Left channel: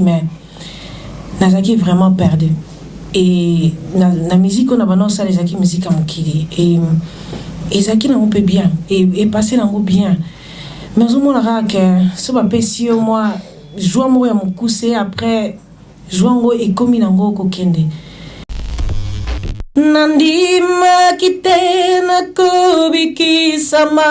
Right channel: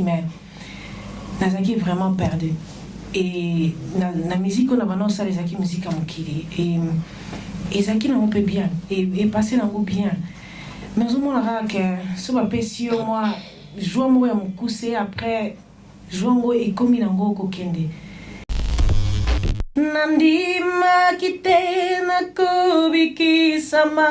mais nazaki vraiment perdu. Et la musique on a balancé ça les aki musique à mokili et zaki na peu bien et passer na bien. Mais au moment que ce pas pessi moi joue moi ya mokuse après joue et comme il ngo ko kende. Nandima kitena kubiki sama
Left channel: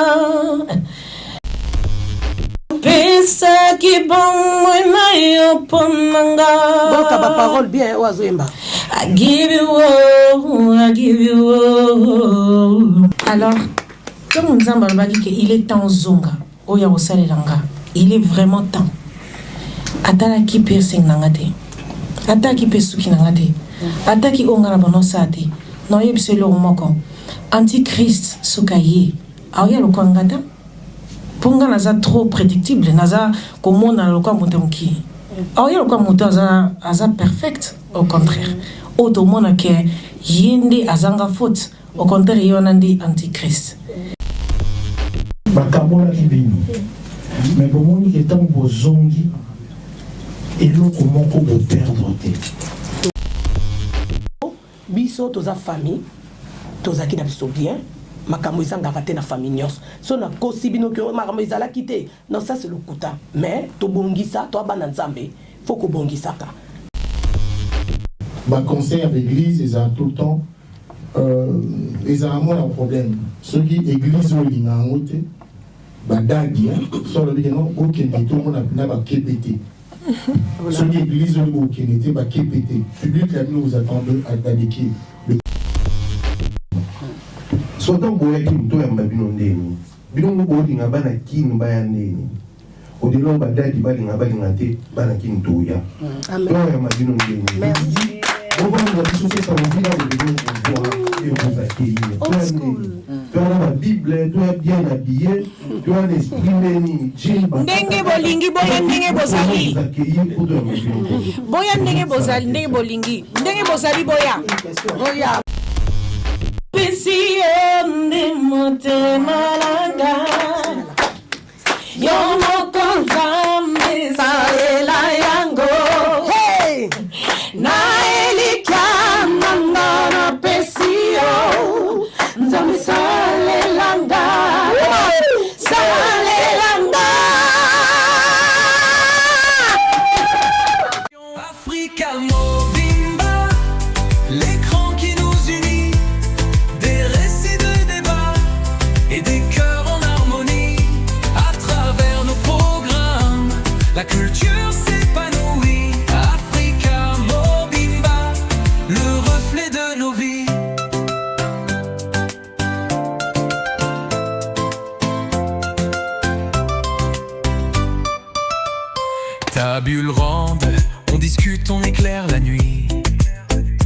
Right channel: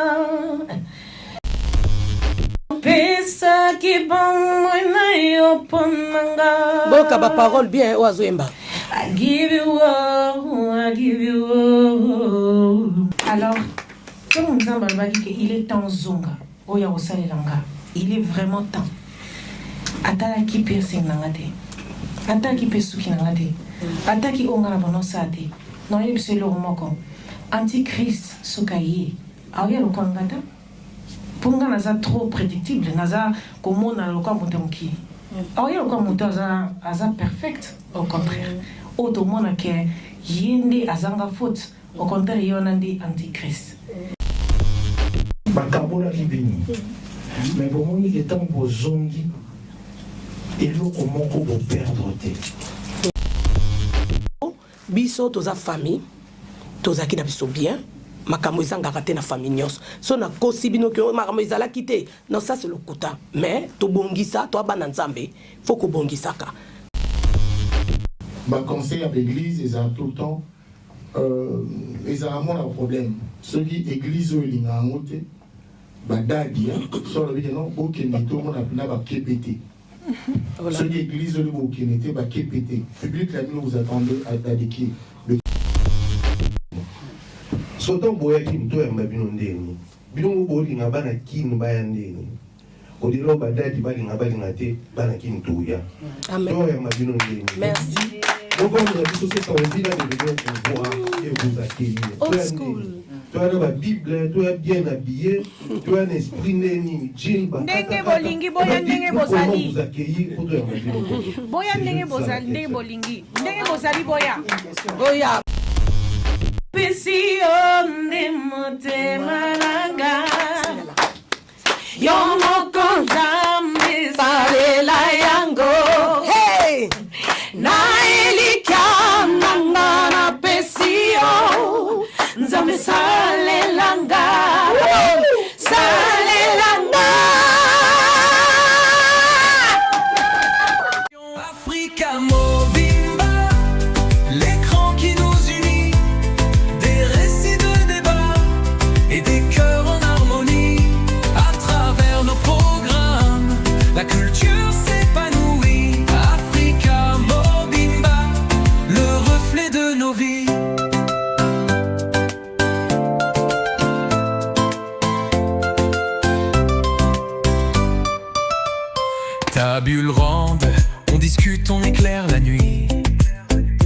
pesa ki bon moi mayo ponanga. Bon ka parole bien oazemba. I give you all, I give you all. Alors, comme nous avons dit qu'il est temps zonga, oya osale langa, il est vraiment temps. Atala ki piercing nangate, atala ki pesuki nangate, atala ki ongara bonosate. Non yebise lo moko. Antichrist sukaye, aoya lo kwangata. Ponga naza trop prédictible, naza comment na lo kwa mutonki. Aoya lo kwa mutoza aza perfect, au contraire. Auto mona ke yende azanga faute, au contraire yonandi antichrist. Bakabola kibini. Mais pour moi il est temps pour zongi et l'autre moko pour perdre te. Biso toza famille, toza ki na biso bien. Makamo ezanga te na famille nyos. So na kosi bino ke makamo ezala kite. Non ça c'est le kota. Mais to bongisa, to bana nzambe, faut ko bongisa ka. Ma concert d'église ils ont tout le temps ils ont un problème. Ceux qui église au lingangote badagi sur le bien au Kenya tout le monde a ba KPT. Ceux qui église au Kenya ba KPT. Public là nous attendons à dédiquer. Soto boya ki mto ya mbabino ndeni. Bino ngo linga bana kinu baya ndeni. Odilo badadi bali ngabali ngate bana kinu tuya. Amen. Toi ya mbabino ndeni. Merci. Bon la biso ça on dit là de voir et vous accueillir. Toi la Bible, toi bien habillé, toi l'esprit ndeni, jimba. Ndenge bolingi boya ndenge bozali. Vous accueillir pour toi mbabino. Boya ndenge bozali ndenge bolingi. Ndenge bozali boya. Oya. Pesi onde mote malanga yomo konzambe salela yango Hey! na elikana na pesi o nzambe salelanga salelanga Africa Mobimba, l'écran qui nous unit, des récits de débat et des cœurs en harmonie. À travers nos programmes, la culture s'épanouit. Africa Mobimba, le reflet de nos vies. Tabule ronde, on discute, on éclaire la nuit.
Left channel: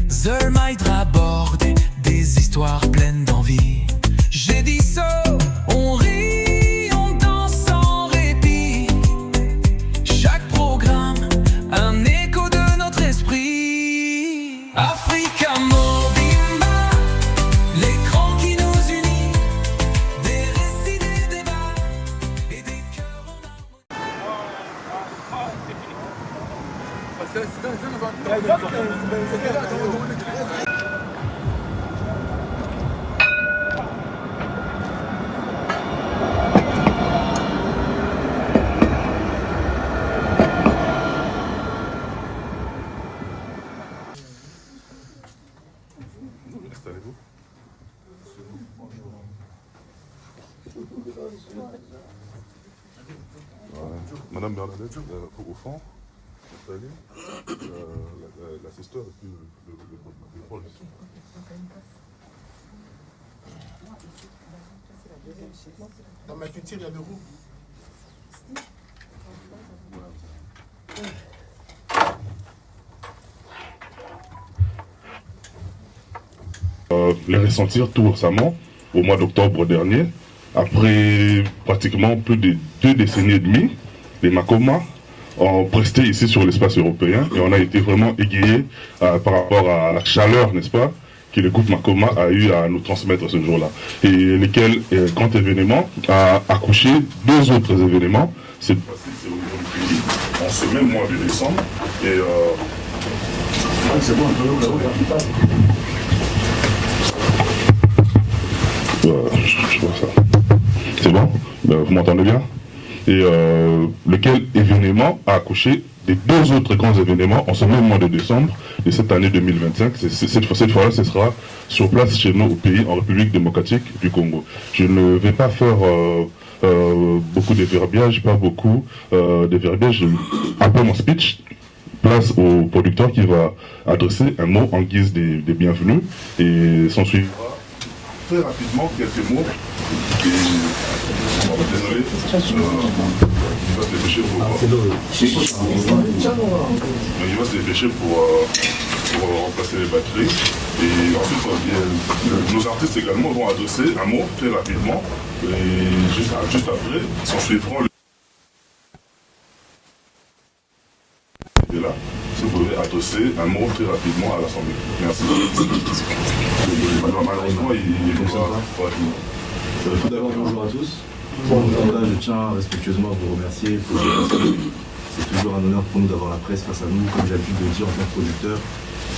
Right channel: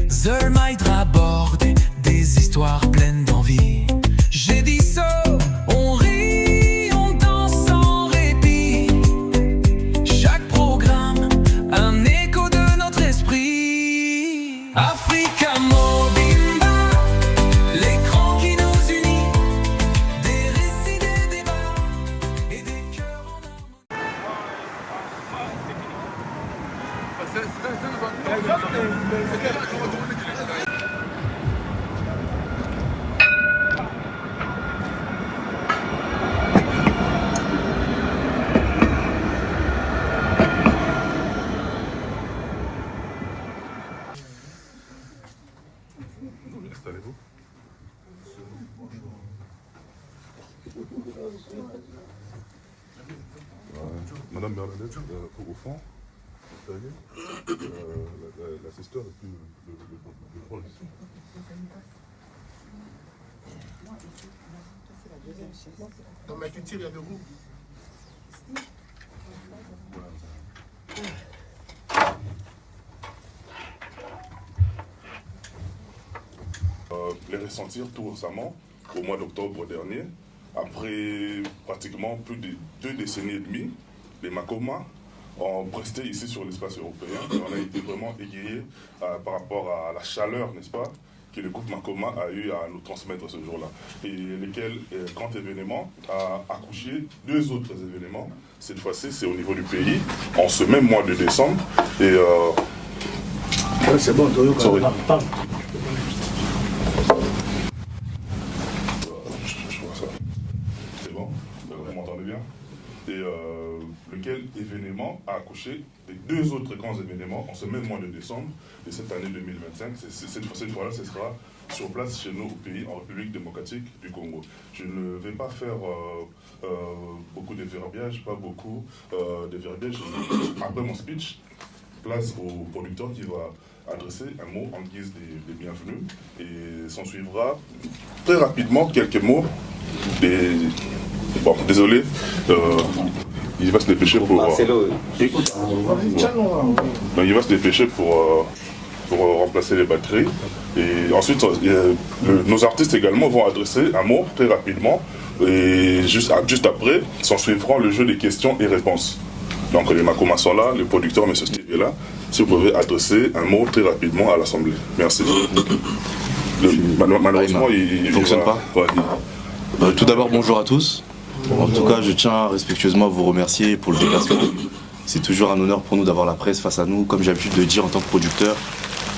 Zermaïdra aborde des histoires pleines d'envie. J'ai dit ça, on rit, on danse sans répit. Chaque programme, un écho de notre esprit. Africa Mobimba, l'écran qui nous unit, des récits, des débats et des cœurs en harmonie. Madame Bernadette, au fond, l'assisteur est plus le proche. Dans ma culture, il y a le roux. Les ressentir tout récemment, au mois d'octobre dernier, après pratiquement plus de 2 décennies et demie, les Makoma ont presté ici sur l'espace européen et on a été vraiment égayés par rapport à la chaleur, n'est-ce pas, que le groupe Makoma a eu à nous transmettre ce jour-là. Et lesquels, grand événement, a accouché 2 autres événements. Cette fois-ci, c'est au niveau du pays, en ce même mois de décembre. Et c'est bon, je vois ça. C'est bon? Vous m'entendez bien? Et lequel événement a accouché des 2 autres grands événements en ce même mois de décembre de cette année 2025. Cette fois-là, ce sera sur place chez nous au pays, en République démocratique du Congo. Je ne vais pas faire beaucoup de verbiage, pas beaucoup de verbiage. Après mon speech, place au producteur qui va adresser un mot en guise des bienvenus et s'en suivra très rapidement quelques mots. Et, bon, désolé, il va se dépêcher pour... il va se dépêcher pour remplacer les batteries. Et ensuite, nos artistes également vont adresser un mot très rapidement. Et juste après, s'en suivront le jeu des questions et réponses. Donc les Makomas sont là, le producteur, M. Steve est là. Si vous pouvez adresser un mot très rapidement à l'Assemblée. Merci. Malheureusement, il ne fonctionne pas. Ouais. Tout d'abord, bonjour à tous. En tout cas, je tiens respectueusement à vous remercier pour le déplacement. C'est toujours un honneur pour nous d'avoir la presse face à nous. Comme j'ai l'habitude de dire en tant que producteur,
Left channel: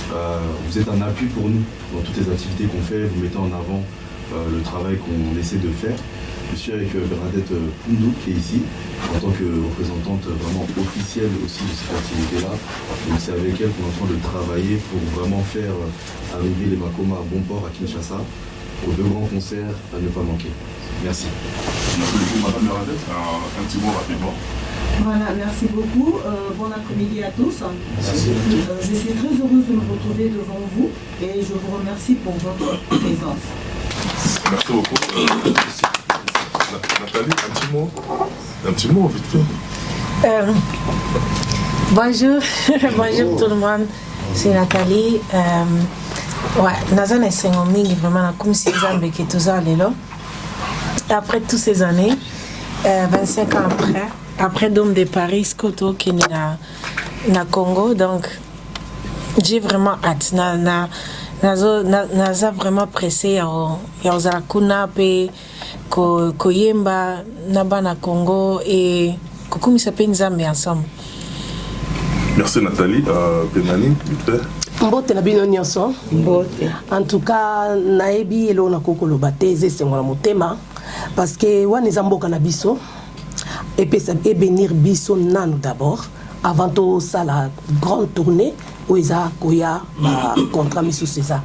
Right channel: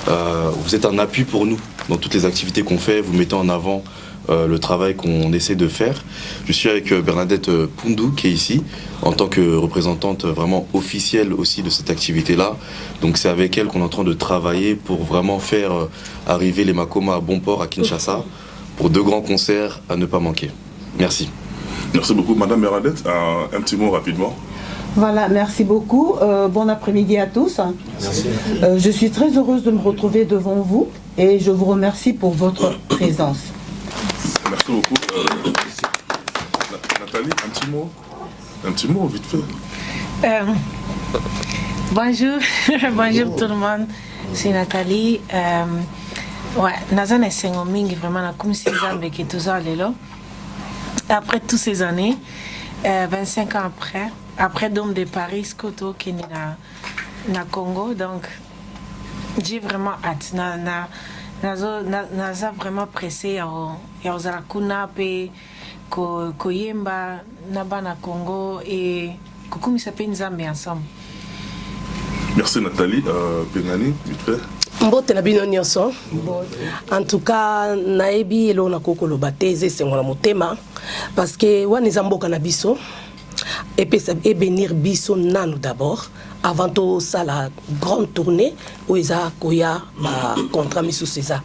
vous êtes un appui pour nous dans toutes les activités qu'on fait. Vous mettez en avant le travail qu'on essaie de faire. Je suis avec Bernadette Poundou qui est ici en tant que représentante vraiment officielle aussi de cette activité-là. Donc c'est avec elle qu'on est en train de travailler pour vraiment faire arriver les Makoma à bon port à Kinshasa pour 2 grands concerts à ne pas manquer. Merci. Merci beaucoup. Madame Bernadette, un petit mot rapidement. Voilà, merci beaucoup. Bon après-midi à tous. Je suis très heureuse de me retrouver devant vous et je vous remercie pour votre présence. Merci beaucoup. Nathalie, un petit mot vite fait. Bonjour, bonjour tout le monde. C'est Nathalie. Ouais, Nazan est Sengomingi, vraiment, comme si Zambé qui est tout ça, après toutes ces années, 25 ans après Dôme de Paris, Skoto qui est na Congo, donc j'ai vraiment hâte. Naza vraiment pressé ya Zarakuna pe koyemba naba na Congo et kokumisa pe Nzambe ensemble. Merci Nathalie. Benani, vite fait. Mbote na bino nyonso. En tout cas, naebi elo na kokolo bateze c'est ngona motema parce que wana zamboka na biso et puis ça bénir biso nanu d'abord avant tout ça la grande tournée où ils a koya contre Miss César.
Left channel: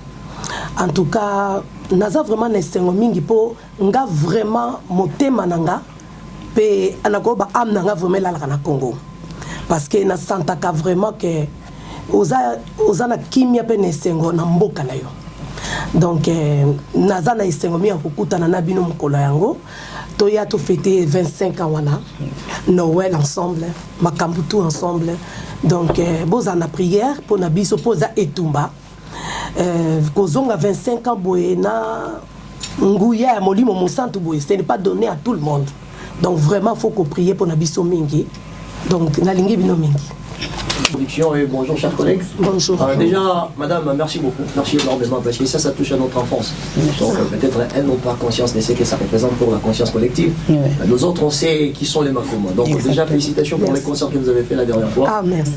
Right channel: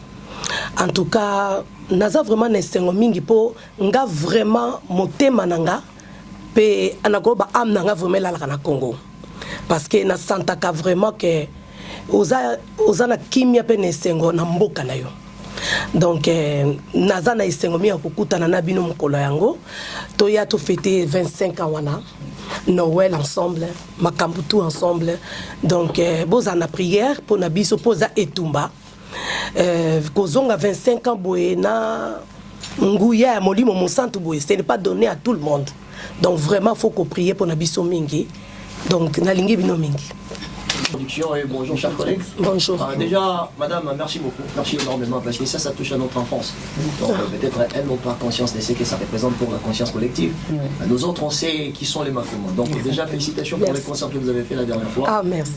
En tout cas, naza vraiment nestengo mingi po nga vraiment motema nanga pe anakoba am nanga vraiment la na Congo parce que na santaka vraiment que oza na kimia pe nestengo na mboka na yo. Donc naza na estengo mi akukutana na bino mokolo yango toya to fêter 25 ans wana Noël ensemble makambutu ensemble. Donc boza na prière pour na biso poza etumba kozonga 25 ans boye na nguya molimo mosantu boye ce n'est pas donné à tout le monde. Donc vraiment faut qu'on prie pour na biso mingi. Donc nalingi bino mingi. Et bonjour chers collègues. Bonjour. Déjà, madame, merci beaucoup. Merci énormément parce que ça touche à notre enfance. Donc peut-être elles n'ont pas conscience de ce que ça représente pour la conscience collective. Oui. Nous autres, on sait qui sont les Makoma. Donc déjà, félicitations pour les concerts que vous avez fait la dernière fois. Ah, merci.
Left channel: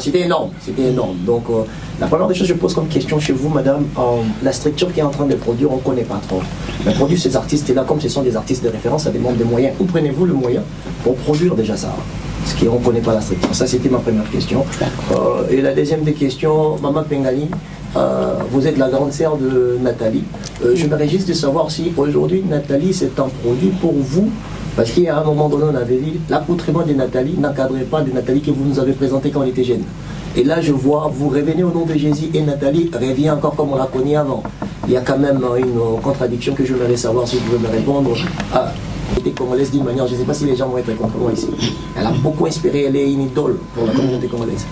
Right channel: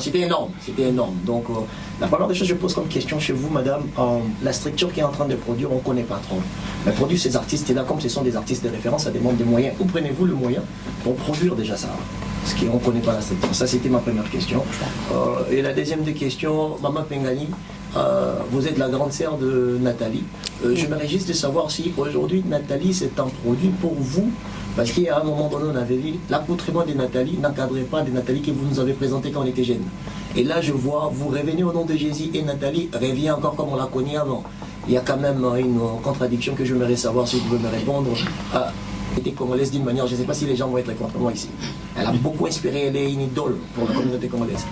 C'était énorme. C'était énorme. Donc la première des choses que je pose comme question chez vous, madame, la structure qui est en train de produire, on ne connaît pas trop. Mais produire ces artistes-là, comme ce sont des artistes de référence, ça demande des moyens. Où prenez-vous le moyen pour produire déjà ça? Parce qu'on ne connaît pas la structure. Ça, c'était ma première question. Et la deuxième des questions, Maman Pengani, vous êtes la grande sœur de Nathalie. Je me réjouis de savoir si aujourd'hui, Nathalie, c'est un produit pour vous. Parce qu'à un moment donné, on avait dit l'accoutrement de Nathalie n'encadrait pas de Nathalie que vous nous avez présenté quand on était jeune. Et là, je vois, vous revenez au nom de Jésus et Nathalie revient encore comme on la connaît avant. Il y a quand même une contradiction que je voudrais savoir si vous pouvez me répondre. Congolaise d'une manière, je ne sais pas si les gens vont être contre moi ici. Elle a beaucoup inspiré, elle est une idole pour la communauté congolaise.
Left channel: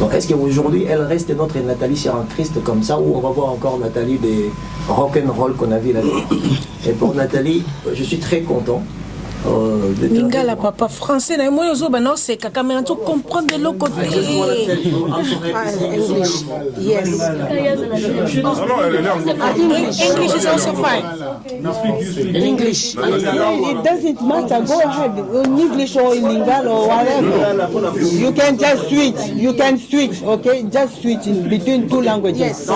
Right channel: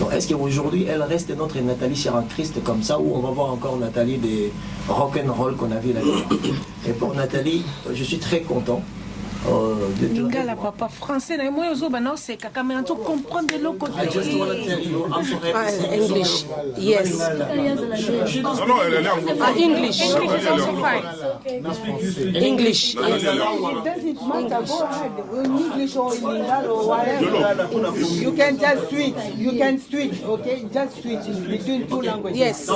Donc est-ce qu'aujourd'hui elle reste notre Nathalie sur un Christ comme ça, ou on va voir encore Nathalie des rock'n'roll qu'on a vu là-dedans? Et pour Nathalie, je suis très content Lingala papa français na moi ozo bana c'est kaka mais tu comprendre de l'autre côté. English. Yes. English is also fine. English. It doesn't matter. Go ahead. In English or in Lingala or whatever. You can just switch. You can switch. Okay, just switch between two languages. Yes.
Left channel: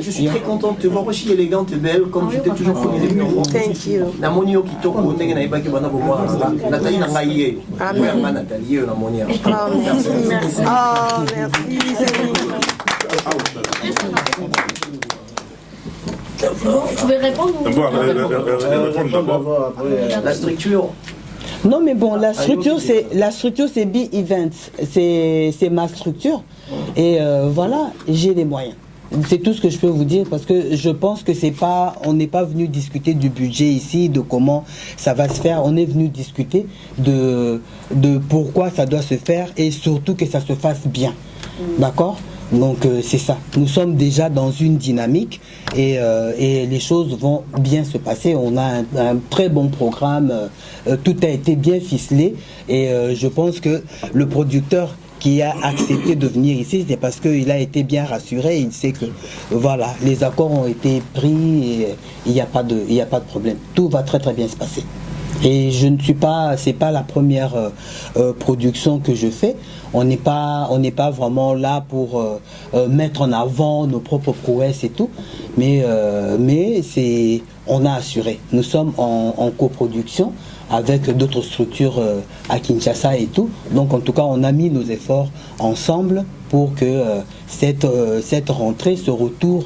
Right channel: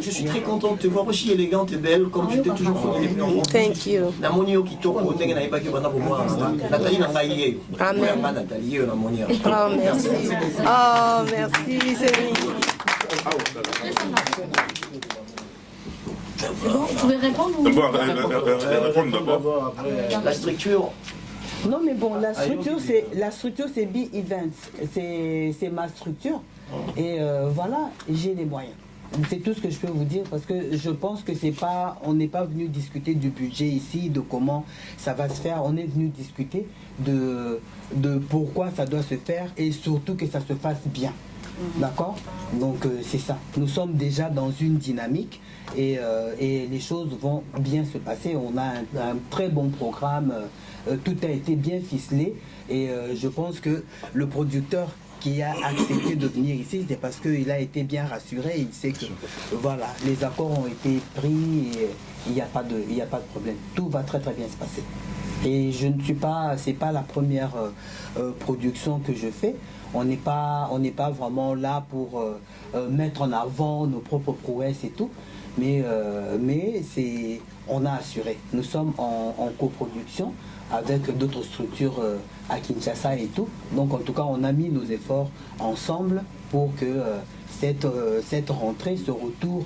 Je suis très content de te voir aussi élégante et belle comme je t'ai toujours connu depuis enfant. Thank you. Namoni yo kitoko ndenge na ibaki bana bo moi. Nathalie na ngai ye. Amen. Nathalie yo namoni. Ah merci. Ah merci. Je vais répondre La structure. Non mais bon, la structure c'est Be Events, c'est ma structure et voilà, j'ai les moyens. C'est tout ce que je peux vous dire parce que je pense que on n'est pas venu discuter du budget ici, de comment ça va se faire. On est venu discuter de pourquoi ça doit se faire et surtout que ça se fasse bien. D'accord? Donc c'est ça. Nous sommes déjà dans une dynamique et les choses vont bien se passer. On a un très bon programme. Tout a été bien ficelé et je pense que le producteur qui a accepté de venir ici, c'est parce qu'il a été bien rassuré. Il sait que voilà, les accords ont été pris et il n'y a pas de problème. Tout va très très bien se passer. Et c'est pas la première production que je fais. On n'est pas vraiment là pour mettre en avant nos propres prouesses et tout. Mais on a assuré. Nous sommes en coproduction avec d'autres structures à Kinshasa et tout. Donc en tout cas, on a mis nos efforts ensemble pour que cette rentrée, ce retour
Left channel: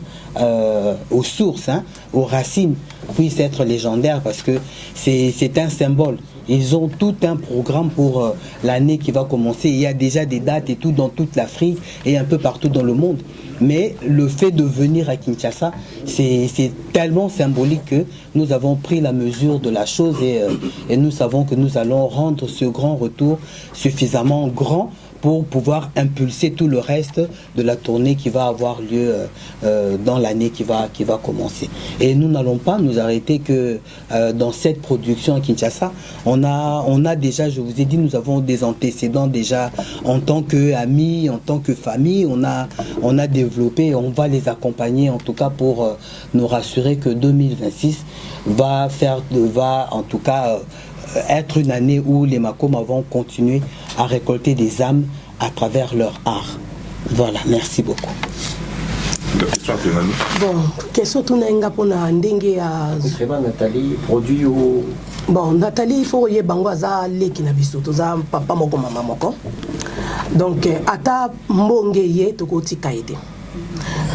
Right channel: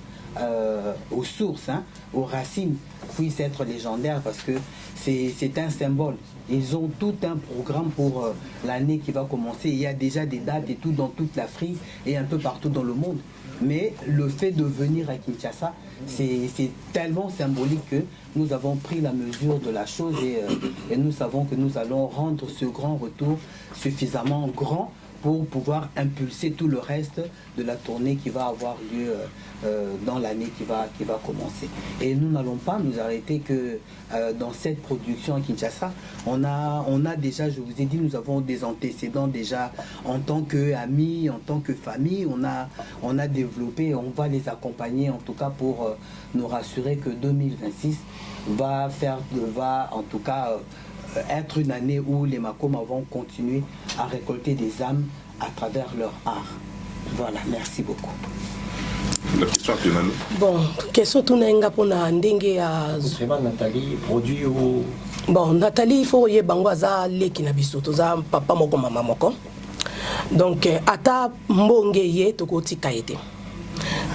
aux sources, aux racines, puisse être légendaire parce que c'est un symbole. Ils ont tout un programme pour l'année qui va commencer. Il y a déjà des dates et tout dans toute l'Afrique et un peu partout dans le monde. Mais le fait de venir à Kinshasa, c'est tellement symbolique que nous avons pris la mesure de la chose et nous savons que nous allons rendre ce grand retour suffisamment grand pour pouvoir impulser tout le reste de la tournée qui va avoir lieu dans l'année qui va commencer. Et nous n'allons pas nous arrêter que dans cette production à Kinshasa. On a déjà, je vous ai dit, nous avons des antécédents déjà en tant qu'amis, en tant que famille. On a développé, on va les accompagner en tout cas pour nous rassurer que 2026 va en tout cas être une année où les Makoma vont continuer à récolter des âmes à travers leur art. Voilà, merci beaucoup. Bon, question tout n'est pas na ndenge ya Nathalie produit au bon Nathalie il faut y bangwaza leki na biso toza papa moko mama moko donc ata mbonge ye to koti kaite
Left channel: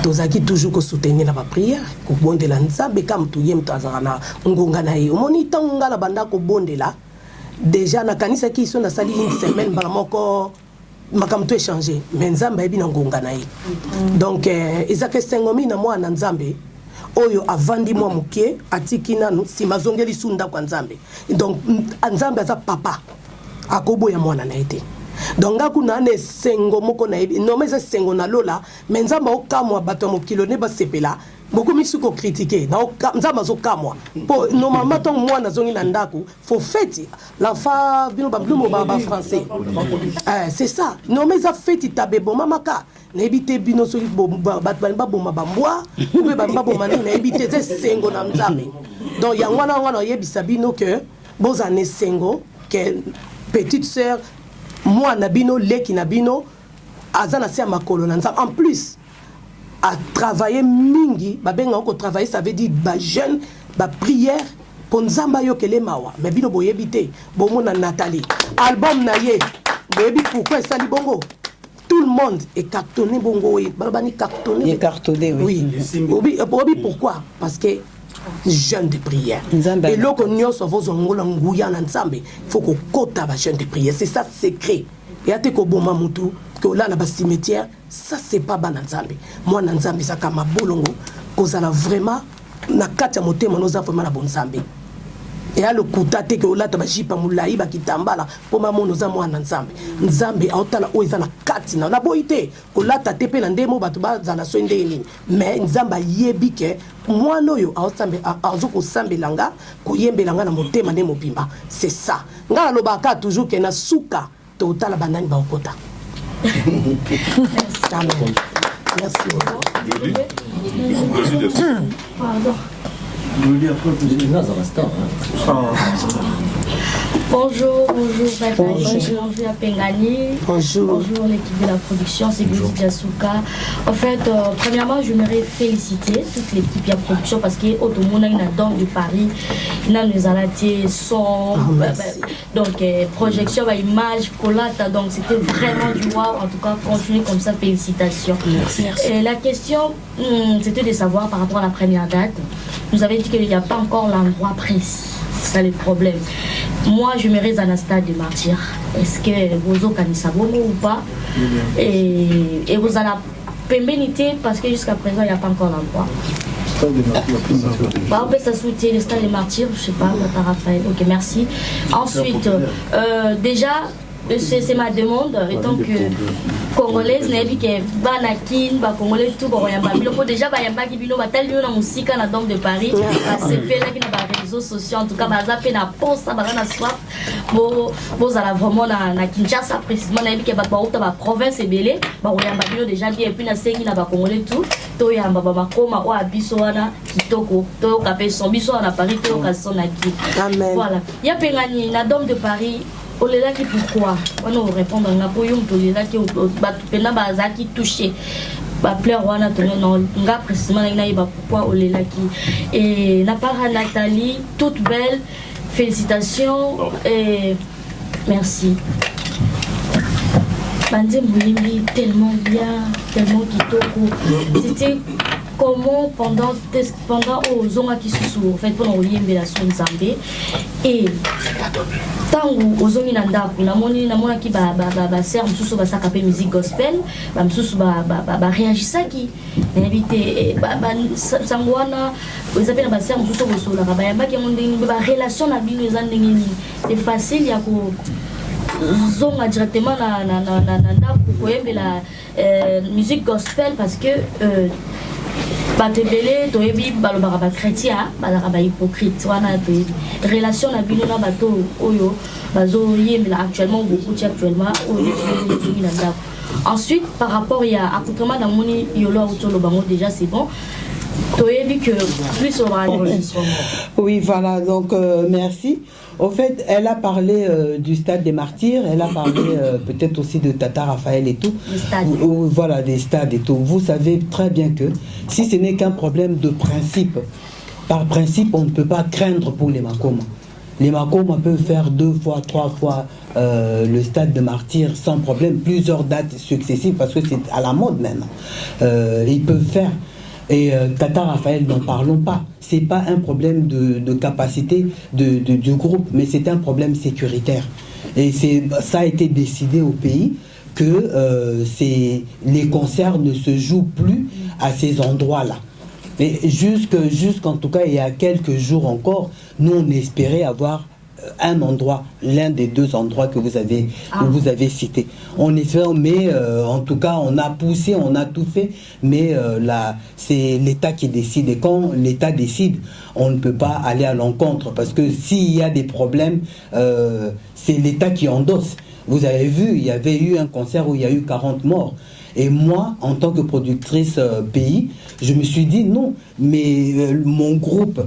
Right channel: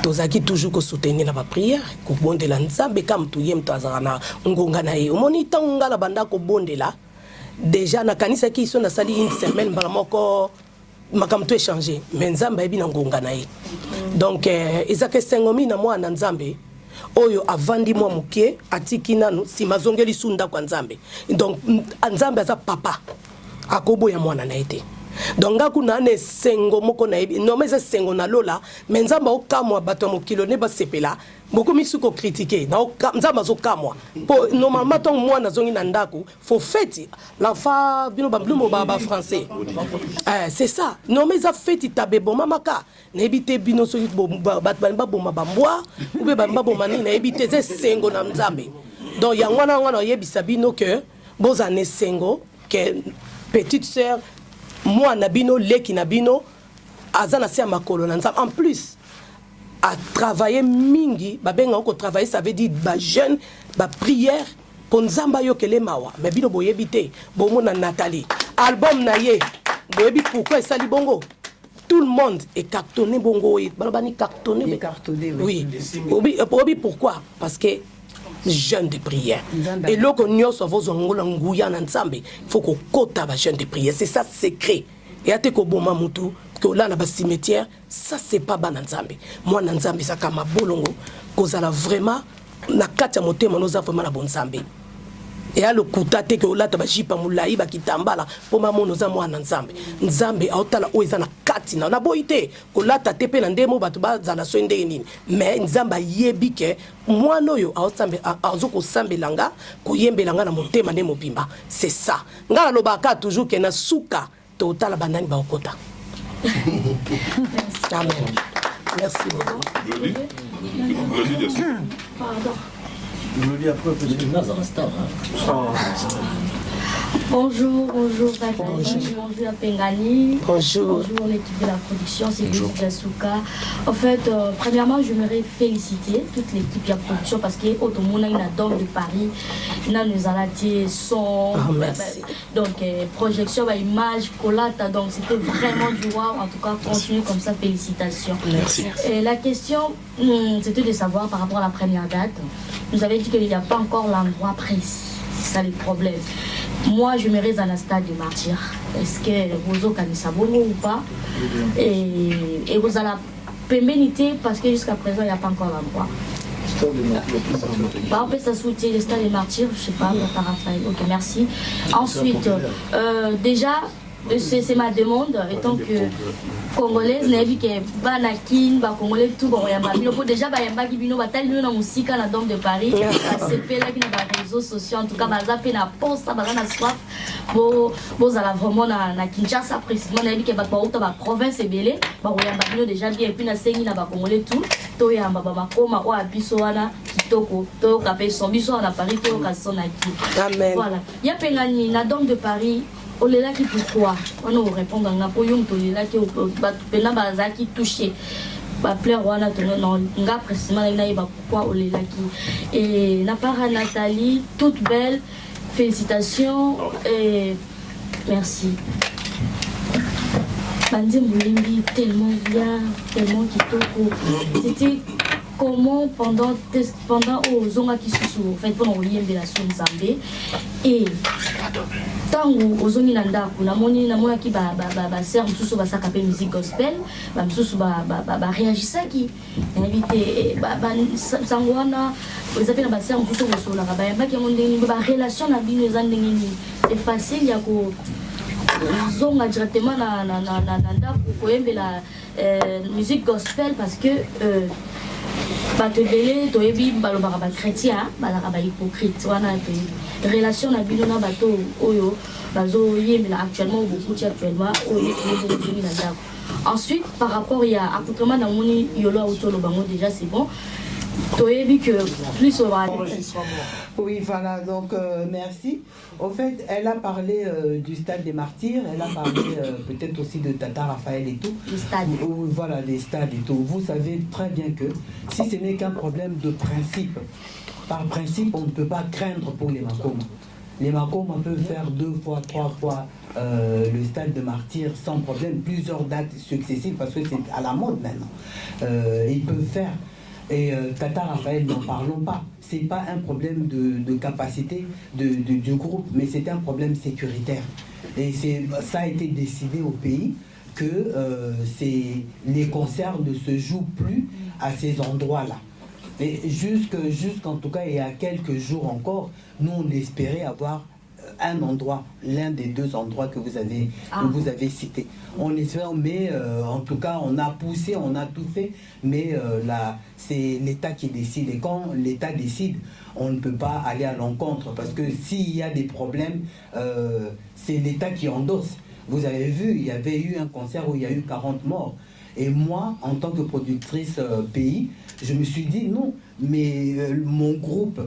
tozaki toujours ko soutenir na ba prière ko bondela nzambe kam to yem tazana na ngonga na ye omoni tonga la banda ko bondela déjà na kanisa ki so na sali une semaine bala moko makamto échanger mais nzambe ebi na ngonga na ye donc ezake sengomi na mwana nzambe oyo avandi mwa mokie atiki nanu simazongeli sunda kwa nzambe donc nzambe aza papa akoboya mwana na ete donc ngaku na ne sengo moko na ebi no meza sengo na lola mais nzambe okamwa bato mokilo ne ba sepela beaucoup misuko critiquer na nzambe azokamwa po normalement ton mwana zongi na ndako faut fête l'enfant bino ba blumo ba français c'est ça no meza fête tabe bon mamaka na ebite bino so bat ba bomba ba mwa ou ba bomba ni na ebite ze sengo na nzambe donc ya wana yebisa bino que bozane sengo que petite sœur moi nabino leki nabino azana se makolo na nzambe en plus à travailler mingi ba benga ko travailler ça veut dire ba jeune ba prière pour nzamba yo kele mawa mais bino boyebite bongo na Nathalie album na ye boyebi pourquoi ça li bongo tout le monde est cartonné bongo et balbani cartonné oui oui pourquoi parce que jeune de prière et loko nyoso vozo ngola nguya na nzambe faut ko kota ba jeune de prière c'est ça secret et ate ko boma mutu que là na ba cimetière ça c'est pas ba na nzambe moi na nzambe ça kama bulongo kozala vraiment na kati ya motema noza vraiment na bon nzambe et à le kuta te que olata bajipa mulai bakitambala po mamono za mwana nzambe nzambe aotala o ezana kati na boite kolata te pe na ndemo bato bazala so ndeni mais nzamba yebi ke mwana oyo aotsambe azoko sambelanga koyembelanga na motema ndemo pimba c'est ça ngala lobaka toujours que na suka to otala banani baokota. Merci. Pardon. Bonjour à Pengani. Bonjour l'équipe de la production, c'est Gouzi Diasuka. En fait, premièrement, je voudrais féliciter toute l'équipe de la production parce que Otomona il a de Paris, il a nous alaté son, donc projection, image, collate, donc c'était vraiment du wow. En tout cas, continuez comme ça, félicitations. Merci. Et la question, c'était de savoir par rapport à la première date. Vous avez dit qu'il n'y a pas encore l'endroit précis. C'est ça le problème. Moi, je me reste dans un stade de martyr. Est-ce que vous avez ou pas? Et vous avez la pénalité parce que jusqu'à présent, il n'y a pas encore l'endroit. On peut s'assouter le stade de martyr, je ne sais pas, par Raphaël. Ok, merci. Ensuite, déjà, c'est ma demande, étant que congolaise, n'est que Banakin, Congolais, tout, déjà, Bayamba qui vient au tel lieu dans musique à la Dame de Paris, à CP là qui n'a pas réseaux sociaux, en tout cas, Bazape n'a pas ça, Bazana soif, bon, ça vraiment na Kinshasa précisément, n'est que la province est belée, Bayamba déjà dit, et puis na Sengi n'a pas Congolais tout, Toyamba, Bamakoma, ou Abisoana, Kitoko, Toyo Kapé, son biso à Paris, Toyo Kasonaki. Voilà. Il y a Pengani, la Dame de Paris. Olela qui pourquoi on nous répond dans la poyum tolela qui pena baza qui touché ba pleur wana tourner non nga précisément na iba pourquoi olela qui et na part Nathalie toute belle félicitations et merci Bandi Moulimbi tellement bien tellement kitoko c'était comment pendant aux zonga qui se sont en fait pendant Oliembe la son Zambé et tangu ozongi na ndako namoni ki ba sœur mususu basaka pe musique gospel ba mususu ba réagisaki na éviter ba sangwana vous avez ba sœur mususu bosola ba yamba ki mondeni ba relation na bino ezandengini c'est facile ya ko zonga directement na ndako koyembela musique gospel parce que batebele toyebi balobaka ba chrétien balaka ba hypocrite wana to relation na bino na bato oyo bazo yemela actuellement beaucoup actuellement oyo na ndako. Ensuite par rapport il y a accoutrement dans moni yolo autolo bango déjà c'est bon. Toyebi que plus on va oui voilà donc merci. En fait, elle a parlé du stade des martyrs, elle a parlé peut-être aussi de Tata Raphaël et tout. Les stades. Voilà, des stades et tout. Vous savez très bien que si ce n'est qu'un problème de principe, par principe, on ne peut pas craindre pour les Makoma. Les Makoma peuvent faire 2 fois, 3 fois le stade de martyrs sans problème, plusieurs dates successives parce que c'est à la mode maintenant. Ils peuvent faire. Et Tata Raphaël, n'en parlons pas. C'est pas un problème de capacité du groupe, mais c'est un problème sécuritaire. Et ça a été décidé au pays que les concerts ne se jouent plus à ces endroits-là. Mais jusqu'en tout cas, il y a quelques jours encore, nous on espérait avoir un endroit, l'un des 2 endroits que vous avez cités. On espère, mais en tout cas, on a poussé, on a tout fait, mais là, c'est l'État qui décide. Et quand l'État décide, on ne peut pas aller à l'encontre, parce que s'il y a des problèmes, c'est l'État qui endosse. Vous avez vu, il y avait eu un concert où il y a eu 40 morts. Et moi, en tant que productrice pays, je me suis dit non, mais mon groupe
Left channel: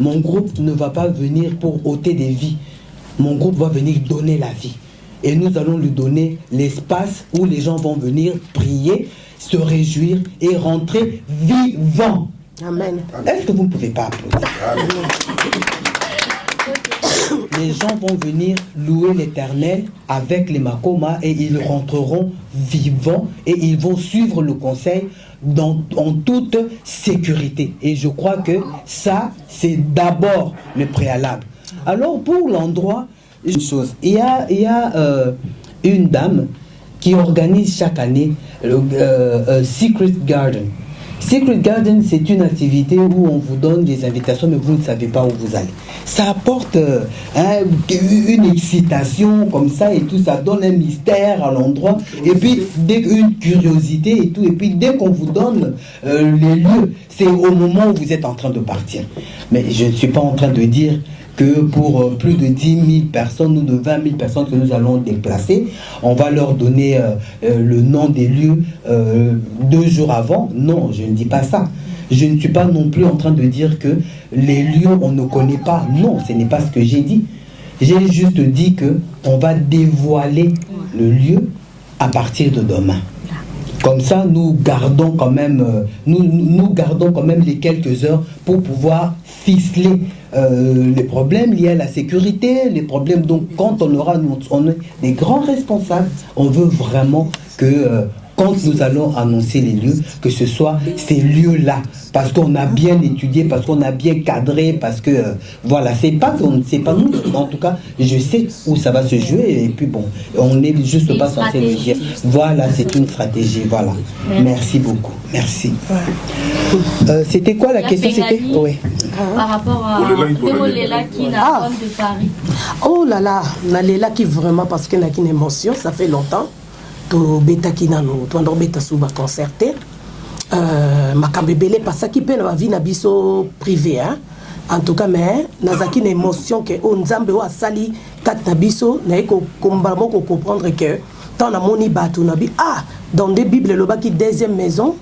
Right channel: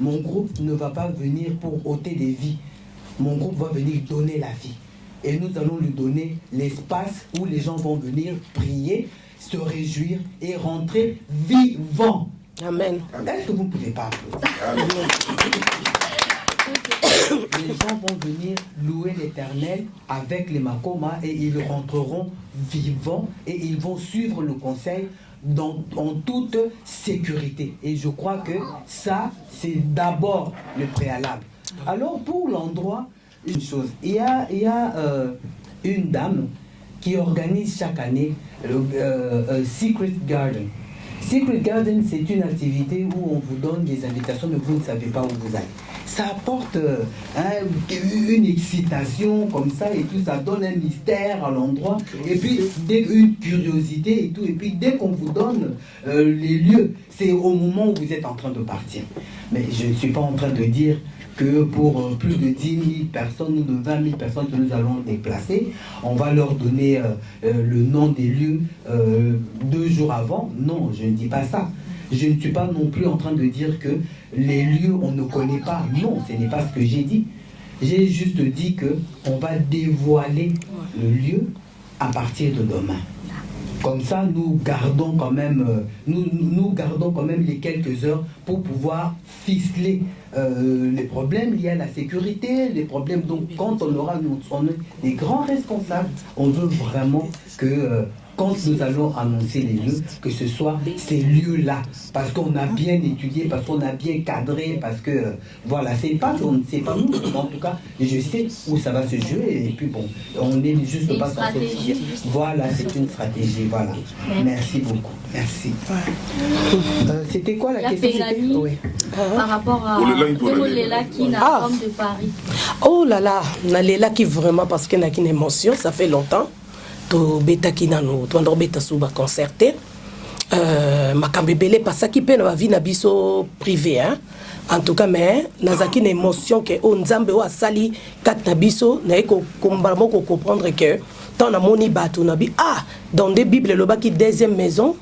ne va pas venir pour ôter des vies. Mon groupe va venir donner la vie. Et nous allons lui donner l'espace où les gens vont venir prier, se réjouir et rentrer vivants. Amen. Est-ce que vous ne pouvez pas applaudir? Les gens vont venir louer l'Éternel avec les Makoma et ils rentreront vivants et ils vont suivre le conseil en toute sécurité. Et je crois que ça, c'est d'abord le préalable. Alors pour l'endroit, une chose, il y a une dame qui organise chaque année le Secret Garden. Secret Garden, c'est une activité où on vous donne des invitations, mais vous ne savez pas où vous allez. Ça apporte une excitation comme ça et tout, ça donne un mystère à l'endroit, et puis une curiosité et tout, et puis dès qu'on vous donne les lieux, c'est au moment où vous êtes en train de partir. Mais je ne suis pas en train de dire que pour plus de 10 000 personnes ou de 20 000 personnes que nous allons déplacer, on va leur donner le nom des lieux 2 jours avant. Non, je ne dis pas ça. Je ne suis pas non plus en train de dire que les lieux, on ne connaît pas. Non, ce n'est pas ce que j'ai dit. J'ai juste dit qu'on va dévoiler le lieu à partir de demain. Comme ça, nous gardons quand même les quelques heures pour pouvoir ficeler les problèmes liés à la sécurité, les problèmes. Donc, quand on est des grands responsables, on veut vraiment que quand nous allons annoncer les lieux, que ce soit ces lieux-là, parce qu'on a bien étudié, parce qu'on a bien cadré, parce que voilà, c'est pas nous, en tout cas, je sais où ça va se jouer, et puis bon, on n'est juste pas censé le dire. Voilà, c'est une stratégie, voilà. Merci beaucoup, merci. C'était quoi la question? Oui. Par rapport à Lela qui n'a homme de Paris. Oh là là, Lela qui vraiment, parce qu'il n'a qu'une émotion, ça fait longtemps. To beta kinano to ndo beta suba concerté makambe belé pasaki pe na vie na biso privé hein. En tout cas mais nazaki une émotion que o nzambe o asali kat na biso na ko kombaramo ko comprendre que tant na moni batu na bi dans des bibles le baki deuxième maison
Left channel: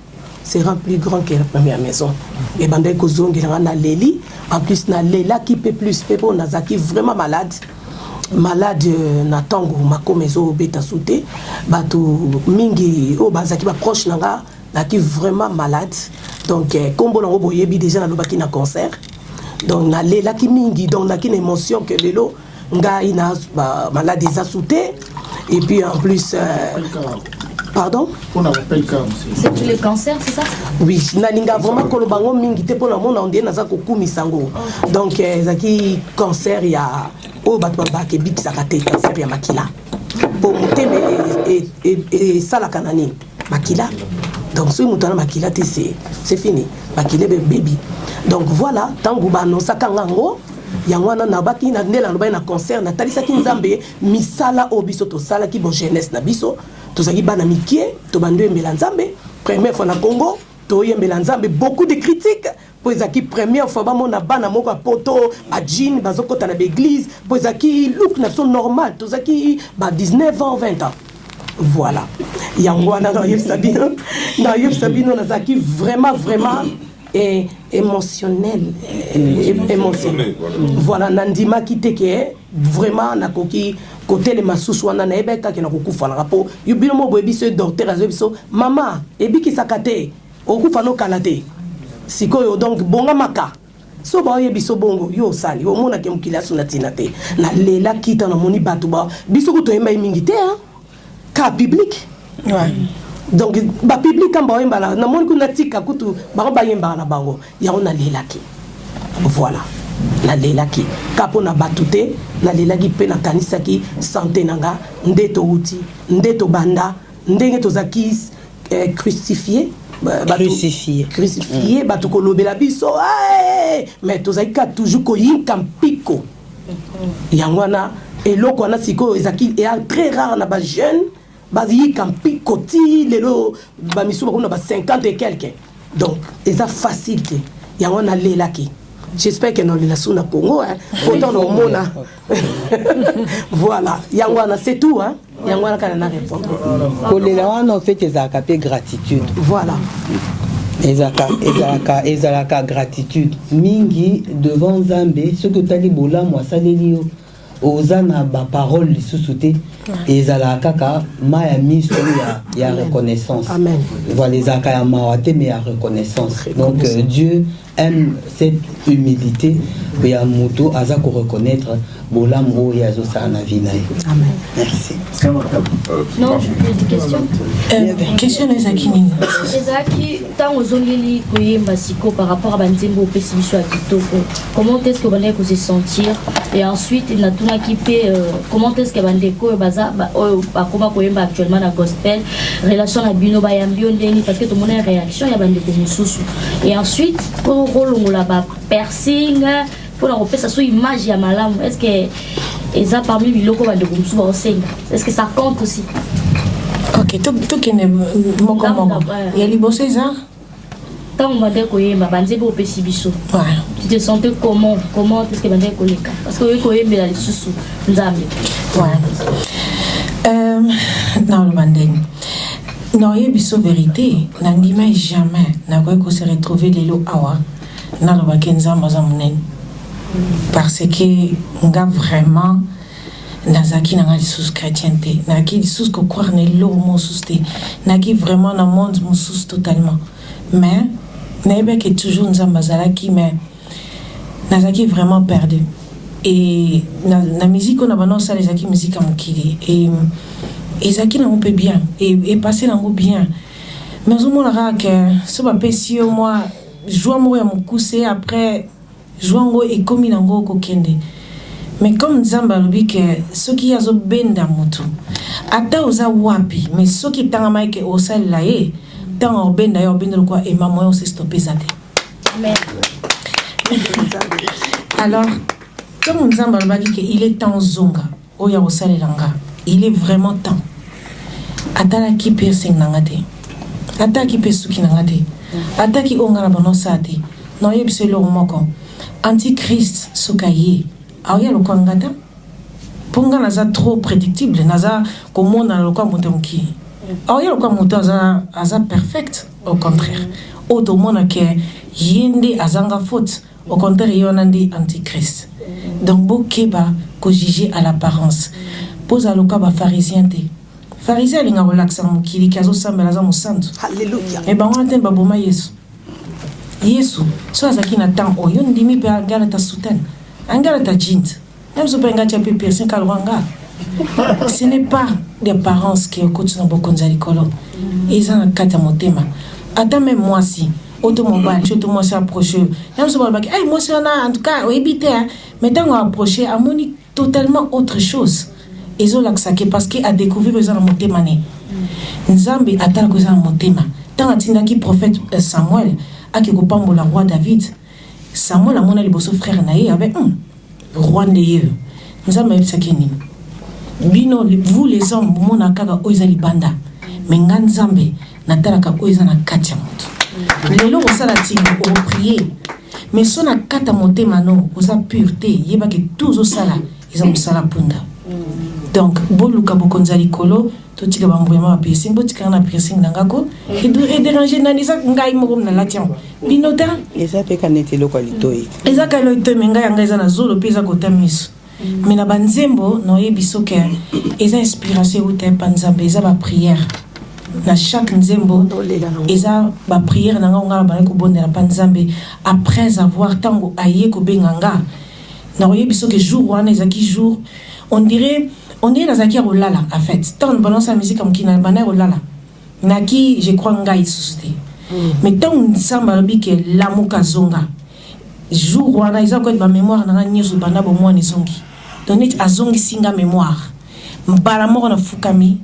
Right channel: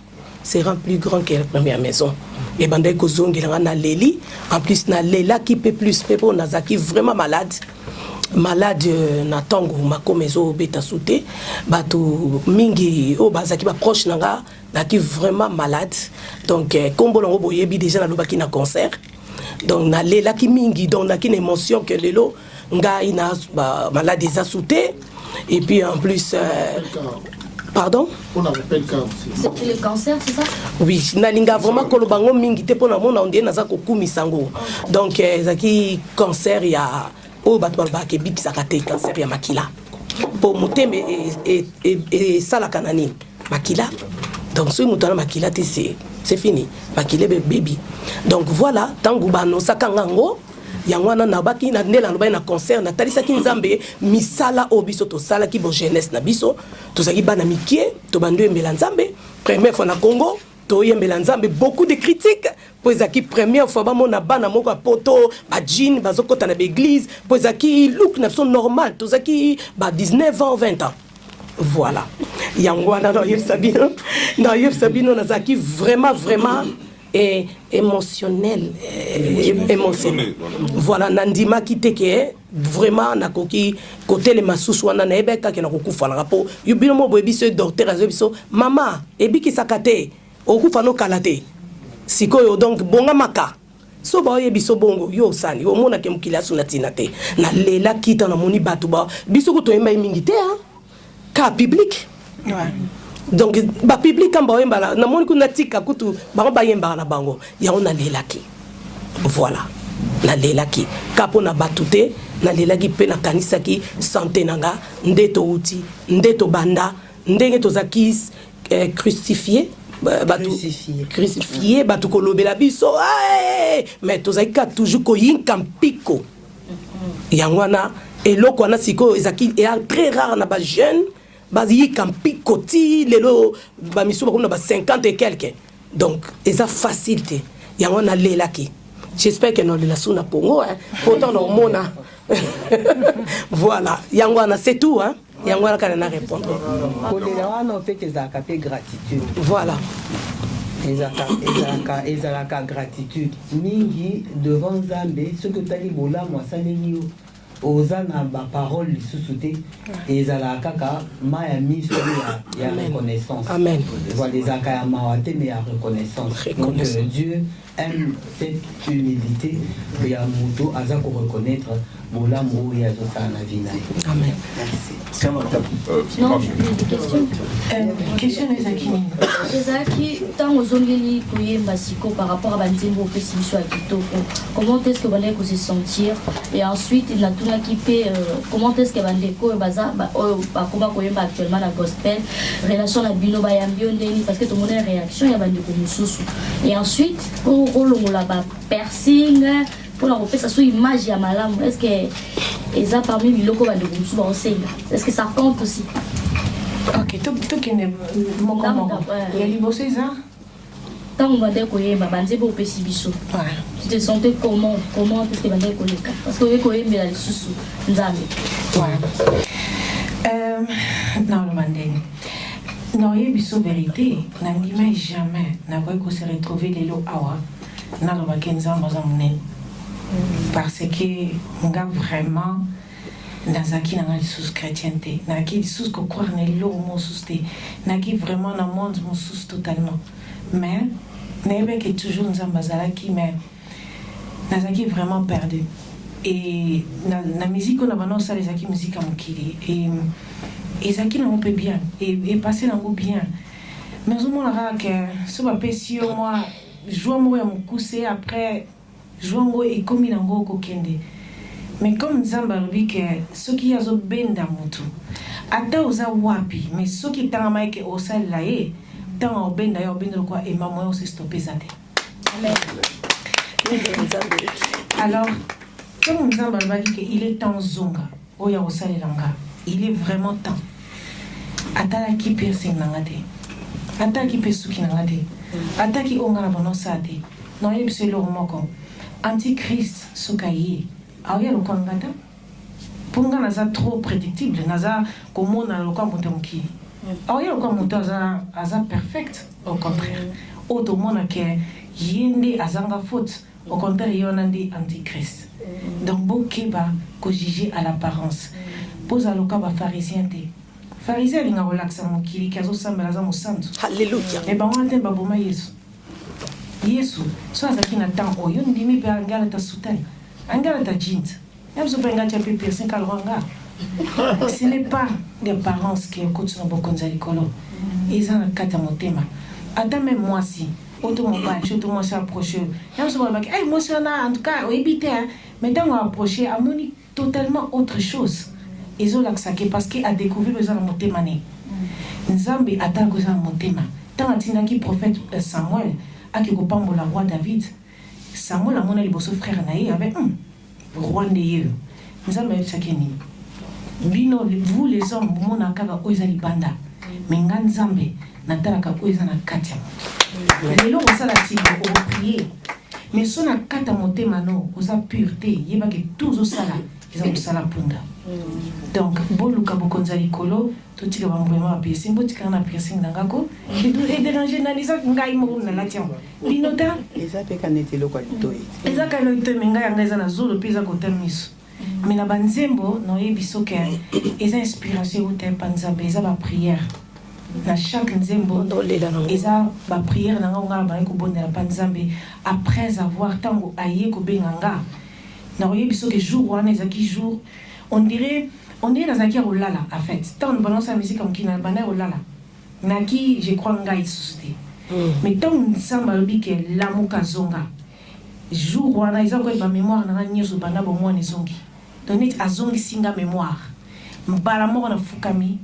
sera plus grand que la première maison et bande ko zongira na leli en plus na lela qui peut plus pepo nazaki vraiment malade na tango makomezo beta souté bato mingi o bazaki ba proche nanga qui vraiment malade donc kombo na boyebi déjà na lobaki na concert donc na lela ki mingi donc na une émotion que lelo nga ina malade za souté et puis en plus pardon? On appelle ça aussi. C'est pour le cancer, c'est ça? Oui, nalinga vraiment kolobango mingi te pona mona ondé naza kokumi sango. Donc zaki cancer ya o batba ke bip sakate cancer ya makila. Pour monter et ça la kanani makila. Donc ce mutana makila te c'est fini. Makila baby. Donc voilà, tango bano sakangango yangwana na baki na ndela no ba na concert na talisa ki nzambe misala obiso to sala ki bon jeunesse na biso to zaki bana mikie to bandu embela nzambe première fois na Congo to yembela nzambe beaucoup de critiques po ezaki première fois ba mona bana moko poto ba jean bazokota na l'église po ezaki look na son normal to zaki ba 19 ans 20 ans. Voilà yangwana na yeb sabino na zaki vraiment et émotionnel. Voilà nandima kite ke vraiment na koki côté les masusu wana na ebeka ke na kokufa na rapport yubino mo boyebi ce docteur azobiso mama ebiki sakate okufa no kalate sikoyo donc bonga maka so ba yebi so bongo yo sali o mona ke mukila suna tinate na lela kita na moni batu ba biso ko to yemba mingi te hein ka public ouais. Donc ba public quand ba yemba na moni kuna tika kutu ba ba yemba na bango ya ona lela ki voilà na lela ki kapo na batute na lela ki pe na kanisa ki santé nanga ndeto uti ndeto banda ndenge to zakis crucifié crucifié batu ko lobela biso mais to zakika toujours ko yinka mpiko yangwana eloko wana siko ezaki est très rare na ba jeune bazi mpiko ti lelo ba miso ba ba 50 et quelques donc eza facilité yangwana lela ki. J'espère que dans les sous Congo, autant de mona. Voilà, yangwana c'est tout hein. Yangwana quand on a répondre. Pour les là on fait des acapés gratitude. Voilà. Ezalaka gratitude mingi devant Zambé ce que talibola moi salelio ozana ba parole lisusuté ezalaka ka maya miso ya reconnaissance. Amen. Voilà les akaya mawate mais ya reconnaissance. Donc Dieu aime cette humilité que ya muto aza ko reconnaître bolamu oyo azosala na vie na ye. Merci. Non, j'ai des questions. Question ezaki nini? Ezaki tant aux ongeli koyemba siko par rapport à banzembo au pessimisme à kitoko. Comment est-ce que bandeko se sentir et ensuite na tuna kipe comment est-ce que bandeko baza ba comment koyemba actuellement na gospel relation na bino ba yambio ndeni parce que tout le monde a réaction ya bandeko mususu. Et ensuite pour rolongola ba piercing pour la repérer sur image ya malamu. Est-ce que eza parmi biloko bandeko mususu ba osenga? Est-ce que ça compte aussi? Ok, tout qui est moko moko. Il y a les boss ça. Tant on va dire que bah banze bo pesi biso. Tu te sentais comment est-ce que bandeko leka? Parce que we ko yembe la lisusu nzambe. Non le bandeng. Non y biso vérité, n'andima jamais na ko se retrouver les lo awa. Na lo bakenza mazamunen. Parce que nga vraiment nazaki nanga lisusu chrétienté naki lisusu ko croire ne lo mosusu te naki vraiment na monde mosusu totalement mais nayebi que toujours nzambe azalaki mais nazaki vraiment perdu et na musique on a bana osala ezaki musique ya mokili et ezalaki nango mpe bien et passé nango bien mais ozomonaka ke so bapesi yo mwa joie moko ya mokuse après joie ngo ekomi nango kokende. Mais comme Nzamba alobi que ceux qui azo benda mutu ata oza wapi mais ceux qui tanga maike osal laé tanga obenda yo benda quoi et maman se stopper ça. Amen. Alors comme Nzamba alobi que il est temps zonga oya osal langa il est vraiment temps ata la ki piercing nangate ata ki pesuki nangate ata ki ongara bonosate no yebse lo moko antichrist sokaye. Alors, il y a le Kwangata. Pour nga naza trop prédictible, naza comment na le Kwangmutonki. Alors, il y a le Kwangmuto aza perfect, au contraire. Auto mona ke yende azanga faute, au contraire, il y en a des antichrist. Donc, bokeba ko juger à l'apparence. Pose à le Kwaba pharisien te. Pharisien linga relaxa mukili kazo sambela za musantu. Alléluia. Et ben on entend baboma Yesu. Yesu, so azaki na temps oyo ndimi pe ngala ta soutane. Angala ta jeans. Même si on a un piercing kalwanga. Ce n'est pas des parents qui écoutent dans beaucoup de l'école. Ils ont un cas motema. Attends même moi si automobile, je te moi approché. Même si on a hey moi en tout cas éviter mais tant on approché à moni totalement autre chose. Ils ont l'accès parce qu'il a découvert que ça motema né. Nzambe attend que ça motema. Tant atinda qui prophète Samuel a qui kopambo la roi David. Samuel a mon aliboso frère naïe avec roi Néeu. Nous avons eu bino vous les hommes mon akaga oizali banda mais nganzambe natalaka oizana katia moto lelo osala tinga o prier mais sona kata motema no oza pureté yeba que tous osala ils ont sala punda donc boluka bokonzali kolo to tika ba vraiment piercing botika na piercing nangako et déranger nanisa ngai mo na latian binota eza pe kanete lokalito eza kalito menga yanga eza na zolo peza kota miso mais na banzembo no yebiso ke eza inspiration ou te panzambe eza ba prière na chaque nzembo eza ba prière nanga ngala ba ko bondela panzambe après avoir tango aye ko benganga na yebiso ke jour wana ezaki jour on dirait nazaki rolala en fait tant on balance la musique comme kina bana rolala naki je crois ngai susute mais tant on samba lobi ke lamuka zonga jour wana ils ont quoi ba mémoire na nyezo bana bo moi nizongi donc azongi singa mémoire mbala moko na fukami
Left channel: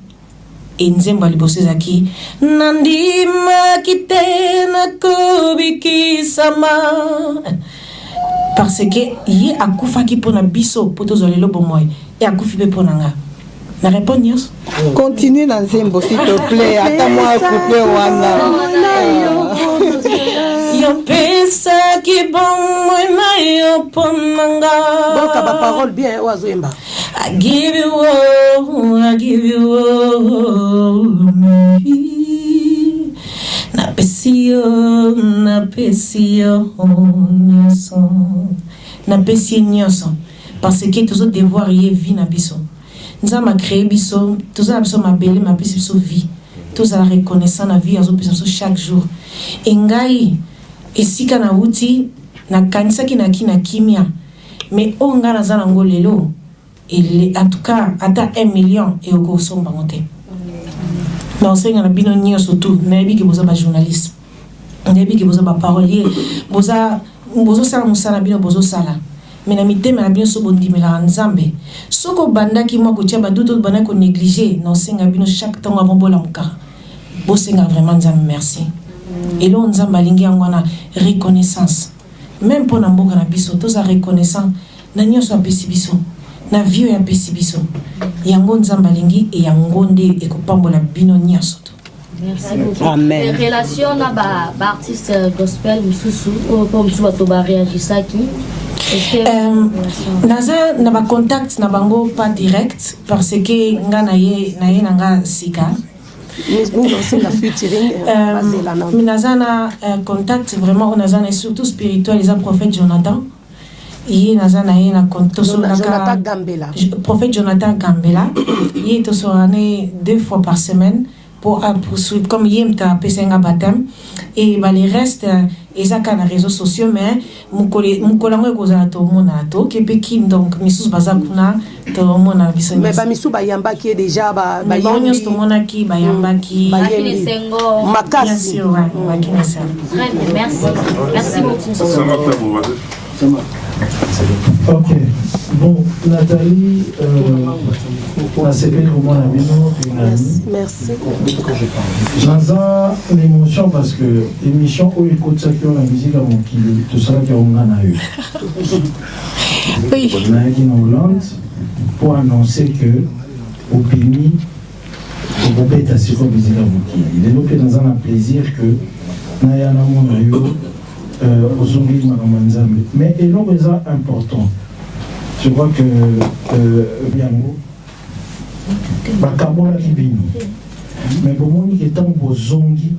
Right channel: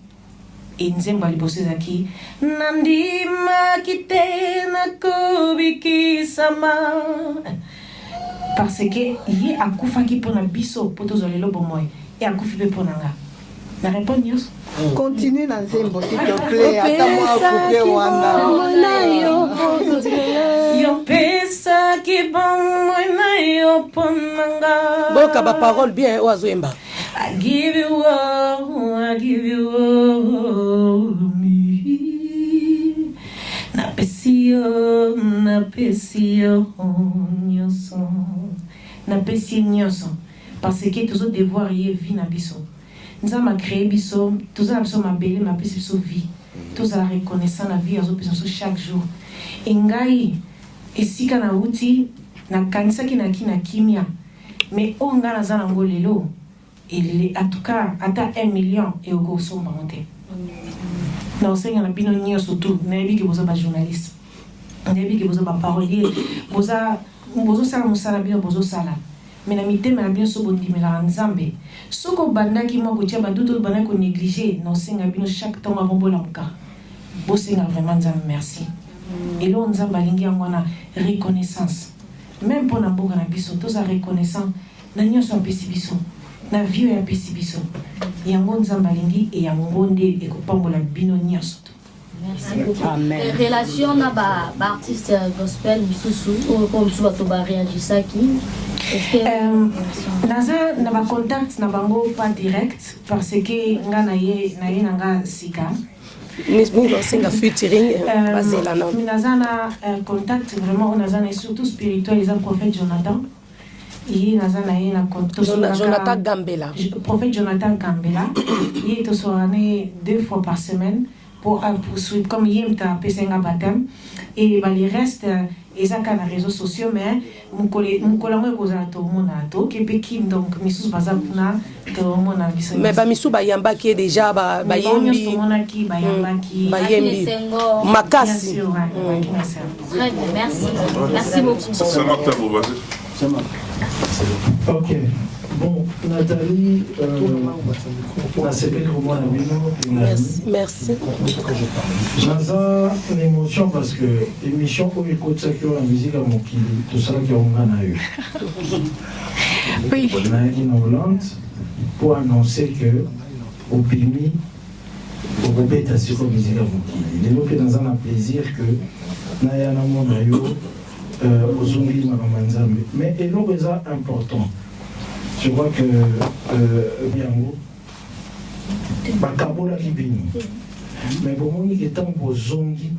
enzemba liboso zaki nandima kitena kubiki sama parce que yi akufa ki pona biso poto zolelo bomoy et akufi pe pona nga na répondre yos continue dans nzembo s'il te plaît attends-moi couper wana yo pesa ki bon moi mayo ponanga donc ba parole bien oazoemba I give you all na pesio nyoso parce que tous autres devoir y vie na biso nous avons créé biso tous avons ma belle ma biso vie tous la reconnaissant la vie azo biso chaque jour engai esika na uti na kanisa kina kimia mais on a la zone angolelo et en tout cas ata 1 million et au gosso bangote non c'est ngana bino nyo surtout nabi ki boza ba journaliste nabi ki boza ba parolier boza sala musala bino bozo sala mais na mitema na bino so bondimela nzambe soko bandaki moko tia baduto bana ko négliger non c'est ngana bino chaque temps avant bola muka bo senga vraiment nzambe merci et là nzambe alingi yango na reconnaissance même pour mboka na biso toza reconnaissant na nyonso apesi biso na vieux ya pesi biso yango nzambe alingi e yango nde ekopambola bino nyonso. Merci beaucoup. Amen. Relation na ba artiste gospel misusu comme tu vas to ba réagir ça qui naza na ba contact na bango pas direct parce que nga na ye nga sika Nazana contact vraiment Nazana est surtout spirituel les prophète Jonathan il Nazana est na prophète Jonathan Gambela il est aussi 2 fois par semaine pour poursuivre comme il est pesenga baptême et les restes ils ont les réseaux sociaux mais mon collègue kozala to mona to ke pekin donc misus bazapuna to mona biso mais ba misu bayamba qui est déjà ba bayamba to mona ki bayamba ki makasi merci beaucoup. Ok. Bon, Nathalie, pour la CP, comment la merci. Naza une émotion parce que l'émission où écoute ça qui a la musique à mon kili, tout ça qui a un eu. Oui. On a dit en Hollande pour annoncer que au Pimi, au Bobet a sur la musique à mon kili. Les lopés dans un plaisir que Naya Namon a eu. Mais et l'autre est important. Je crois que Biango, Bakabola Kibino, mais pour moi, il est temps pour Zongi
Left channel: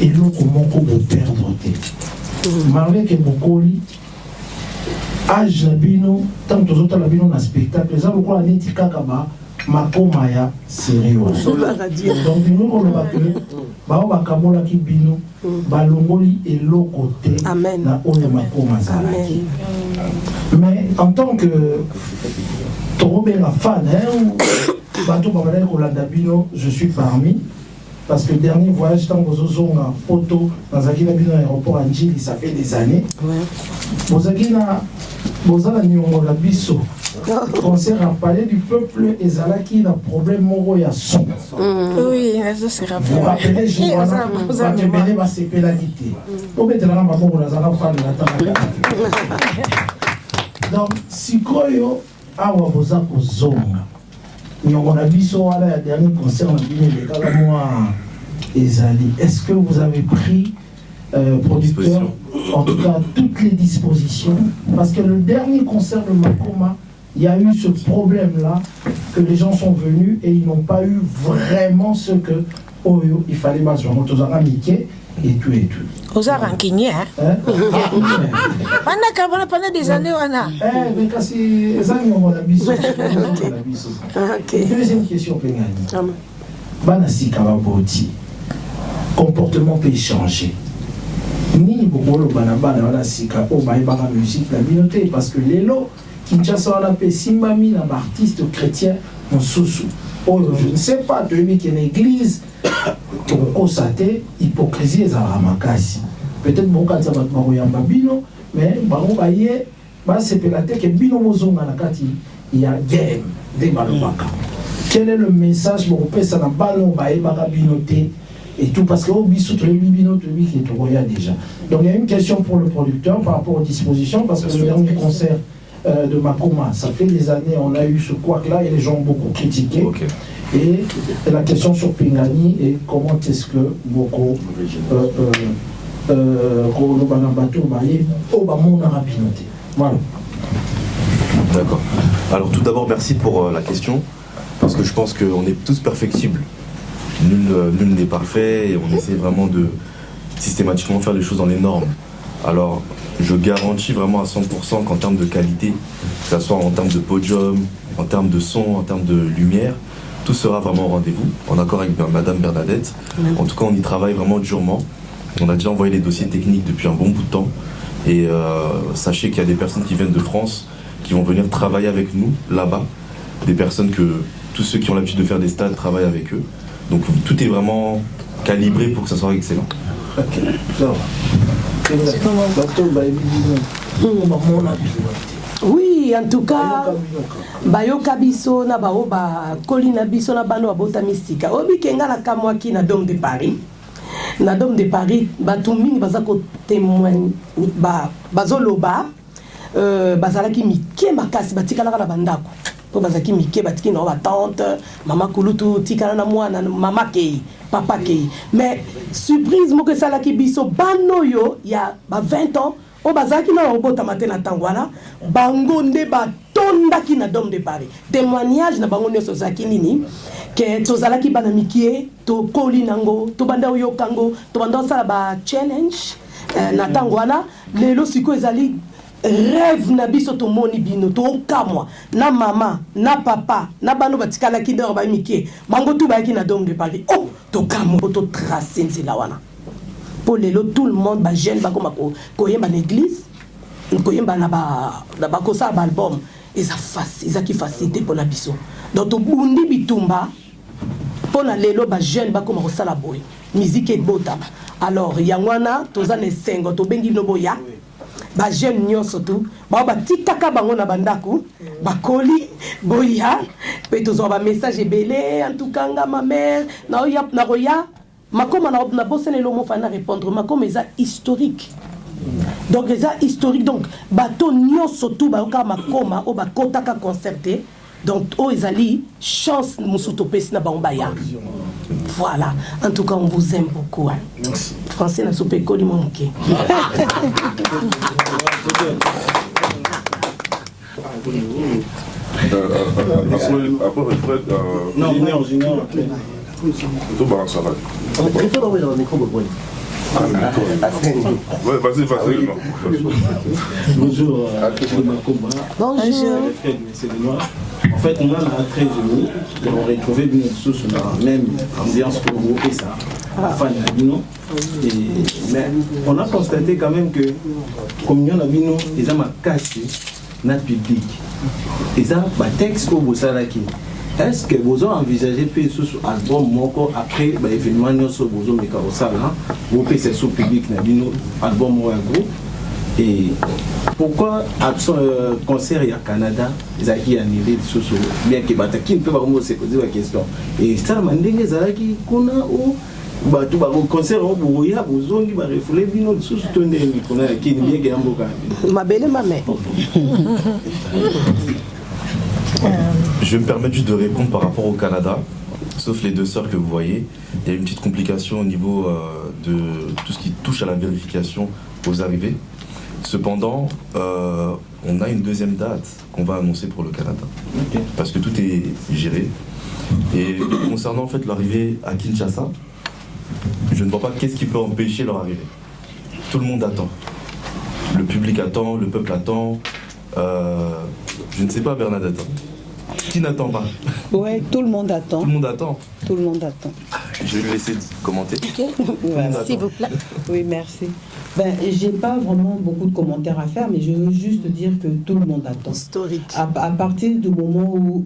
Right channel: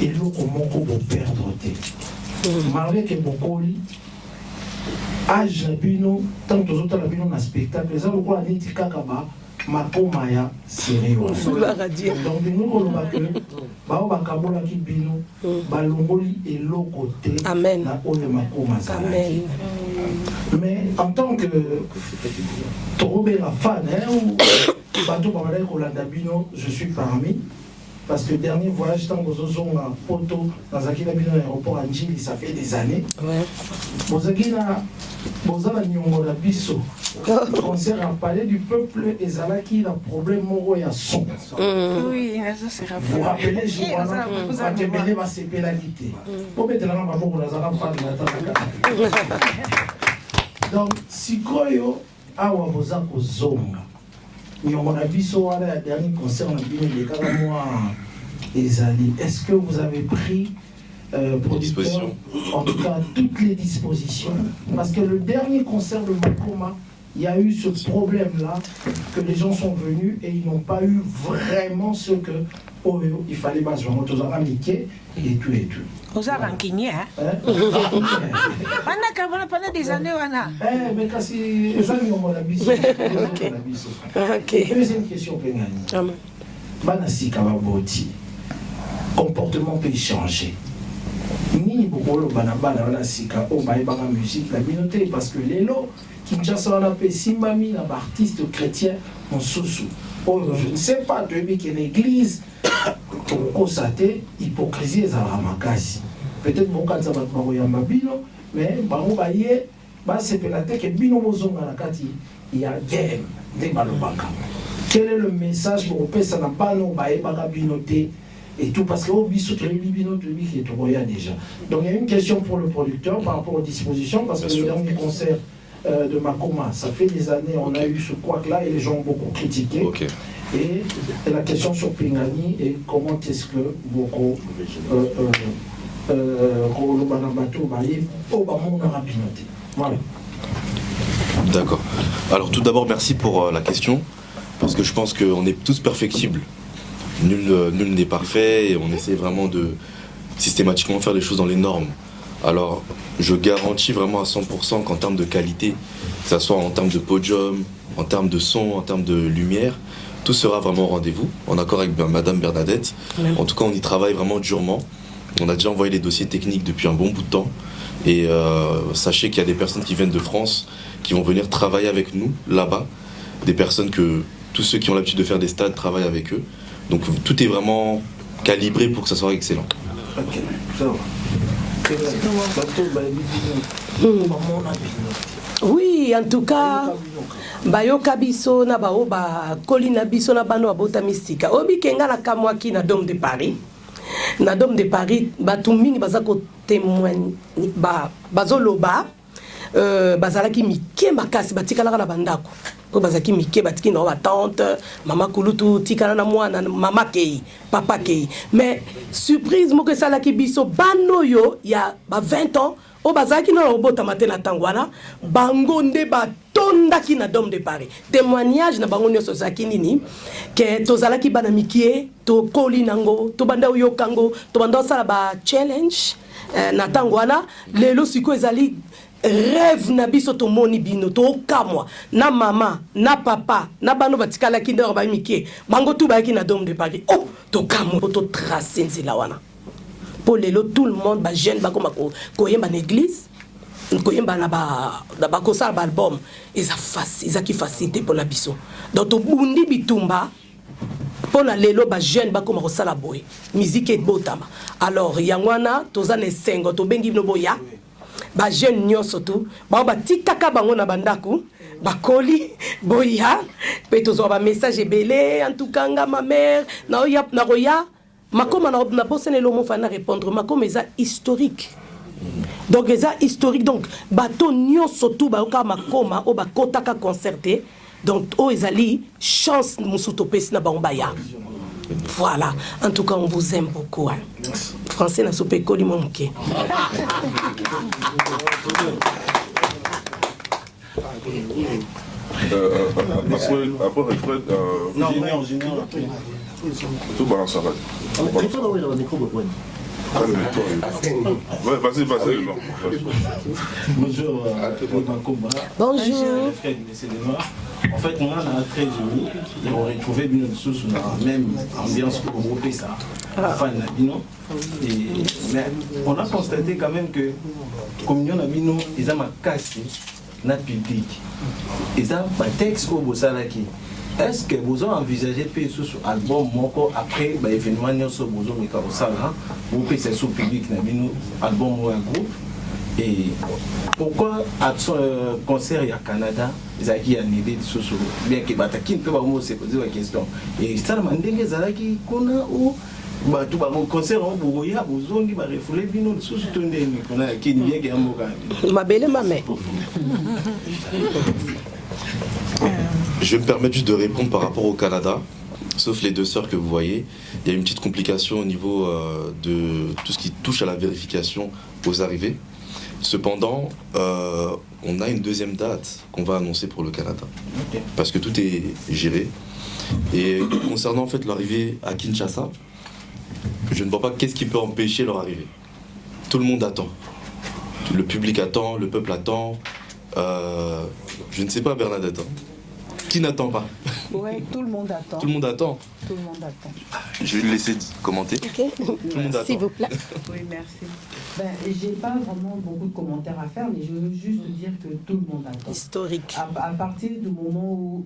et l'autre moko pour perdre. Marlé que Bokoli, âge Labino, tant que autres Labino na spectacle, les autres quoi n'est Kakaba, Makomaya, sérieux. Donc nous on va que bao bakabola kibino balongoli eloko te na oyo makoma zalaki mais en tant que torobela fan bato babala kolanda bino je suis parmi parce que dernier voyage tant bozozonga poto nazaki na bino aéroport Anjili ça fait des années bozaki na bozala nyongo la biso concert à Palais du Peuple et Zalaki a problème moro ya son. Oui, ça c'est rappelé. Vous rappelez, je vois que Béné va se pénalité. Au fait, là, on a fan donc, si Koyo a waboza ko zonga, on a vu ça à la dernière concert en Guinée, est-ce que vous avez pris producteur, en tout cas toutes les dispositions, parce que le dernier concert de Makoma, il y a eu ce problème-là, que les gens sont venus et ils n'ont pas eu vraiment ce que il fallait mettre en Mickey et tout et tout. Aux Arankiniens, hein? Pendant des années, on a. Mais quand c'est ça, on a mis. Deuxième question, Pénani. Banasi Kababoti, comportement peut changer. Ni beaucoup le banabana, banasi ka, oh, baïbana musique, la communauté, parce que les lots. Kinshasa, on appelle Simbami, un artiste chrétien, en sous-sous. Oh, je ne sais pas, de lui qui est une église, pour constater hypocrisie et Zaramakasi. Peut-être mon cas, ça va être Babino, mais Baron Baye, c'est peut-être que Bino Mozonga Nakati, il y a game des Balobaka. Quel est le message pour que ça n'a pas Baye Bagabinoté et tout, parce que au bisou, tout le bibino, tout le qui est au déjà. Donc il y a une question pour le producteur par rapport aux dispositions, parce que le dernier concert de Makoma, ça fait des années, on a eu ce couac-là et les gens ont beaucoup critiqué. Okay. Et la question sur Pingani et comment est-ce que beaucoup voilà. D'accord. Alors tout d'abord, merci pour la question, parce que je pense qu'on est tous perfectibles. Nul n'est parfait et on essaie vraiment de systématiquement faire les choses dans les normes. Alors, je garantis vraiment à 100% qu'en termes de qualité, que ce soit en termes de podium, en termes de son, en termes de lumière, tout sera vraiment au rendez-vous, en accord avec Madame Bernadette. En tout cas, on y travaille vraiment durement. On a déjà envoyé les dossiers techniques depuis un bon bout de temps. Et sachez qu'il y a des personnes qui viennent de France, qui vont venir travailler avec nous là-bas. Des personnes que tous ceux qui ont l'habitude de faire des stades travaillent avec eux. Donc tout est vraiment calibré pour que ça soit excellent. Ok, ça va. Oui, en tout cas, bayoka biso na bao ba kolina biso na bano abota mystique. Obi kenga na kamwaki na Dôme de Paris. Na Dôme de Paris, bato mingi baza ko témoigner ba bazoloba bazalaki mike makasi batikala na bandako. Ko bazaki mike batiki na ba tante, mama kulutu tikala na mwana mama kei, papa kei. Mais surprise mo que ça la ki biso bano yo ya ba 20 ans. O bazaki na obota matena tangwana bango nde batondaki na Dôme de Paris. Témoignage na bango nyonso zaki nini ke tozalaki bana mikie to koli nango to banda oyokango to banda sala ba challenge na tangwana lelo siko ezali rêve na biso to moni bino to kamwa na mama na papa na bano batikala ki ndo ba mikie bango tu bayaki na Dôme de Paris. Oh to kamwa to tracer nzela wana. Pour les lots, tout le monde, bah jeune, bah comme quoi y a une église, quoi y a ba kosa album, ils a qui facilité pour la biso. Donc au bundi bitumba, pour la lelo bah jeune, bah comme kosa la boy, musique et bota. Alors yangwana, toza ne sengo, to bengi no boya, bah jeune nyo surtout, bah tikaka bango na bandako, bah koli boya, pe tozo ba message belé, en tout cas ma mère, na oya na roya. Makoma na bosse ne lomo fana répondre makoma eza historique. Donc eza historique donc bato nyonso tout ba oka makoma o ba kotaka concerté donc o ezali chance musuto pesi na bambaya. Voilà, en tout cas on vous aime beaucoup. Hein. Français na soupe koli momuke. Non, junior. Tout balance ça va. Il faut envoyer dans le micro, Bobo. Ouais, vas-y. Bonjour, bonjour. En fait, on a très joli. Et on retrouvé une source dans la même ambiance pour grouper ça. À la fin de la bino. Mais on a constaté quand même que, comme il y en a bino, ils ont cassé notre public. Ils ont un texte au Bossalaki. Est-ce que vous avez envisagé de faire un album après l'événement sur vous avez vous faites ce public album ou un groupe et pourquoi un concert au Canada ils ont annulé sur bien que qui ne peut pas se poser la question et ça m'a dit que qu'on a tout le concert au Bourgogne vous avez refoulé vino sur ce tonné qu'on a qui bien que amboka ma belle maman. Je vais me permettre juste de répondre par rapport au Canada, sauf les deux sœurs que vous voyez. Il y a une petite complication au niveau de tout ce qui touche à la vérification aux arrivées. Cependant, on a une deuxième date qu'on va annoncer pour le Canada, parce que tout est géré. Et concernant en fait l'arrivée à Kinshasa, je ne vois pas qu'est-ce qui peut empêcher leur arrivée. Tout le monde attend. Le public attend, le peuple attend. Je ne sais pas, Bernadette. Qui n'attend pas? Oui, tout le monde attend. Tout le monde attend. Tout le monde attend. Je vais lui laisser commenter. S'il vous plaît. Oui, merci. Ben, j'ai pas vraiment beaucoup de commentaires à faire, mais je veux juste dire que tout le monde attend. Historique. À partir du moment où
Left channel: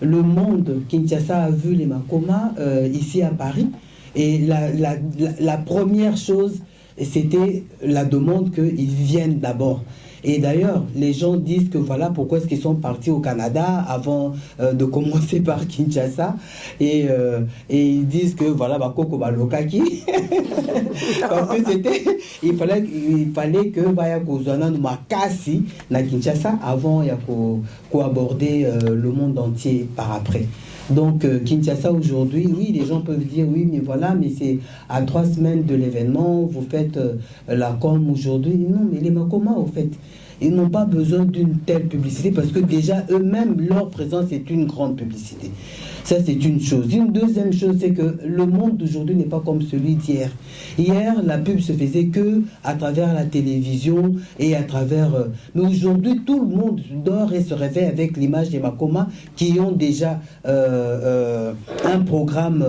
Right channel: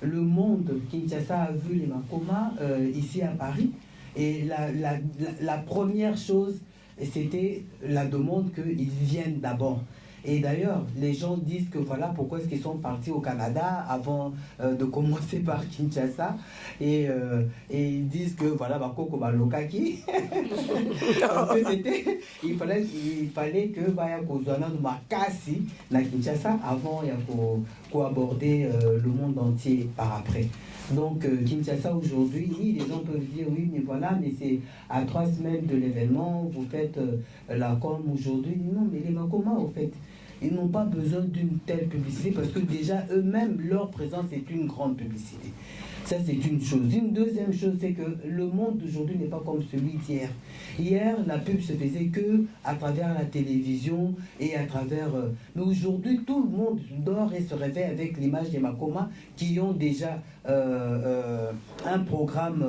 le monde, Kinshasa, a vu les Makoma ici à Paris, et la première chose, c'était la demande qu'ils viennent d'abord. Et d'ailleurs, les gens disent que voilà pourquoi est-ce qu'ils sont partis au Canada avant de commencer par Kinshasa. Et ils disent que voilà, Bakoko Balokaki. Parce que il fallait que Baya Kozana Makasi, la Kinshasa, avant qu'on aborder le monde entier par après. Donc Kinshasa aujourd'hui, oui, les gens peuvent dire oui, mais voilà, mais c'est à 3 semaines de l'événement, vous faites la com aujourd'hui. Non, mais les Makoma, au fait, ils n'ont pas besoin d'une telle publicité parce que déjà eux-mêmes, leur présence est une grande publicité. Ça, c'est une chose. Une deuxième chose, c'est que le monde d'aujourd'hui n'est pas comme celui d'hier. Hier, la pub se faisait que à travers la télévision et à travers... mais aujourd'hui, tout le monde dort et se réveille avec l'image des Makoma qui ont déjà un programme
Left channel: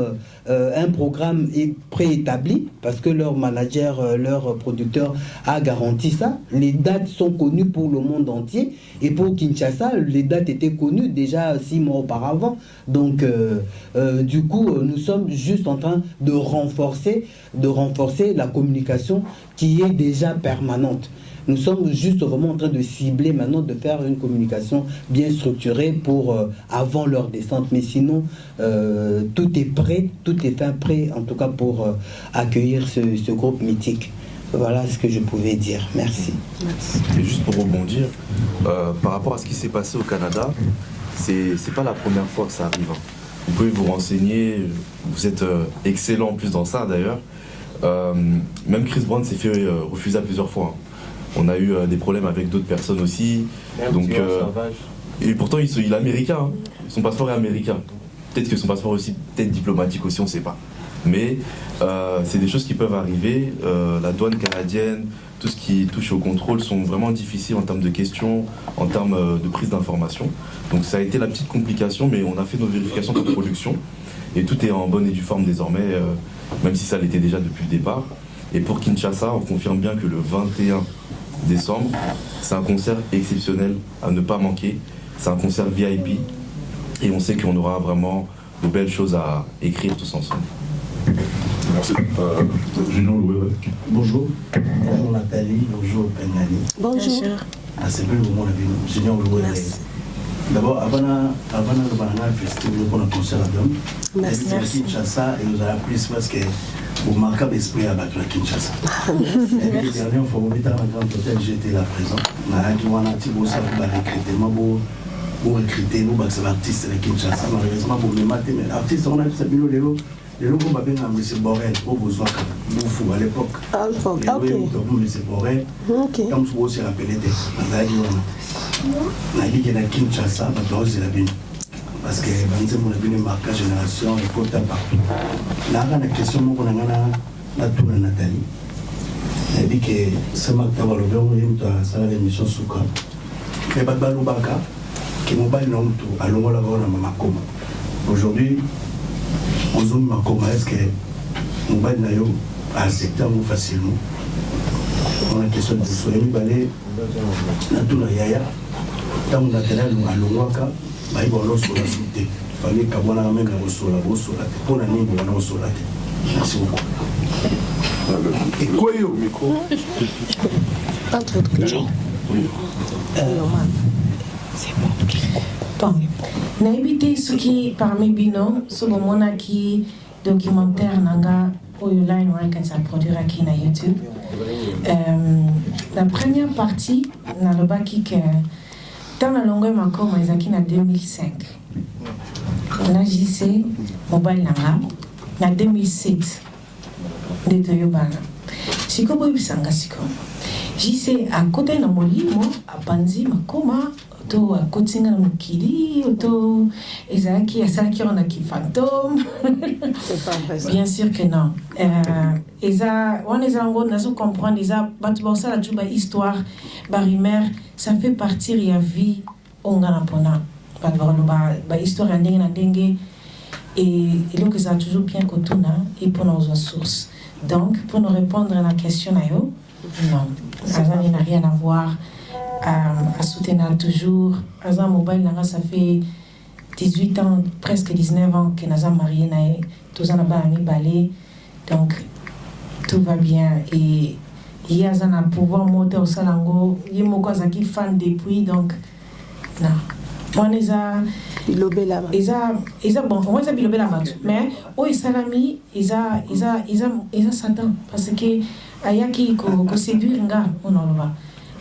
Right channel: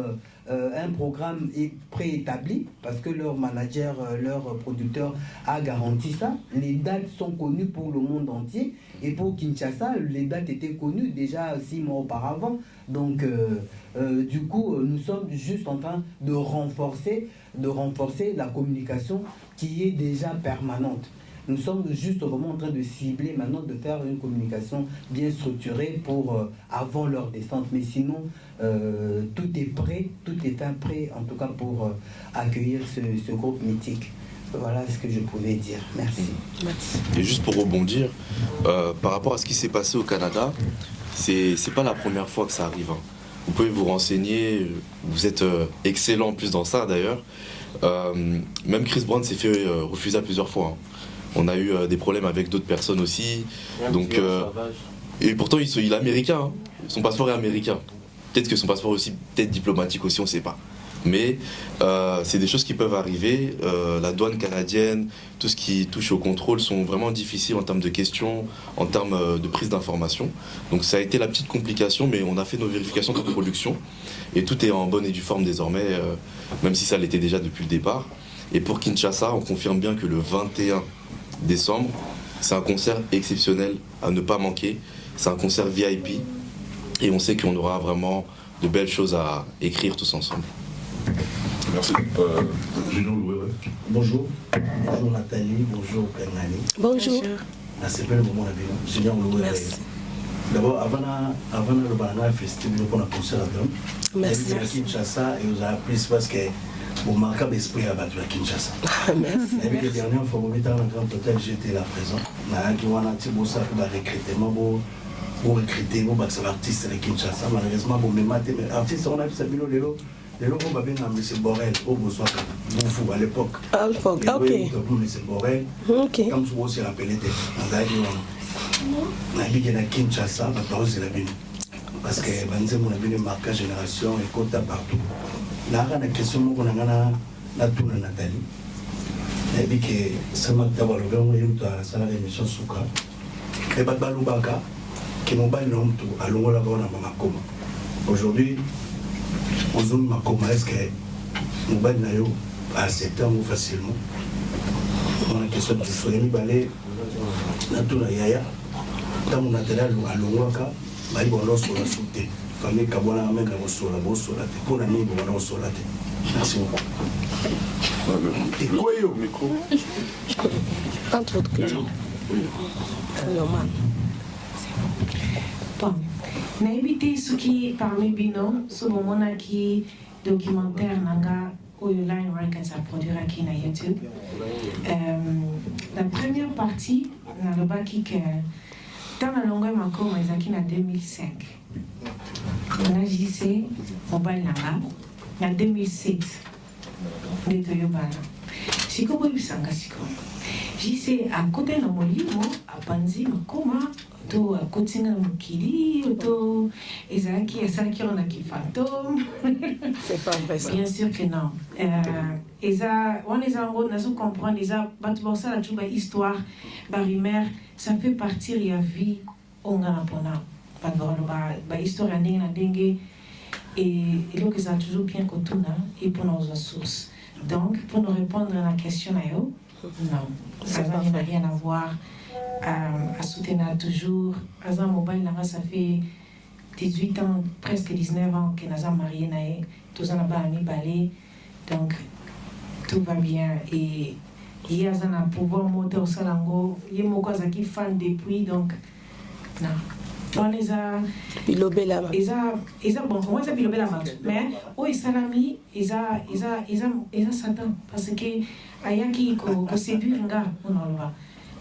un programme préétabli parce que leur manager, leur producteur a garanti ça. Les dates sont connues pour le monde entier et pour Kinshasa, les dates étaient connues déjà 6 mois auparavant. Donc, du coup, nous sommes juste en train de renforcer la communication qui est déjà permanente. Nous sommes juste vraiment en train de cibler maintenant, de faire une communication bien structurée pour avant leur descente. Mais sinon, tout est prêt, tout est fin prêt, en tout cas pour accueillir ce groupe mythique. Voilà ce que je pouvais dire. Merci. Et juste pour rebondir, par rapport à ce qui s'est passé au Canada, c'est pas la première fois que ça arrive. Vous pouvez vous renseigner, vous êtes excellent en plus dans ça d'ailleurs. Même Chris Brown s'est fait refuser à plusieurs fois. On a eu des problèmes avec d'autres personnes aussi. Donc, et pourtant, il est américain. Hein. Son passeport est américain. Peut-être que son passeport aussi, peut-être diplomatique aussi, on ne sait pas. Mais c'est des choses qui peuvent arriver. La douane canadienne, tout ce qui touche au contrôle sont vraiment difficiles en termes de questions, en termes de prise d'information. Donc ça a été la petite complication, mais on a fait nos vérifications de production. Et tout est en bonne et due forme désormais, même si ça l'était déjà depuis le départ. Et pour Kinshasa, on confirme bien que le 21 décembre, c'est un concert exceptionnel à ne pas manquer. C'est un concert VIP et on sait qu'on aura vraiment de belles choses à écrire tous ensemble. Merci. Bonjour. Bonjour Nathalie, bonjour Penyani. Bonjour. C'est bien le moment de Junior Loué. D'abord, avant le banana festival qu'on a poussé là-dedans, merci à Kinshasa et aux plus parce que vous marquez l'esprit à battre à Kinshasa. Et puis, la dernière fois, vous mettez dans le grand hôtel, j'étais là présent. On a dit qu'on a dit que ça va recrutement, vous recruter, vous battre l'artiste de Kinshasa. Malheureusement, vous me matez, mais l'artiste, on a vu ça, les locaux va bien dans M. Borel, au besoin que vous à l'époque. À l'époque, ok. Donc, M. Borel, comme vous aussi rappelez, on a dit qu'il y a Kinshasa, on a dit qu'il parce que on a vu une marque génération et côté partout. Là, la question qu'on a la tour de Nathalie. Elle dit que c'est ma table le grand ça va l'émission Souka. Et Babalubaka, qui nous bat non tout, à l'on va l'avoir dans Makoma. Aujourd'hui, on zone Makoma, est-ce que nous bat nayo à secteur facilement? On a question de Soyami Balé, la tour de Yaya, dans mon matériel, à l'Ouaka. Il fallait qu'on amène la ressource pour la ligne de la ressource. Merci beaucoup. Et quoi au micro? Pas trop de questions. Normal. Bon. N'habitez ce qui parmi Bino, ce moment qui documentaire nanga pour Line Records a produit qui na YouTube. La première partie na le baki que dans la longueur encore mais qui en 2005 on a JC mobile nanga en 2007 de Toyobana siko boy bisanga siko JC à côté na molimo a panzi makoma to a côté na mukili to ezaki asaki on a qui fantôme bien sûr que non eza on les en na so comprendre eza batu bon ça la tuba histoire barimer ça fait partir ya vie on a pona ba histoire ndenge na ndenge et donc ça toujours bien kotuna et pour nos sources. Donc pour nous répondre à la question non, ça n'a rien à voir à soutenir toujours Azam Mobile ça fait 18 ans presque 19 ans que nous sommes mariés tous en a ami balé donc tout va bien et il y a un pouvoir monter au salango il y a mon cousin qui fan depuis donc non on les a bilobé là bon on les a bilobé là mais au salami ils a Satan parce que ayaki ko séduire nga on le voit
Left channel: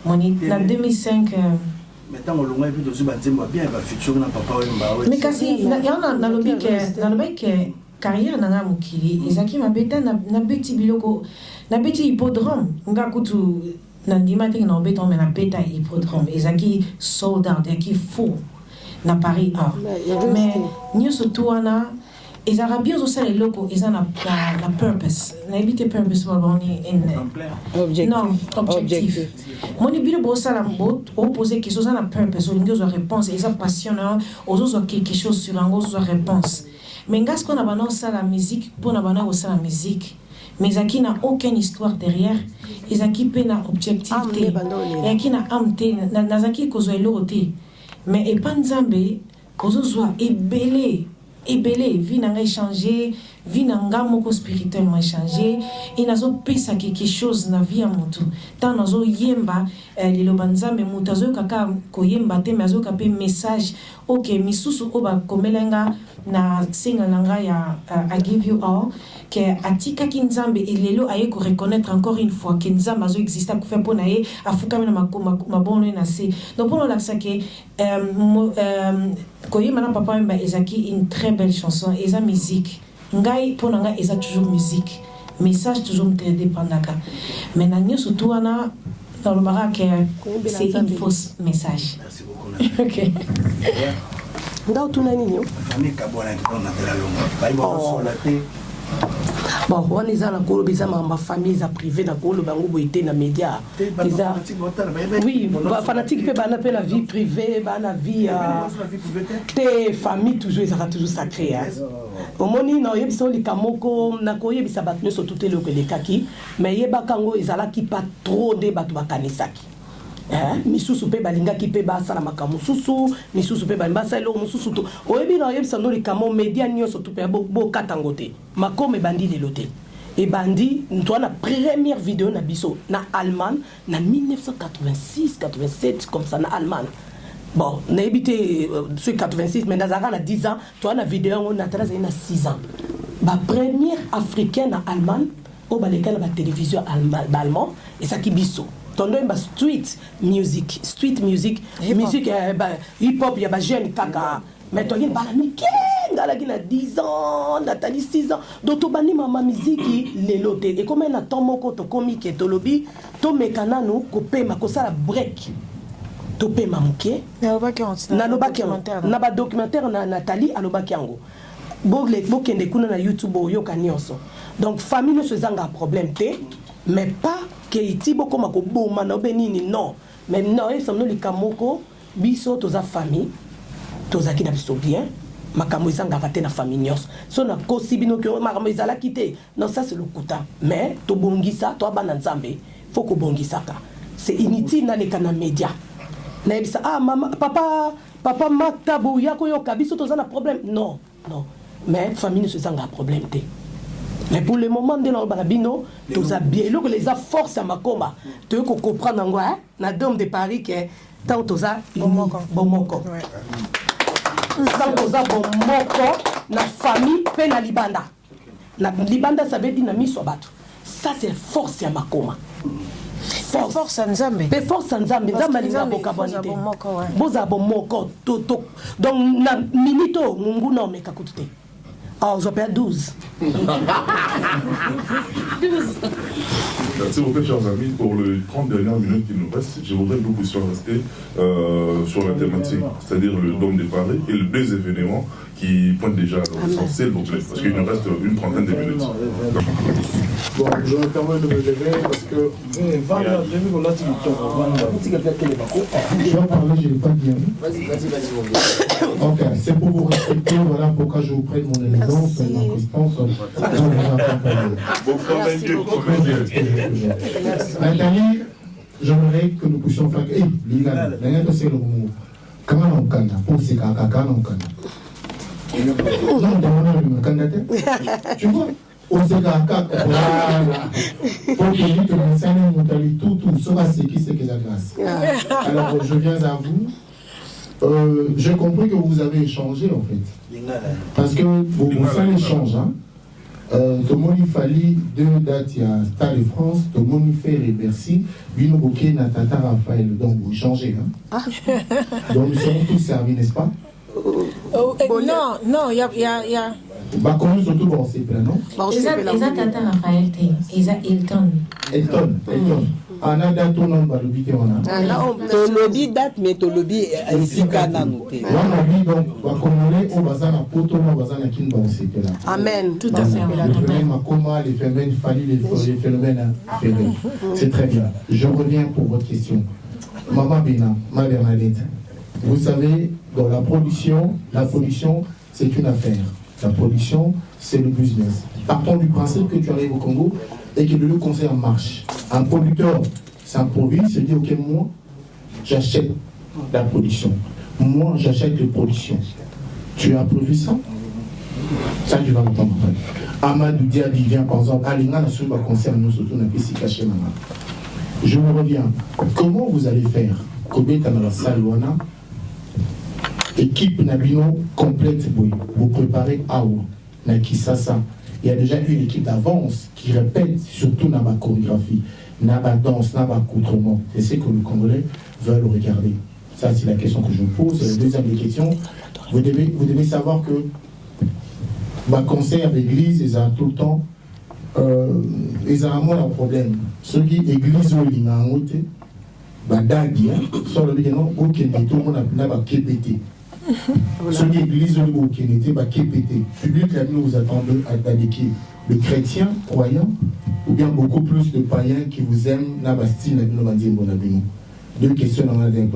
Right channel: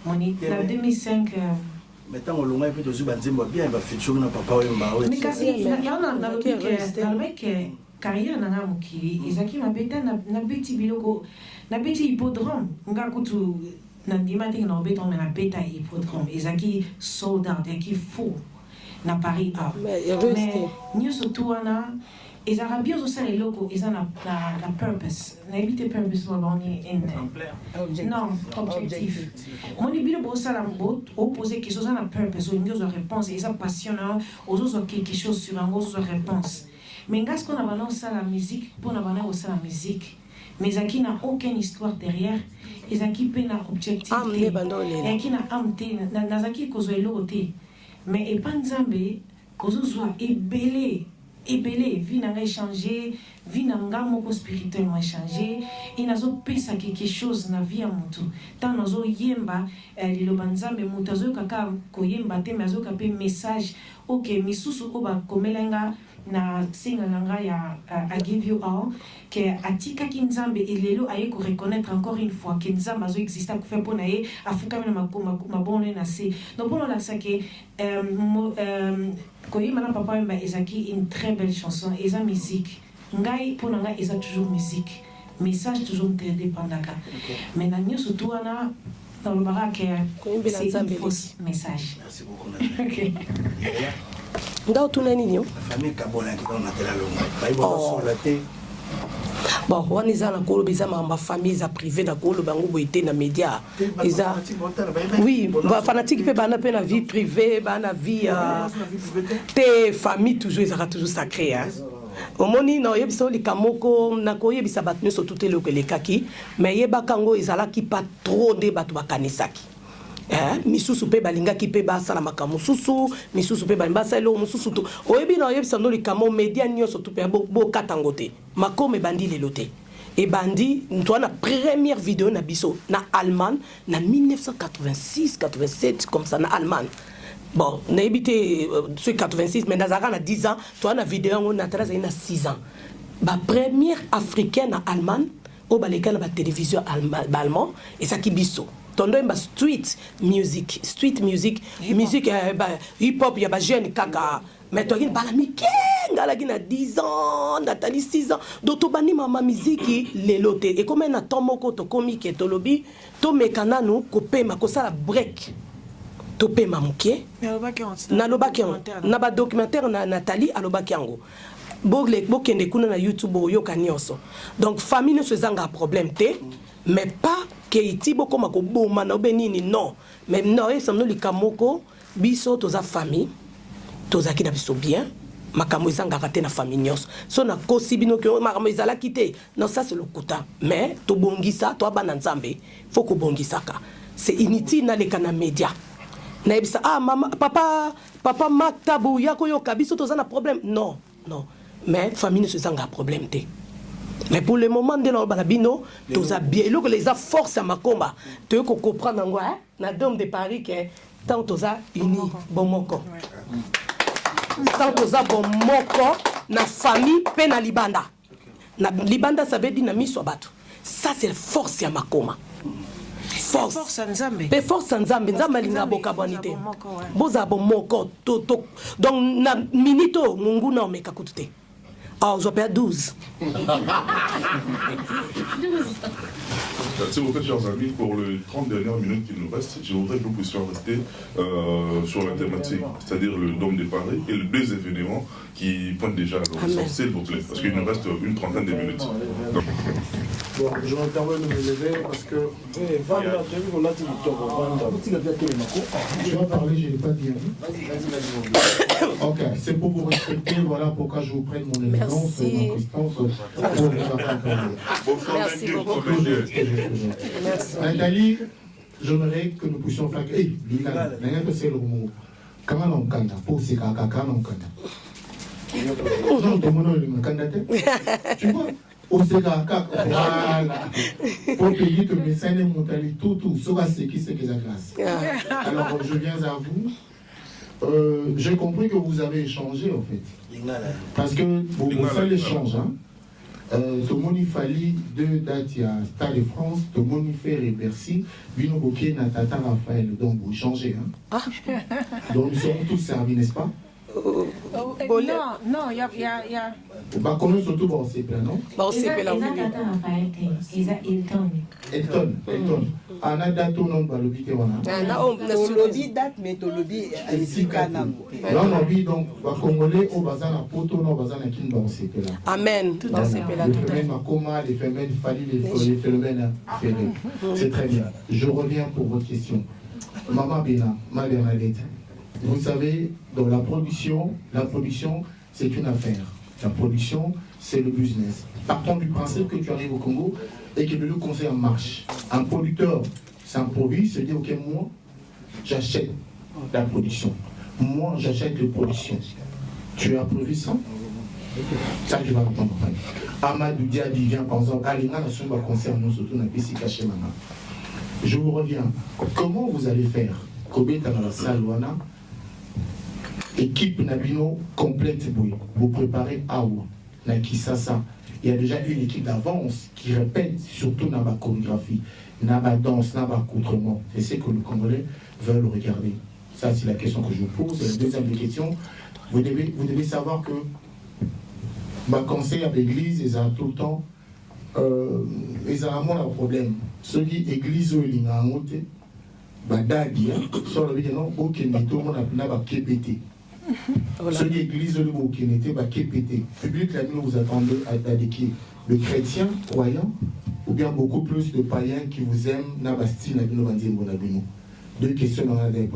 on est la 2005 maintenant on l'a vu aussi banzemba bien va futur na papa mais kasi il y en a dans le bec carrière na mukili ezaki mabeta na beti biloko na beti hippodrome nga kutu na ndima te na beton mais na beta hippodrome ezaki sold out ezaki fou na Paris mais nous surtout wana les Arabiens aussi les locaux ils ont la purpose n'habite purpose pour on est non objectif mon ibile bossa la mot opposé qui sont la purpose aux réponses ils ont passionnant aux autres quelque chose sur un autre réponse mais ngas qu'on a bana ça la musique pour na bana ça la musique mais qui n'a aucune histoire derrière et qui peut na objectivité et qui n'a amté na zaki kozoelo té mais et pas nzambe kozozwa ebelé vie n'a échangé vie n'a moko spirituellement échangé et nazo pesa quelque chose na vie à mutu tant nazo yemba lelo banzambe mutazo kaka koyemba te mazo kapé message OK misusu oba komelenga na singa langa ya I give you all que atika kinzambe elelo aye ko reconnaître encore une fois que nzambe azo existe pour faire ponaye afuka na mabono na se donc pour la ça que koyemba na papa mba ezaki une très belle chanson eza musique ngai pour nga eza toujours musique message toujours indépendaka mais na nyoso tout wana dans le barak c'est une fausse message. Merci beaucoup. OK. Ndao tuneni nyo famille kabona qui on appelle l'homme baïbo solaté bon on est dans la colo bizama ma famille za privé da colo bango boité na média isa oui fanatique pe bana pe na vie privée bana vie te famille toujours ils toujours sacré hein omoni no yebisa likamoko na ko yebisa batne so tout eloko lekaki mais yeba kango izala ki pas trop de batu bakanisaki misusu pe balingaki pe basala makambo susu misusu pe bambasalo mususu to oyebi na yebisa ndo likamo media nyonso to pe bo katangote makome bandi lelote et bandi ntwana première vidéo na biso na Allemagne na 1986 87 comme ça na Allemagne bon na habité sur 86 mais nazara na 10 ans toi na vidéo on a 13 na 6 ans ba première africaine na Allemagne au baleka na ba télévision allemand et ça qui biso tondo ba street music musique hip hop ya ba jeune kaka mais toi il bala mikenga la gina 10 ans natali 6 ans donc to bani mama musique lelote et comme na tomoko to comique to lobi to mekana no ko pema ko sala break to pema muke na lobaki na ba documentaire na Nathalie alobaki yango bogle bokende kuna na YouTube yoka nyonso donc famille ne se zanga problème te mais pas que itibo koma ko boma na benini non mais non et samno likamoko biso toza famille toza ki na biso bien makambo ezanga te na famille nyos so na kosibino ke makambo ezala kité non ça c'est le kota mais to bongisa to bana nzambe faut ko bongisaka c'est inutile na leka na média na ebisa mama papa maktabu yako yoka biso toza na problème non mais famille ne se zanga problème te. Mais pour le moment, de l'Albano, tous bien. Donc les forces à ma combat. Tu veux comprendre en quoi, hein? La dame de Paris qui est tant aux a bon moko. Tant aux a bon moko, na famille peine à Libanda. Na Libanda ça veut dire na misobatu. Ça c'est force à ma combat. Force en Zambie. Mais force en Zambie. Zambie linga boka bonité. Boza bon moko to. Donc na minito mungu na meka kutute. Ah, je perds 12. S'il vous plaît, chers amis, pour les 30 dernières minutes qui nous restent, je voudrais que nous puissions rester sur la thématique, c'est-à-dire le dôme de Paris et le baiser événement qui pointe déjà à l'horizon, s'il vous plaît, parce qu'il nous reste une trentaine de minutes. Bon, je me permets de me lever parce que... Je dois parler, je ne l'ai pas bien vu. Vas-y. Ok, c'est pour vous respecter, voilà pourquoi je vous prête mon élégance, ma distance, pour vous accompagner. Nathalie, j'aimerais que nous puissions faire... Eh, les gars, il y a c'est le mot. Comment on canta pour ces caca, quand on canta. Tu vois, on sait qu'à voilà. Pour payer que mon sein est monté tout, ça va c'est qui c'est que ça classe. Alors je viens à vous. J'ai compris que vous avez échangé en fait. Parce que vous savez échange, hein. Tout le monde il fallait 2 dates, il y a Stade de France, tout le monde il fait et Bercy, Vino Bokeh, Natata Raphaël, donc vous changez, hein. Donc nous sommes tous servis, n'est-ce pas? Non, il y a... Bah, comment surtout bon, c'est plein, non? Ils ont Tata Raphaël, ils ont Elton. On a date au nom de l'obité, on a. Tolobi date, mais Tolobi ici, Kanam. On a dit donc, on va commander au bazar à Poto, au bazar à Kinban, c'est que là. Amen. Tout à fait. Les phénomènes Makoma, les phénomènes Fali, les phénomènes Ferré. C'est très bien. Je reviens pour votre question. Maman Bena, ma Bernadette, vous savez, dans la production, c'est une affaire. La production, c'est le business. Partons du principe que tu arrives au Congo et que le conseil marche. Un producteur s'improvise, se dit, ok, moi, j'achète la production. Moi, j'achète les productions. Tu as produit ça? Ça, tu vas entendre après. Amadou Diaby vient, par exemple, Alinga, la soupe concerne nous, surtout, on a pu s'y cacher maintenant. Je vous reviens. Comment vous allez faire? Combien dans la salle, Wana? Équipe Nabino complète, vous préparez Awa, Nakisasa. Il y a déjà une équipe d'avance qui répète surtout dans ma chorégraphie, dans ma danse, dans ma accoutrement. Et c'est que les Congolais veulent regarder. Ça, c'est la question que je vous pose. La deuxième des questions, vous devez savoir que ma concert d'église, ils ont tout le temps, ils ont un problème. Ceux qui église où ils ont monté, Dadi, sur le véhicule, au Kenya, tout le monde a KPT. Ceux qui église où ils ont été, KPT. Public, là, vous attendez à qui? Les chrétiens, croyants, ou bien beaucoup plus de païens qui vous aiment, n'a pas style, n'a pas dit, mon abîme. Deux questions dans la dernière.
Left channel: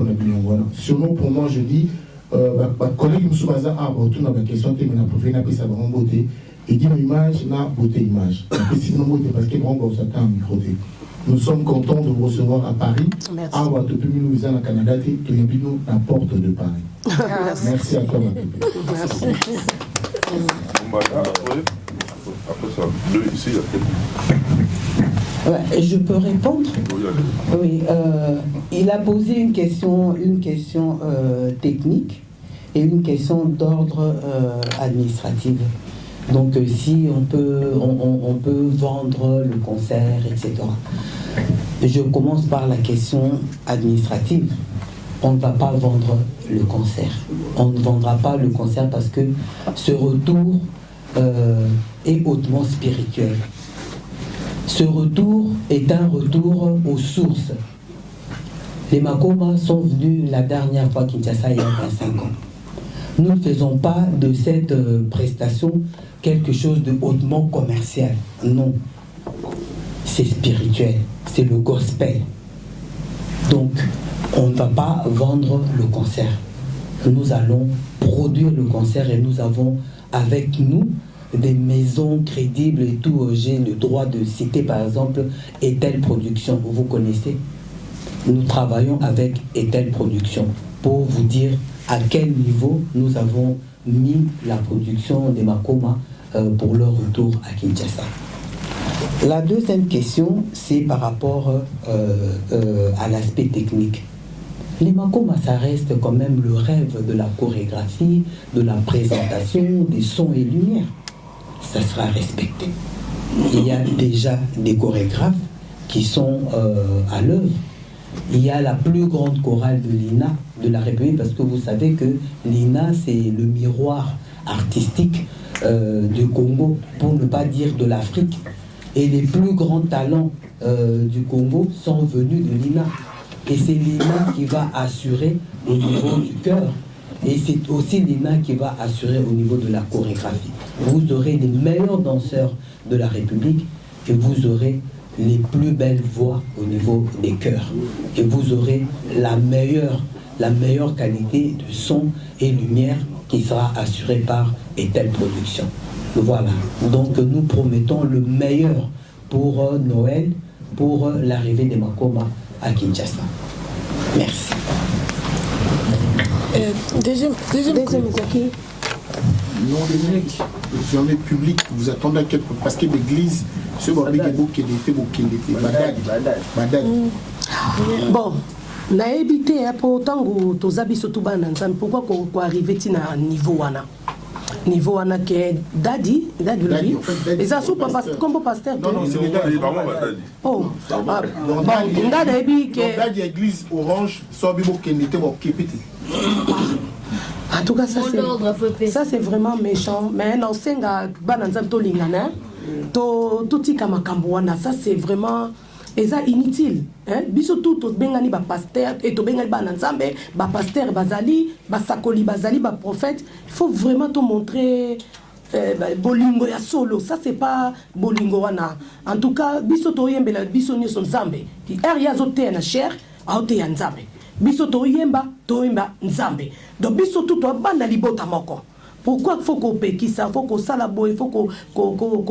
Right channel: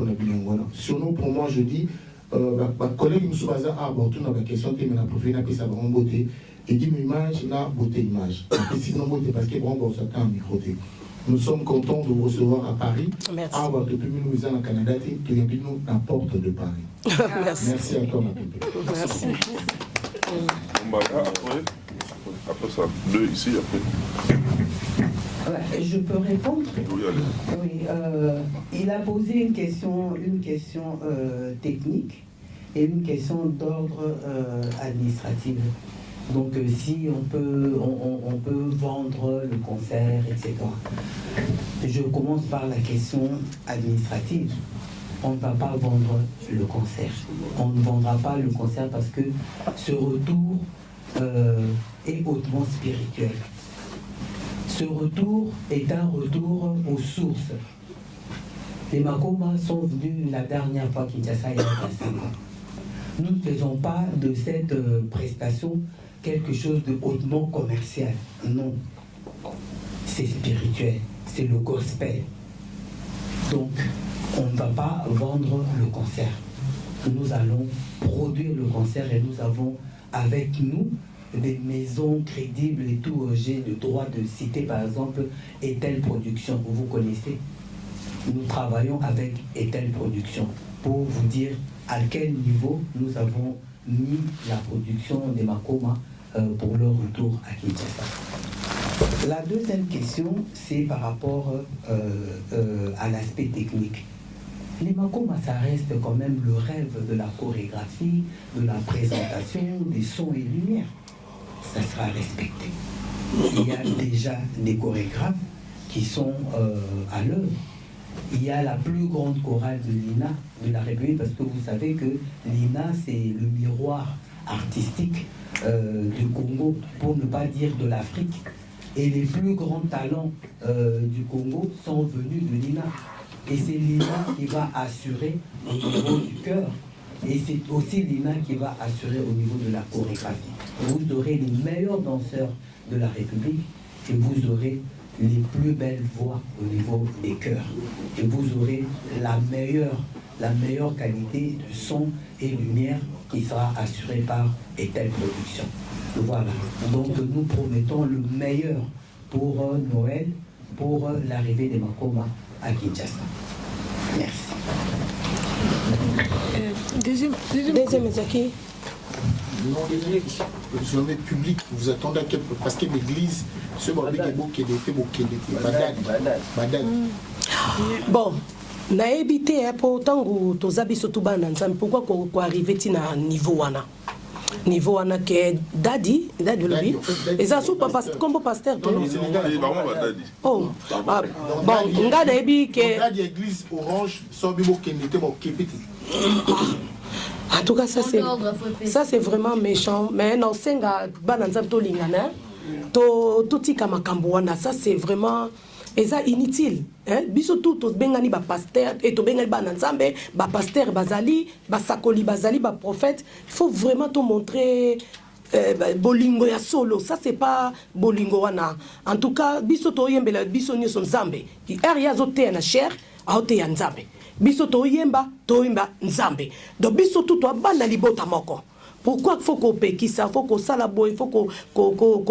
Sur nous, pour moi, je dis, ma collègue Moussoubaza a abordé la question qui m'a profité n'a pas sa grande beauté. Et dit, image, n'a beauté image. Après, si nous beauté, parce que bon, ça t'a un micro. Nous sommes contents de vous recevoir à Paris. Merci. Ah, bah, depuis nous au Canada, tu es nous à la porte de Paris. Merci à toi, ma bébé. Merci. Après ça, bleu ici, après. Ouais, je peux répondre? Oui, il a posé une question technique et une question d'ordre administratif. Donc si on peut vendre le concert, etc. Je commence par la question administrative. On ne va pas vendre le concert. On ne vendra pas le concert parce que ce retour est hautement spirituel. Ce retour est un retour aux sources. Les Makoma sont venus la dernière fois à Kinshasa il y a 25 ans. Nous ne faisons pas de cette prestation quelque chose de hautement commercial. Non. C'est spirituel. C'est le gospel. Donc, on ne va pas vendre le concert. Nous allons produire le concert et nous avons avec nous des maisons crédibles et tout. J'ai le droit de citer par exemple Etel Production, vous connaissez. Nous travaillons avec Etel Production pour vous dire à quel niveau nous avons mis la production des Makoma pour leur retour à Kinshasa. La deuxième question, c'est par rapport à l'aspect technique. Les Makoma, ça reste quand même le rêve de la chorégraphie, de la présentation, des sons et lumières. Ça sera respecté. Il y a déjà des chorégraphes qui sont à l'œuvre. Il y a la plus grande chorale de l'INA, de la République, parce que vous savez que l'INA, c'est le miroir artistique du Congo, pour ne pas dire de l'Afrique. Et les plus grands talents du Congo sont venus de l'INA. Et c'est l'INA qui va assurer au niveau du chœur. Et c'est aussi l'INA qui va assurer au niveau de la chorégraphie. Vous aurez les meilleurs danseurs de la République et vous aurez les plus belles voix au niveau des chœurs. Et vous aurez la meilleure qualité de son et lumière qui sera assurée par Etel Production. Voilà. Donc nous promettons le meilleur pour Noël, pour l'arrivée des Makoma à Kinshasa. Merci. Deuxième qui le journée publique, vous attendez à quel point? Parce que l'église, ce qui bon, nayebi te po tango toza biso tu bana nzambe pourquoi ko arriver ti na niveau wana ke dadi lobi eza so papa comme pasteur non c'est dadi oh bon nga nayebi ke dadi église orange so bibo kendete bo kepiti. En tout cas, ça c'est vraiment méchant. Mais non, c'est ça c'est vraiment inutile. Biso tout bengani ba pasteur et to bengani ba nzambe ba pasteur bazali ba sakoli bazali ba prophète. Il faut vraiment te montrer bolingo ya solo. Ça c'est pas bolingo wana. En tout cas, biso to yembela biso nyoso nzambe. Ki area zote na cher a ote ya nzambe. Biso toyemba nzambe. Donc biso tout banda libota moko. Pourquoi il faut qu'on paye ça, il faut qu'on salabo, il faut qu'on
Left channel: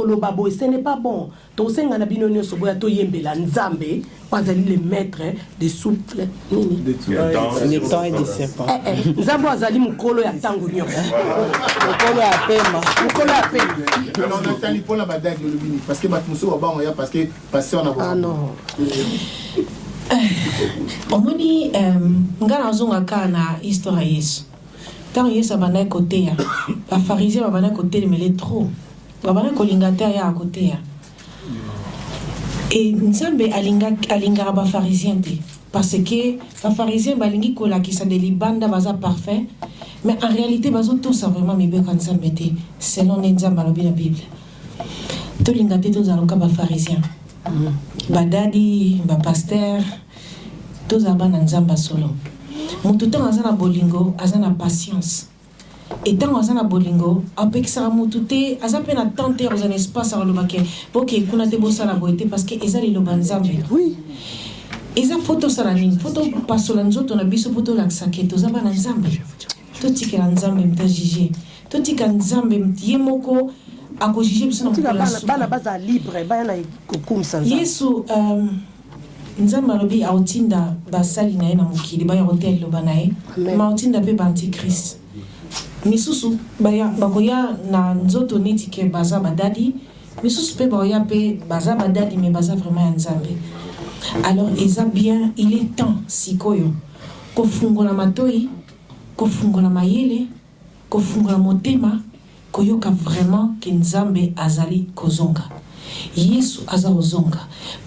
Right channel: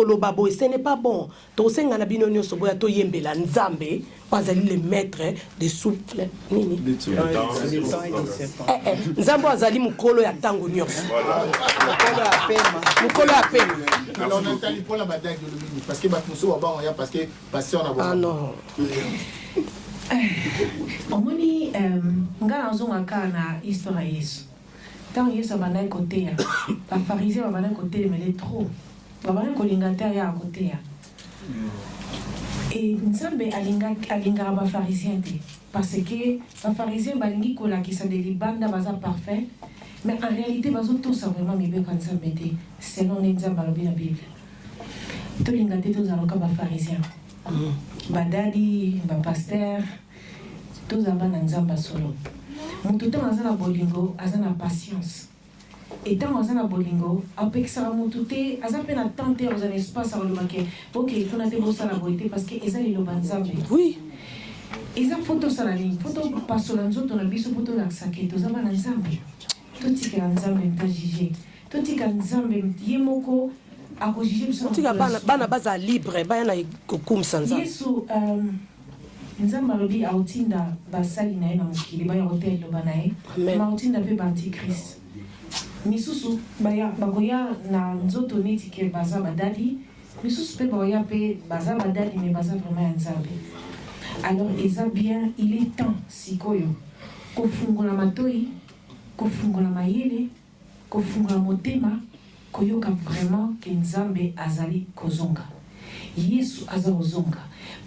lobabo, ce n'est pas bon. Donc c'est un abinonio soboya to yembela nzambe, pas les maîtres des souffles. Le temps est décevant. Nzambe azali mukolo ya tango nyonso. Mukolo ya pema. On entend pour la bataille de l'obini parce que batmuso wa ba parce que passer on a. Ah non. Omoni ngana zonga kana histoire Yesu. Tant Yesu abana côté ya. Ba pharisien abana côté mais les trop. Babana kolingata ya côté ya. Et Nzambe alinga ba pharisien te parce que ba pharisien balingi kola ki sa de libanda baza parfait mais en réalité bazo tout ça vraiment mi be kan Nzambe te selon Nzambe la Bible. To lingate to zaloka ba pharisien. Badadi, ba pasteur, tous abana Nzamba solo. Mutu tant azana bolingo, azana patience. Et tant azana bolingo, avec ça mutu te, azape na tenter aux un espace à l'obake, pour que kuna te bossa la boité parce que ezali lo banzambe. Oui. Eza photo salanine, photo pasolanzo ton abiso photo laksake, to zabana Nzambe. To tika Nzambe mta jije. To tika Nzambe mtiemoko. Bana baza libre bana kokumisa nzambe Yesu Nzambe alobi autinda basali na ye na mokili baya hotel lo banaye ma autinda pe antichrist misusu baya bakoya na nzoto neti ke baza badadi misusu pe baya pe baza badadi mais baza vraiment Nzambe. Alors eza bien, il est temps sikoyo kofungola matoi kofungola mayele kofungola motema koyoka vraiment que Nzambe azali kozonga. Yesu aza ozonga.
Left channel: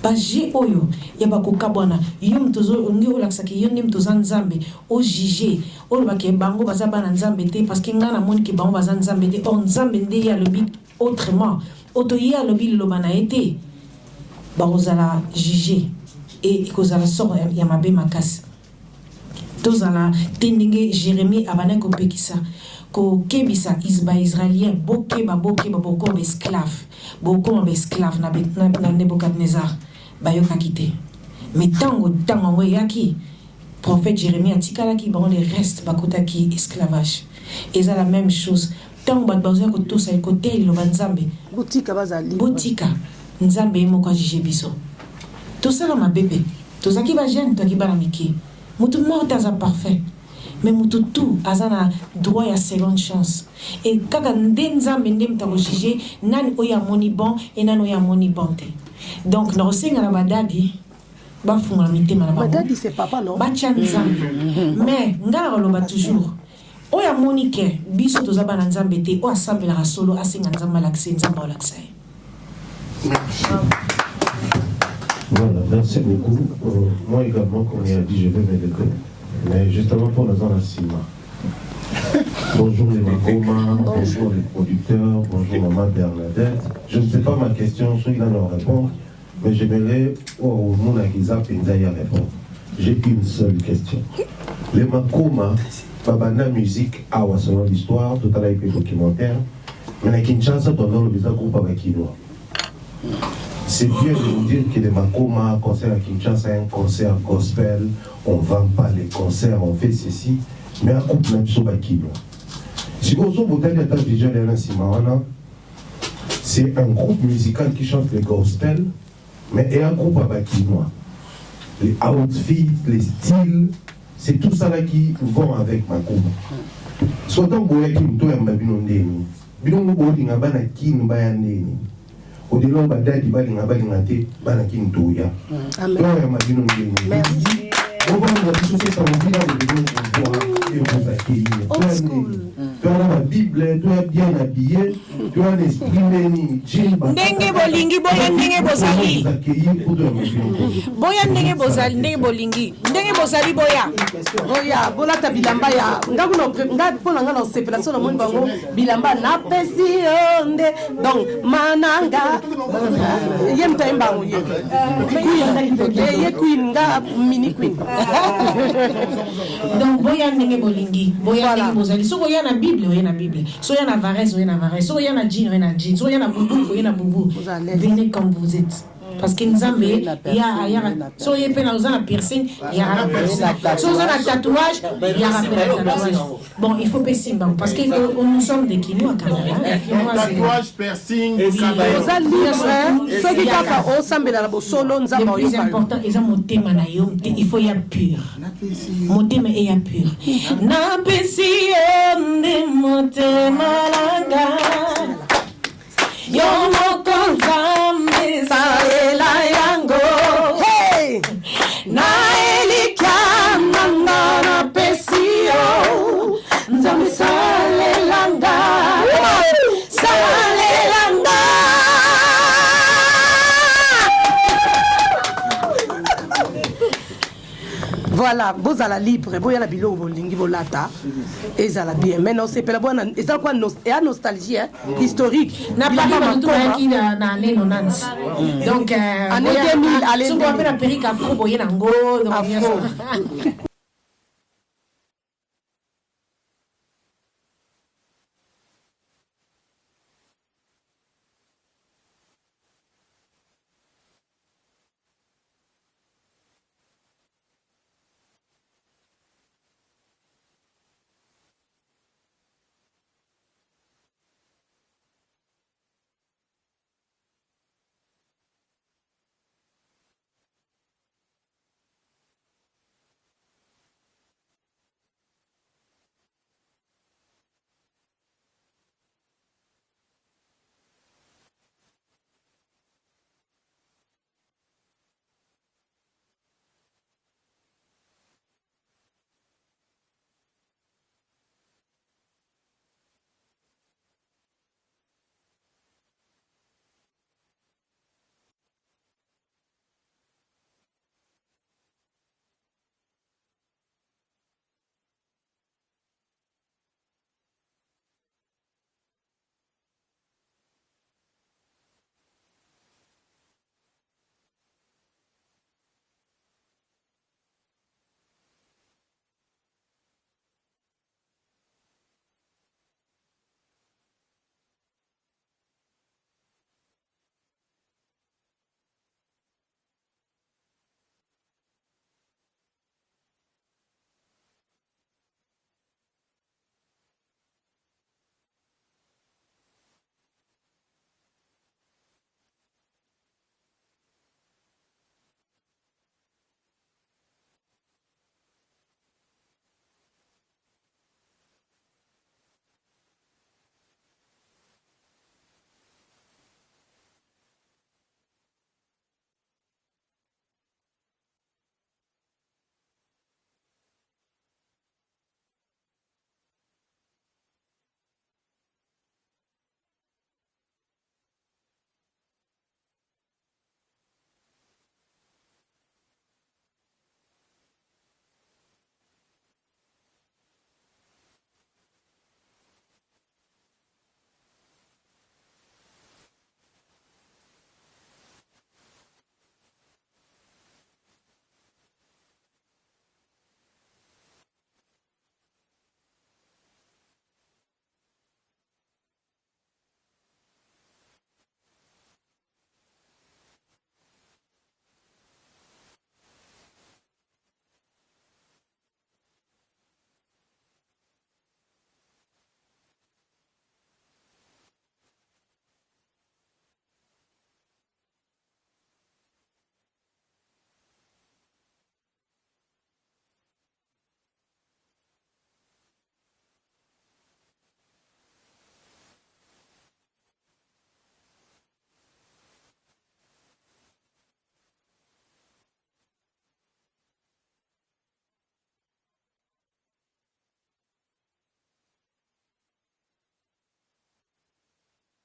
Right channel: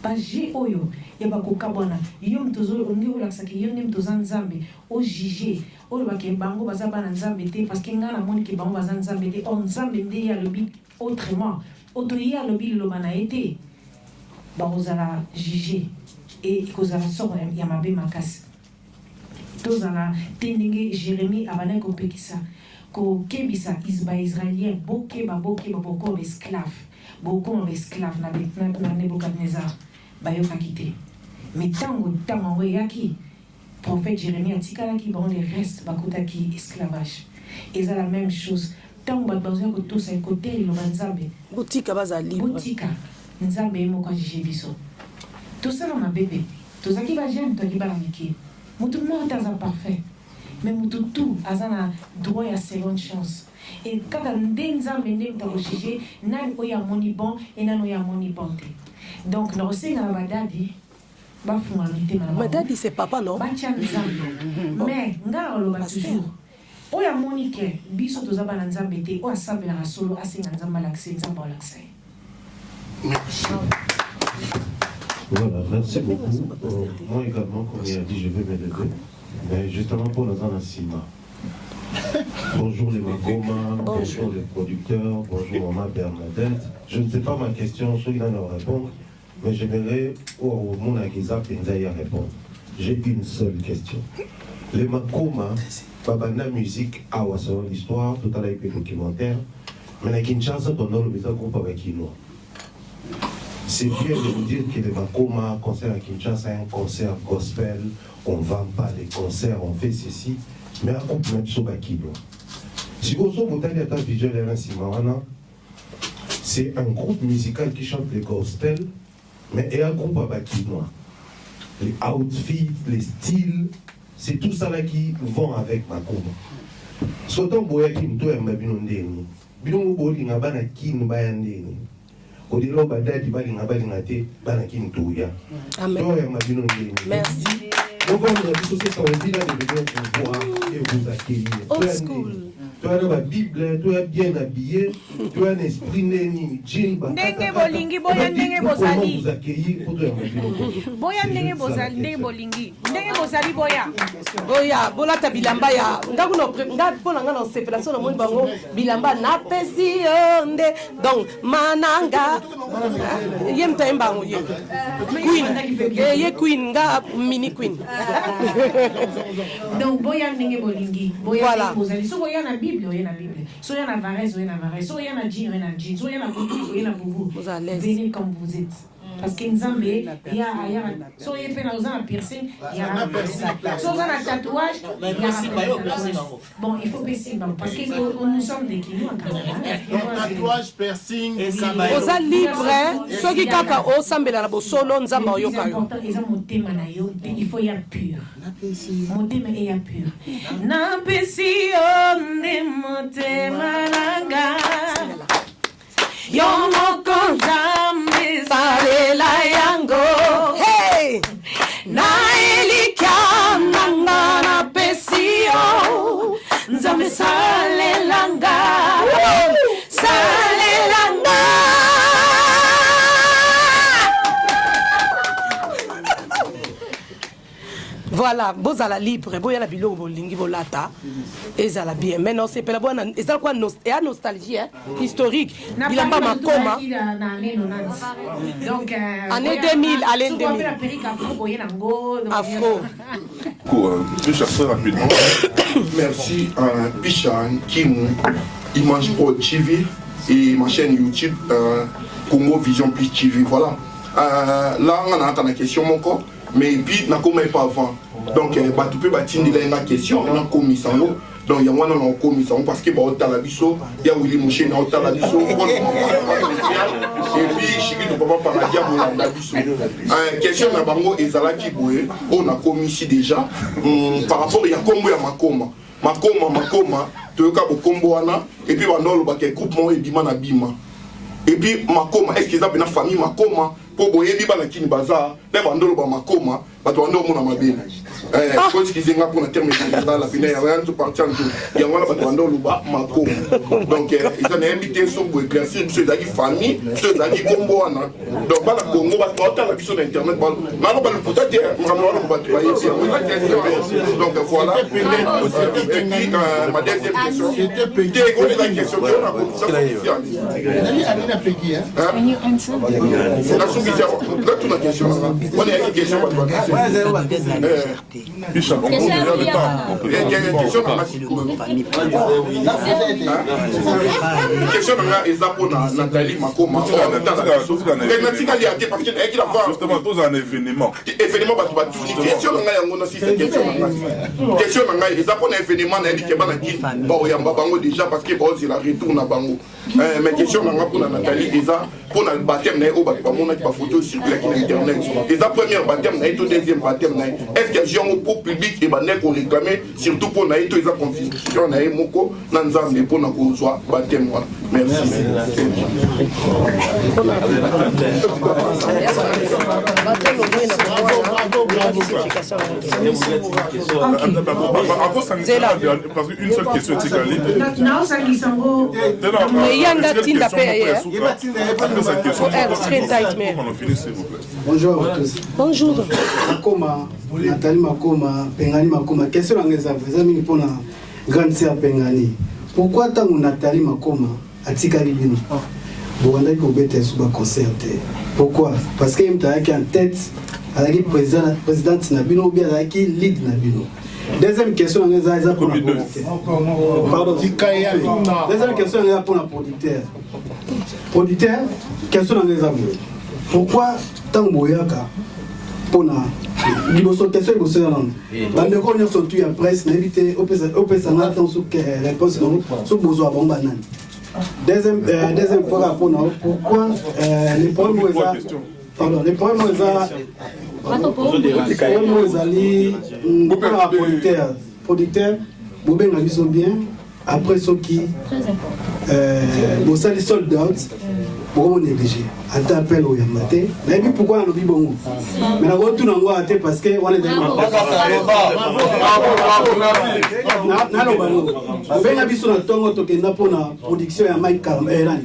Baje oyo ya bakoka bwana yo mtozo ngi olaksaki yo ndi mtoza Nzambe o juger o bake bango baza bana Nzambe te parce que ngana moni ke bango baza Nzambe te on Nzambe nde ya lobi autrement oto ya lobi lo bana été bazala juger et kozala sort ya mabe makasi. Tozala tendinge Jérémie abana ko pekisa ko kebisa isba israélien bokeba boko esclave boko esclave na Nebukadnezar bayoka kité mais tango yaki prophète Jérémie atikala ki bon les restes bakota ki esclavage et ça la même chose tango bazoya ko tosa côté lo banzambe botika bazali botika Nzambe moko jije biso tout ça ma bébé tout ça qui va jeune toi qui ba miki mutu mort dans un parfait mais mutu tout azana droit ya seconde chance et kaka Nzambe ndem ta jije nani oya moni bon et nani oya moni bon te donc no senga na badadi ba funga mitema na badadi c'est papa non ba tcha Nzambe mais ngala lo ba toujours oya moni ke biso to zaba na Nzambe te o asambela rasolo asenga Nzambe lakse Nzambe lakse. Voilà, merci beaucoup. Moi également, comme il a dit, je vais m'élever. Mais justement pour la zone Sima. Bonjour les Makoma, bonjour les producteurs, bonjour Maman Bernadette. Je ne sais pas ma question, soit il en a répondre, mais j'aimerais au Monagiza Penzaya répondre. J'ai une seule question. Les Makoma, Babana musique, awa selon l'histoire, tout à l'heure il documentaire, mais à Kinshasa, pendant le visa groupe avec Kinoa. C'est bien de nous dire que les Makoma, concert à Kinshasa, un concert gospel, on ne vend pas les concerts, on fait ceci, mais un groupe même sur Bakino. Si vous c'est un groupe musical qui chante les gospel, mais et un groupe à Bakino. Les outfits, les styles, c'est tout ça là qui vont avec Makoma. Soit on voit qu'il y a un babinondéni, bidon boli ngabana kin bayandéni. Au-delà de badadi balinga balingate banakin touya. Toi ya mabino ndeni. Merci. Vous voyez la société on dit là de voir et vous accueillir. Toi la Bible, toi bien habillé, toi l'esprit neni, jimba. Ndenge bolingi boya ndenge bozali. Boya ndenge bozali ndenge bolingi. Ndenge bozali boya. Oya bona ta bilamba ya ndaku no pona ngana sepelation na moni bango bilamba na pesi onde donc mananga yemta mbango ye queen nga mini queen. Donc boya ndenge bolingi boya ndenge bozali soko ya na Bible oya na Bible so ya na Varese oya na Varese so ya na jean oya na jean so ya na bubu oya na bubu venez comme vous êtes parce que nzambe so ye pe na ozana piercing ya na piercing so ozana tatouage ya na tatouage bon il faut baisser parce que nous sommes des kilos à Canada tatouage piercing oza libre soki kaka osambela na bosolo nzambe le plus important eza motema na yo il faut ya pur motema eya pur na pesi yo nde motema nanga yo moko nzambe salela yango na elika nanga na pesi yo nzambe salelanga salelanga. Voilà, vous allez libre, vous allez bilo bolingi bolata, et ça bien. Mais non, c'est pas la bonne, et ça quoi, et à nostalgie historique. N'a pas tout qui dans l'année 90. Donc année 2000, allez. Souvent après la période afro, boyer nango. Très rapidement. Merci à Pichan, Kim, Image Pro TV et ma chaîne YouTube Congo Vision Plus TV. Voilà. Là, on a une question mon corps. Mais puis, on n'a pas avant. Donc, tu peux bâtir une question, on a commis ça. Donc, il y a un commis ça parce que on a la biso, il y a Willy Mouché, on a la biso. Et puis, je ne peux pas parler de la biso. Question de Bango et Zalaki Boué, on a commis ici déjà. Par rapport à Yakombo et Makoma. Makoma, tu as un combo, et puis on a le groupement et Bima na Bima. Et puis, Makoma, est-ce qu'ils ont une famille Makoma? Pour boyer biba na kini bazar, les bandolo ba makoma, batuando mona mabene. Parce qu'ils ont pour la terme de la finale, rien tout partir en tout. Il y a un batuando ba makoma. Donc ils ont invité sur pour éclaircir ceux qui famille, ceux qui combo ana. Donc bala Congo ba porter la vision d'internet ba. Nalo ba le potati, nalo ba travailler sur. Donc voilà. Et puis ma deuxième question. C'était quoi la question que on a posée? Can you answer? Là, toute la question. On est à une question. Question pour Nathalie Makoma. Justement, tous un événement. Événement, question question pour un événement déjà parce que c'est la retourne à Bango. Mais question pour Nathalie, pour le baptême, la photo circule sur internet. Et la première baptême, et le deuxième baptème, est-ce qu'il y a un pour public et qu'on réclame, surtout pour la constitution, Moko, Nanzam, et pour nous soit baptême. Merci. Parce qu'une seule question, c'est qu'elle bonjour à tous. Bonjour. Makoma, Nathalie Makoma, Pengani Makoma. Question à mes amis pour la grande sœur Pengani. Pourquoi tant Nathalie Makoma a Tikali Bino? Vous rendez que vous êtes sous un concert. Pourquoi? Parce qu'il y a en tête à la présidente Nabino ou bien à la lead Nabino. Deuxième question, on est pour la pardon. Deuxième question, on est pour la producteur. Producteur, question on est pourquoi tant boyaka pour la question bande ko nyo sotu ya presse n'éviter opesa na temps sur réponse sur besoin bon banane. Deuxième fois pour pourquoi les problèmes pardon les problèmes producteur bobenga biso bien après ce qui bon ça les sold out pour négliger à t'appel au yamate mais puis pourquoi on oublie bon mais la retour n'engo à parce que on est na benga biso na tongo tokenda pona production ya Mike Cameron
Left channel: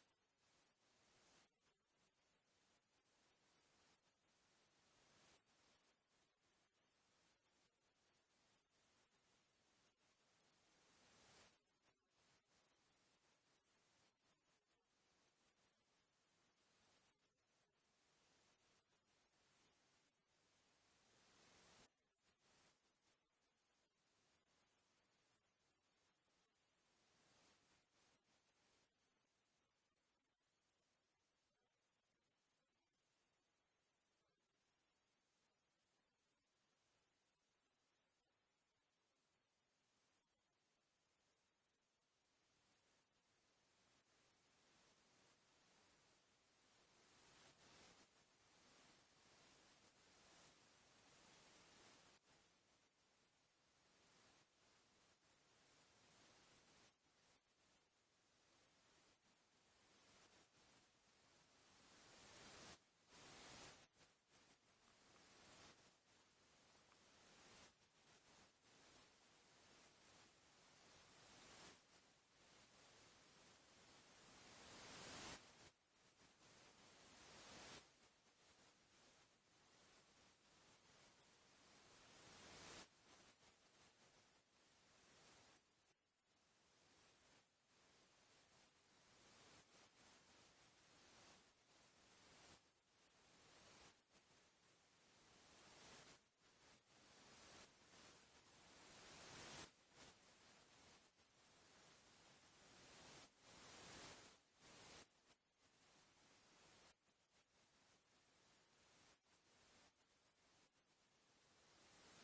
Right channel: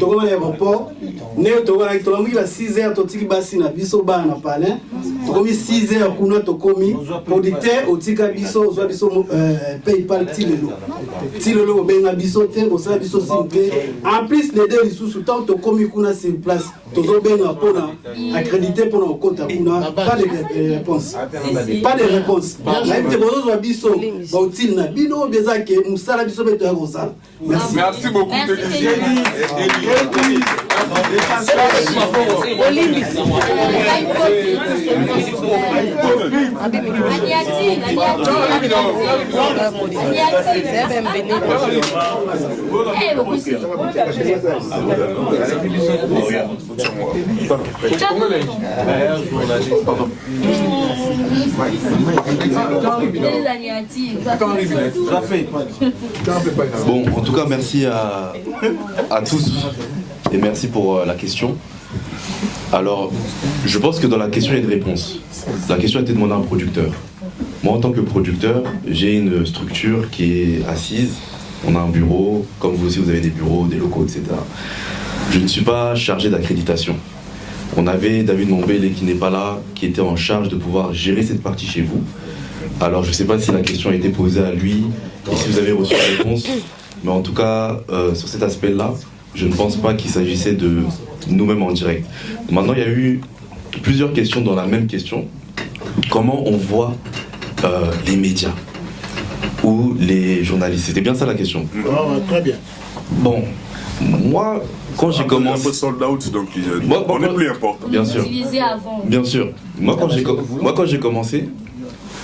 tokoma na aéroport ne tokona tokomi ba 6h totiki basi na biso ba na palais tokomi 6h kuna tokomi producteur otika biso zo biso PayPal tilelo benga biso te osala biso simple en plus les deux sous temps tokomi kuna sur place tozo benga pona accrédité pona compte kuna pas de réponse même te bozo biso ba utile na bino beza ke musala biso beto ya kosala merci beaucoup. Bon, en tout cas, merci à tous et merci pour la question. Alors, je pense que dans la question, il y a une réponse. La question a été demandée à un producteur. Moi, en tant que producteur, j'ai une structure qui est assise. On a un bureau, comme vous aussi, vous avez des bureaux, des locaux, etc. Je ne suis pas chargé d'accréditation. On avait David Mombele qui n'est pas là, qui était en charge de pouvoir gérer cette partie chez vous. Alors, je ne sais pas si la question a été posée à lui et si vous avez reçu la réponse. Mais en tout cas, sur cet aspect-là, je ne pense pas qu'il s'agissait de nous-mêmes en direct. Maintenant, il y a eu plusieurs questions dans la même question. Comment on voit les médias ou les journalistes? C'était bien ça la question. Très bien. Bon, moi, quand j'ai commencé... Un peu sold out, donc on est plus important. Bien sûr. Utilisé avant. Bien sûr. Moi, quand j'ai commencé,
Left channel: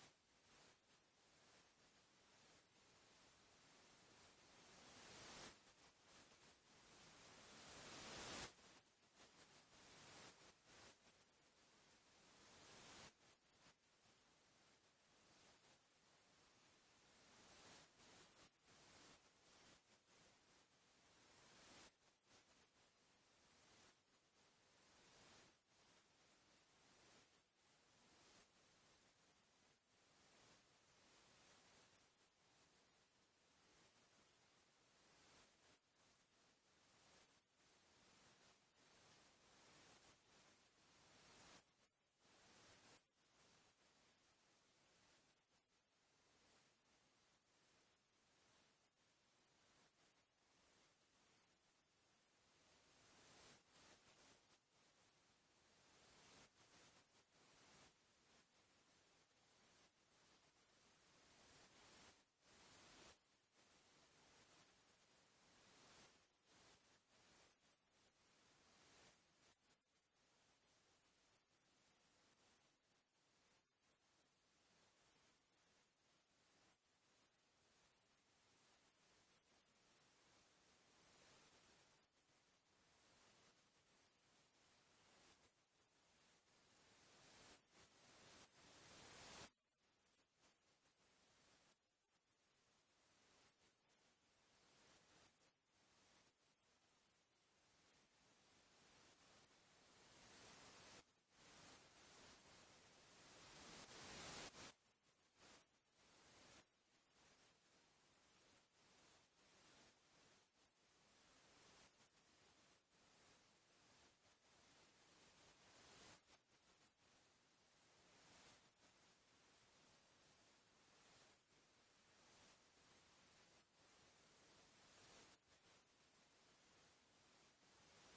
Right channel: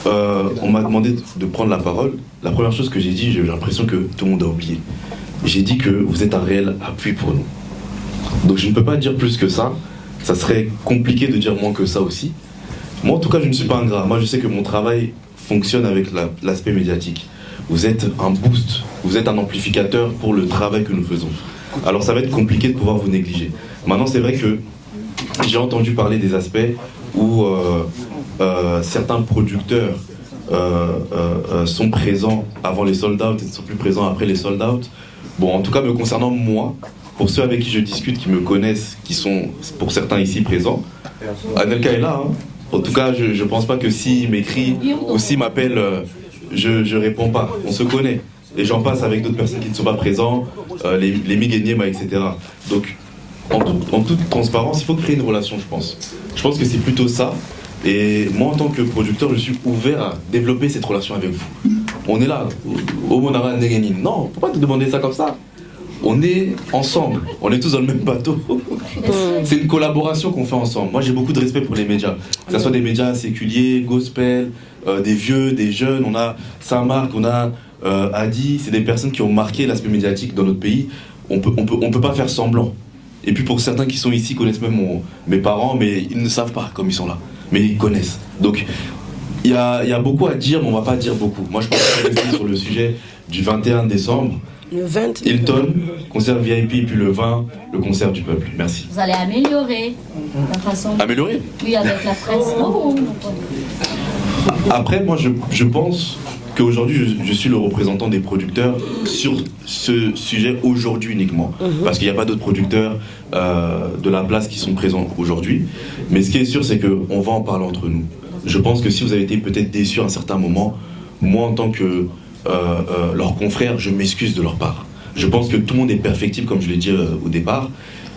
on m'a demandé de prendre la parole. La première chose que j'ai dit, j'ai l'impression que tout le monde a oublié. J'ai dit que vous êtes un réel appui pour nous. Donc je ne peux pas dire plus que ça. Ça serait compliqué de dire moins que ça aussi. Moi, en tout cas, je ne suis pas ingrat. Moi, je sais que mon travail fonctionne avec l'aspect médiatique. Vous êtes un boost, vous êtes un amplificateur pour le travail que nous faisons. Alors ça va être compliqué de pouvoir vous négliger. Maintenant, c'est vrai que j'ai entendu parler des aspects où certains producteurs sont présents avant les sold-out et ne sont plus présents après les sold-out. Bon, en tout cas, me concernant moi, pour ceux avec qui je discute, qui me connaissent, qui sont pour certains ici présents, Anelka est là. Hein. En tout cas, je ne pense pas que s'il m'écrit ou s'il m'appelle, je ne réponds pas. On se connaît. Et j'en passe avec d'autres personnes qui ne sont pas présents, les Miguenyema, etc. Donc, en toute transparence, il faut créer une relation, je pense. Je pense que c'est plutôt ça. Et moi, en tant que producteur, je suis ouvert à développer cette relation avec vous. On est là, au Monara Negenin. Non, il ne faut pas te demander ça comme ça. On est ensemble, on est tous dans le même bateau. C'est une collaboration qu'on fait ensemble. Moi, j'ai beaucoup de respect pour les médias. Que ce soit des médias séculiers, gospel, des vieux, des jeunes. On a Saint-Marc, on a Adi. C'est des personnes qui ont marqué l'aspect médiatique dans notre pays. On peut pas faire semblant. Et puis pour certains qui sont ici, connaissent même mes parents, mais ils ne savent pas comme ils sont là. Mais ils connaissent. Donc, il y a beaucoup à dire, mais on ne va pas dire beaucoup. Moi, je pense que rester sur le sujet du 21 décembre. Le 20. Hilton, concert VIP, et puis le 20, le concert du peuple. Merci. Vous allez améliorer la façon. Améliorer? Oui, avec la presse. Oh. Après, moi, je pense qu'aujourd'hui, je suis le représentant des producteurs sur ce sujet aujourd'hui uniquement. Parce qu'il n'y a pas d'autres producteurs de la place qui sont présents aujourd'hui. Mais ce qui est sûr, c'est qu'on va en parler entre nous. Je pense que si vous avez été peut-être déçus à un certain moment, moi, en tant que leurs confrères, je m'excuse de leur part. Je pense que tout le monde est perfectible, comme je l'ai dit au départ.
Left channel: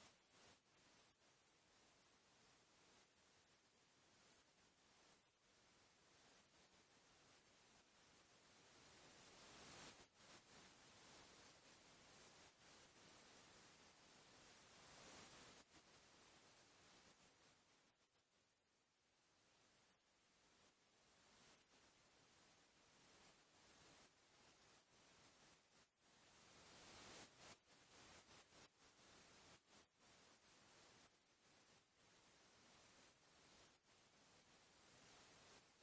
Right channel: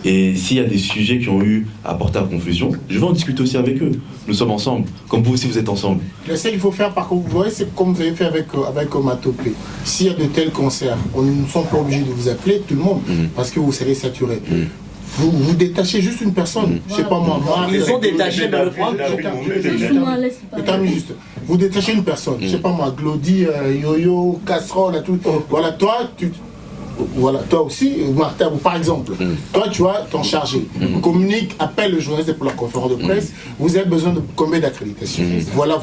Et s'il y a des sujets qui ont eu à porter à confusion, je vais en discuter aussi avec eux. Nous sommes ensemble, comme vous aussi vous êtes ensemble. Je sais qu'il faut faire, par contre, vous voyez, c'est comme vous avez fait avec Matopé. S'il y a de tels concerts, on ne sommes pas obligés de vous appeler tout le monde, parce que vous serez saturé. Vous détachez juste une personne, je sais pas moi. Ils sont détachés dans le programme. Je termine juste. Vous détachez une personne, je sais pas moi, Glody, Yo-Yo, Casserole, tout. Voilà, voilà, toi aussi, Martin, par exemple, toi tu vas t'en charger. Communique, appelle le journaliste pour la conférence de presse, vous avez besoin de combien d'accréditations. Voilà.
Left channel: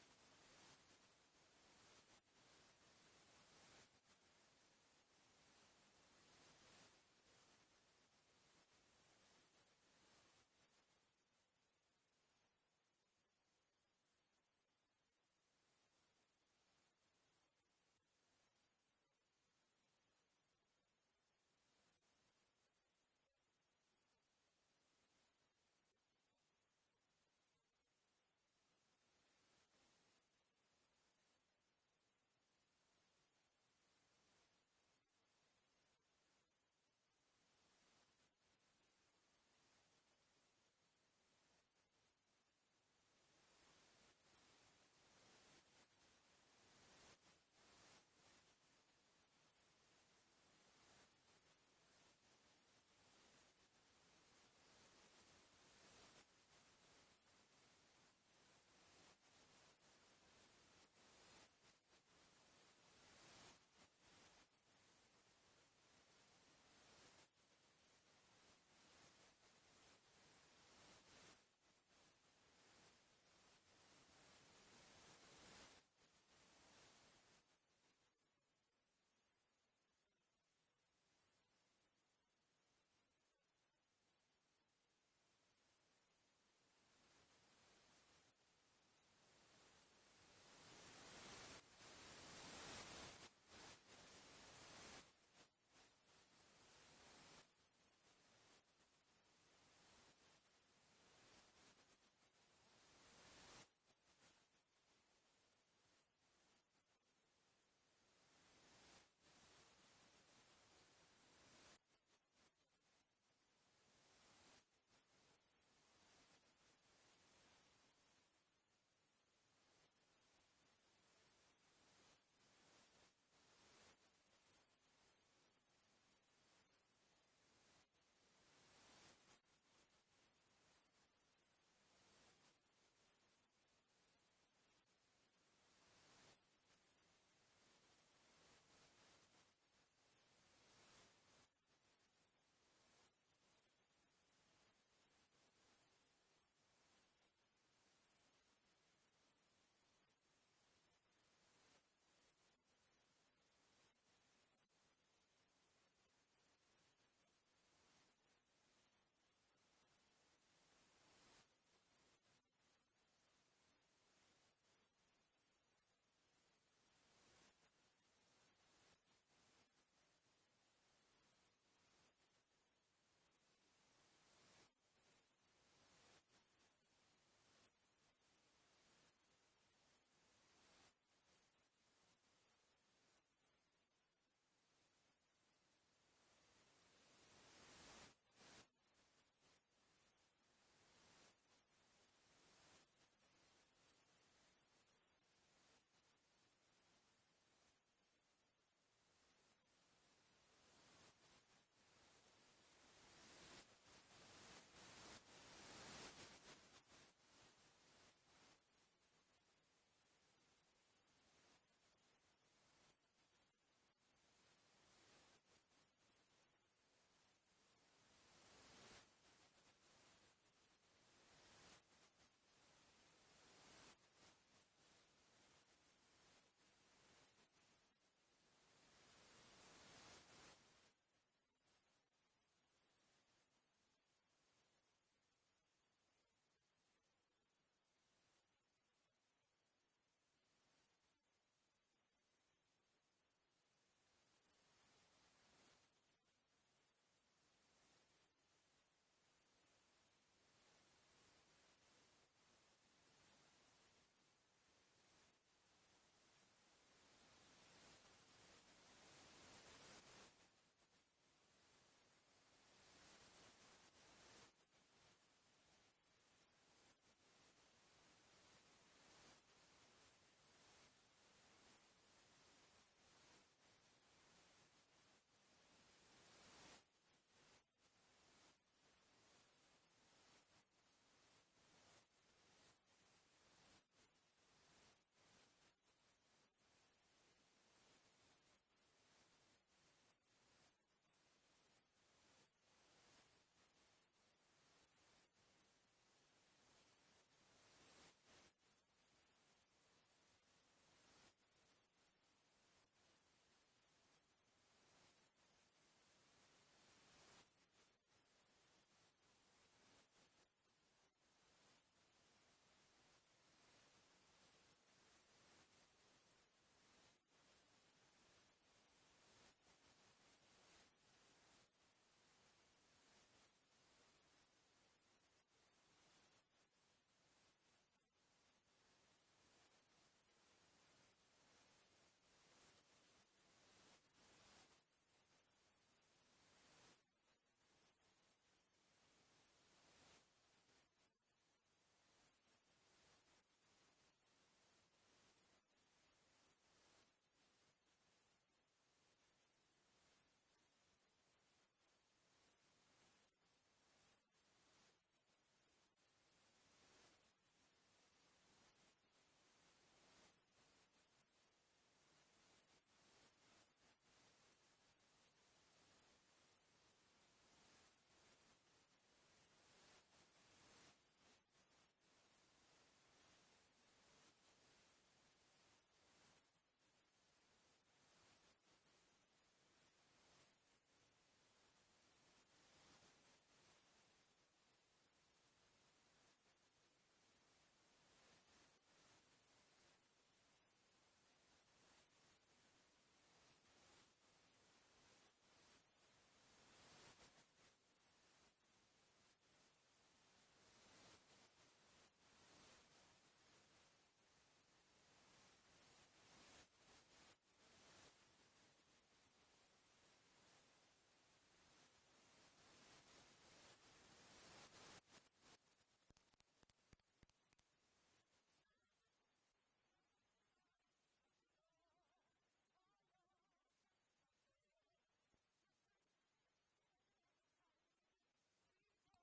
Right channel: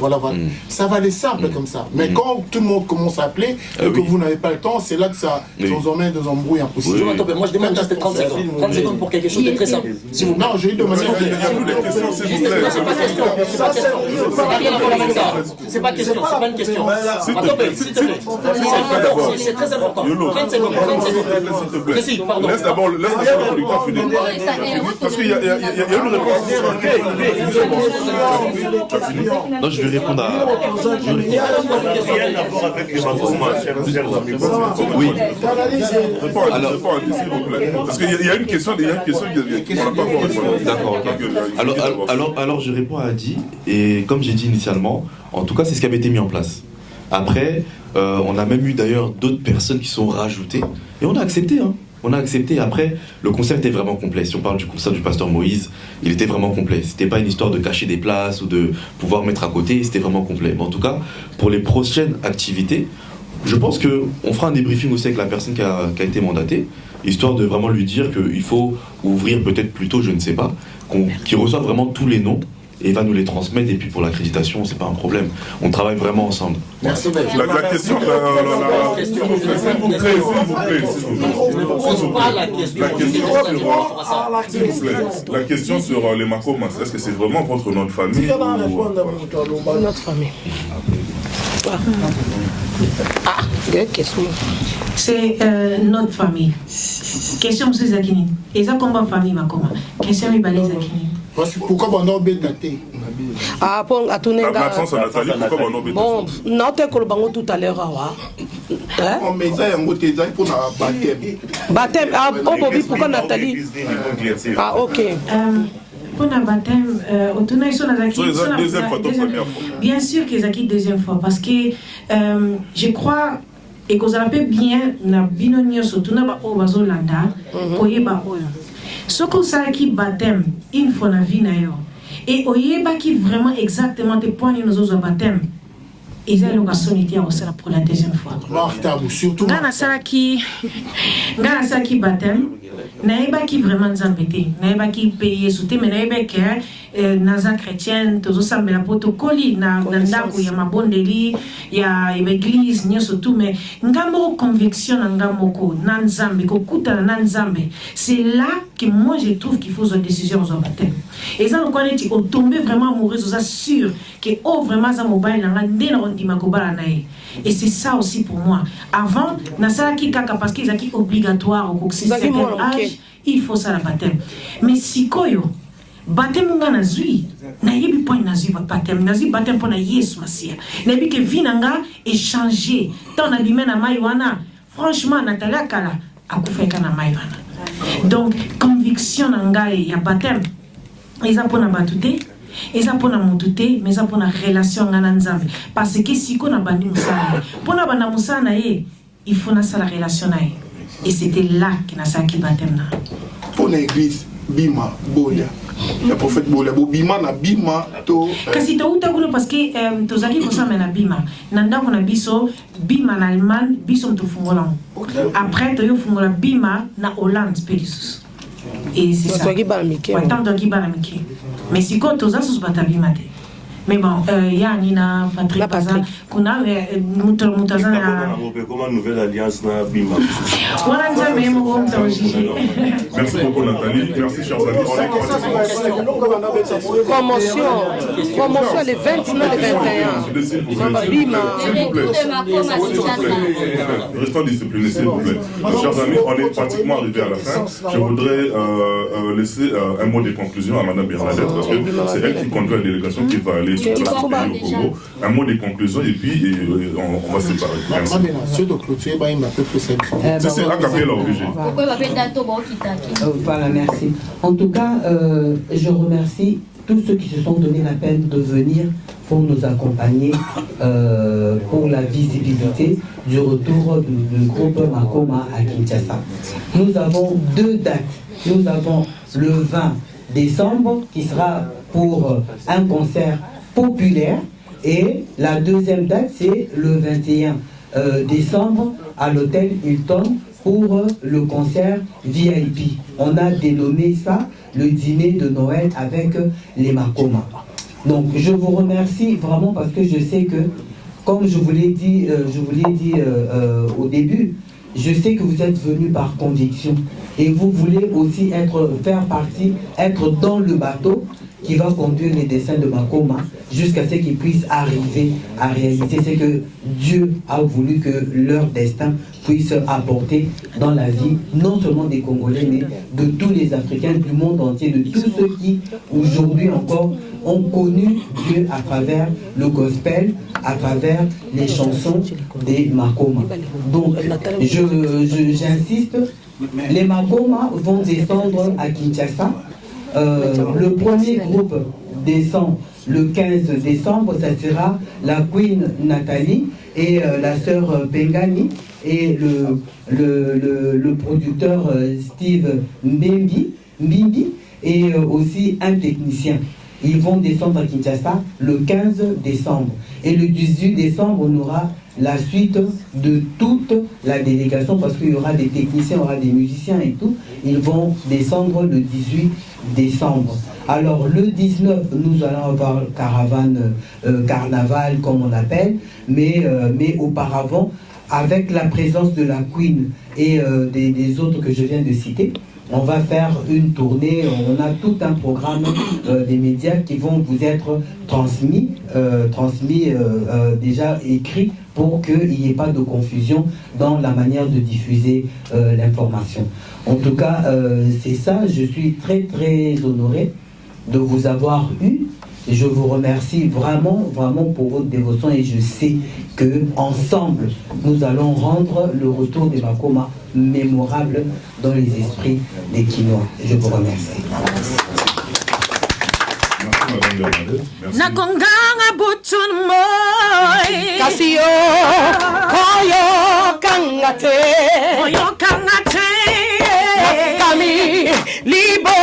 Ça va aller simple comme ça. Mais quand tout le monde commence à appeler et que vous n'avez pas le temps, c'est là que ça vous emmène dans un embrouille impossible. Moi je demande juste 30 secondes. 30 secondes pour quelque chose de très simple. Non, j'ai eu de manière. C'est pas question, c'est pas une question. C'est très important. 30 secondes. Laisse d'abord le producteur finir. Parce qu'il y a une réponse. Non, je vais répondre à... Oui. Parce qu'il y a une question, qu'on n'a pas encore répondu. D'accord. Alors je réponds à Adi, et comme j'ai dit initialement, en tout cas c'est ce qui avait été mis en place. Après, on a même eu d'ailleurs d'autres personnes qui sont rajoutées, et on a accepté. Hein. On a accepté. Après, le concert était vraiment complet. Si on parle du concert du pasteur Moïse, il était vraiment complet. C'était pas une histoire de cacher des places ou de pouvoir mettre à côté. C'était vraiment complet. Mais en tout cas, pour les prochaines activités, je pense qu'on fera un débriefing aussi avec la personne qui a été mandatée, histoire de vraiment lui dire qu'il faut ouvrir peut-être plus tôt, je ne sais pas, qu'il reçoive vraiment tous les noms et il va nous les transmettre. Et puis pour l'accréditation, c'est pas un problème. On travaille vraiment ensemble. Merci. La question, la question sur les Makomas, est-ce que c'est vraiment votre nom de famille ou... Notre famille. Ah, question. C'est notre famille. Question M. Zakini. Et ça, comment famille Makoma? Question Ibale Zakini. Pourquoi on a daté? Ah, pour à tourner Bon, non, tout à l'heure. Mais ça, il y a un pour la baptême. Baptême, ah, pourquoi Nathalie? Ah, ok. Pour le baptême, deuxième fois, bien sûr qu'ils acquittent deuxième fois, parce que je crois et que vous avez bien na binonio surtout na ba obazolanda koyeba oyo. Ce que ça qui baptême une fois na vie na yo et oyeba qui vraiment exactement te points nos autres baptême. Ils ont l'occasion de pour la deuxième fois. Surtout. Gana ça qui baptême. Naïba qui vraiment nous embêter, naïba qui paye sauter, mais naïba que naza chrétienne, tous ça mais la protocole na ndako ya mabondeli ya église ni surtout mais ngamo conviction ngamo ko nanzambe ko kuta nanzambe. C'est là que moi je trouve qu'il faut une décision aux baptême. Et ça on connaît au tomber vraiment amoureux, ça sûr que oh vraiment ça mobile na ndena ondima ko bala nae. Et c'est ça aussi pour moi. Avant na ça qui kaka parce qu'ils acquis obligatoire au certain âge, il faut ça la baptême. Mais si koyo baptême nga nazui na yebi point nazui baptême nazui baptême pour na Yesu Masia. Na bi que vie nanga est changé. Tant na bimena na maiwana. Franchement Natalia kala akufeka na maiwana. Donc conviction nanga ya baptême. Ils ont pour na batute. Ils ont pour na motute, mais ils ont pour na relation ngana nzambe. Parce que si ko na bandi musana, pour na banda musana il faut na ça la relation nae. Et c'était là que na ça qui baptême na. Pour l'église bima boya. Le prophète boya bima na bima to. Kasi to uta kuno parce que tozaki ko ça na bima. Nanda ko na biso bima na Allemagne, biso to fungola. Après to yo fungola bima na Hollande pédisus. Et c'est ça. Mais si quand tu as ce batabi maté. Mais bon, il y a Nina, Patrick, Kuna, Moutazana. Comment nouvelle alliance na Bima. Merci beaucoup Nathalie, merci chers amis. Promotion les 29 et 21. Bima. Restons disciplinés s'il vous plaît. Chers amis, on est pratiquement arrivé à la fin. Je voudrais laisser un mot de conclusion à Madame Bernadette parce que c'est elle qui conduit la délégation qui va aller sur la au Congo. Un mot de conclusion et puis on va se séparer. C'est un café là obligé. Voilà, merci. En tout cas, je remercie tous ceux qui se sont donné la peine de venir pour nous accompagner pour la visibilité du retour du groupe Makoma à Kinshasa. Nous avons 2 dates. Nous avons le 20 décembre qui sera pour un concert populaire et la deuxième date c'est le 21 décembre à l'hôtel Hilton pour le concert VIP. On a dénommé ça le dîner de Noël avec les Makoma. Donc je vous remercie vraiment parce que je sais que, comme je vous l'ai dit, au début, je sais que vous êtes venus par conviction et vous voulez aussi faire partie, être dans le bateau qui va conduire les destins de Makoma jusqu'à ce qu'ils puissent arriver à réaliser ce que Dieu a voulu que leur destin puisse apporter dans la vie, non seulement des Congolais, mais de tous les Africains du monde entier, de tous ceux qui, aujourd'hui encore, ont connu Dieu à travers le gospel, à travers les chansons des Makoma. Donc, j'insiste, les Makoma vont descendre à Kinshasa Le premier groupe descend le 15 décembre, ça sera la Queen Nathalie et la sœur Pengani et le producteur Steve Mbimbi et aussi un technicien. Ils vont descendre à Kinshasa le 15 décembre. Et le 18 décembre, on aura la suite de toute la délégation parce qu'il y aura des techniciens, il y aura des musiciens et tout. Ils vont descendre le 18 décembre. Alors le 19, nous allons avoir caravane, carnaval comme on appelle, mais auparavant, avec la présence de la Queen et des autres que je viens de citer, on va faire une tournée, on a tout un programme des médias qui vont vous être transmis déjà écrit pour qu'il n'y ait pas de confusion dans la manière de diffuser l'information. En tout cas, c'est ça, je suis très très honoré de vous avoir eu. Je vous remercie vraiment pour votre dévotion et je sais que ensemble nous allons rendre le retour des Makoma mémorable dans les esprits des Kinois. Je vous remercie. Nakonganga butun moy Kasio koyo kangate kami libo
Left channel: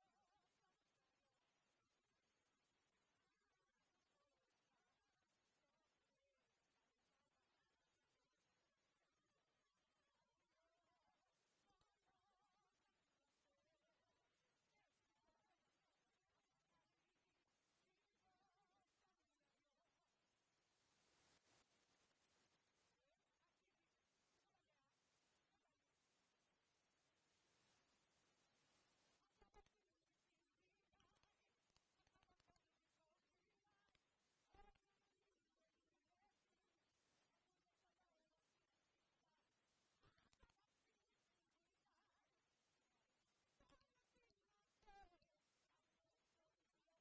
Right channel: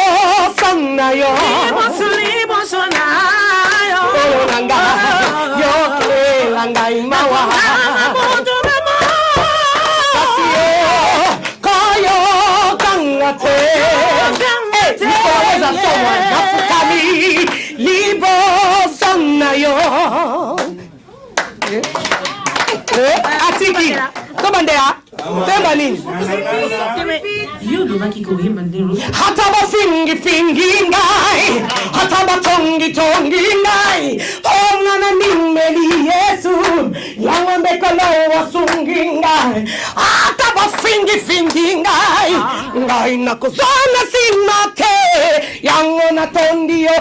sannayo libo sonayo langa yo langa imawa Kasio koyo kangate kami libo sannayo atiki komandea temba nini hata bafingi ngai hata batongi ngai ongana nimeli Yesu yangombe kala wasungi ngai hata bafingi ngai nakuzona simate yangona tondio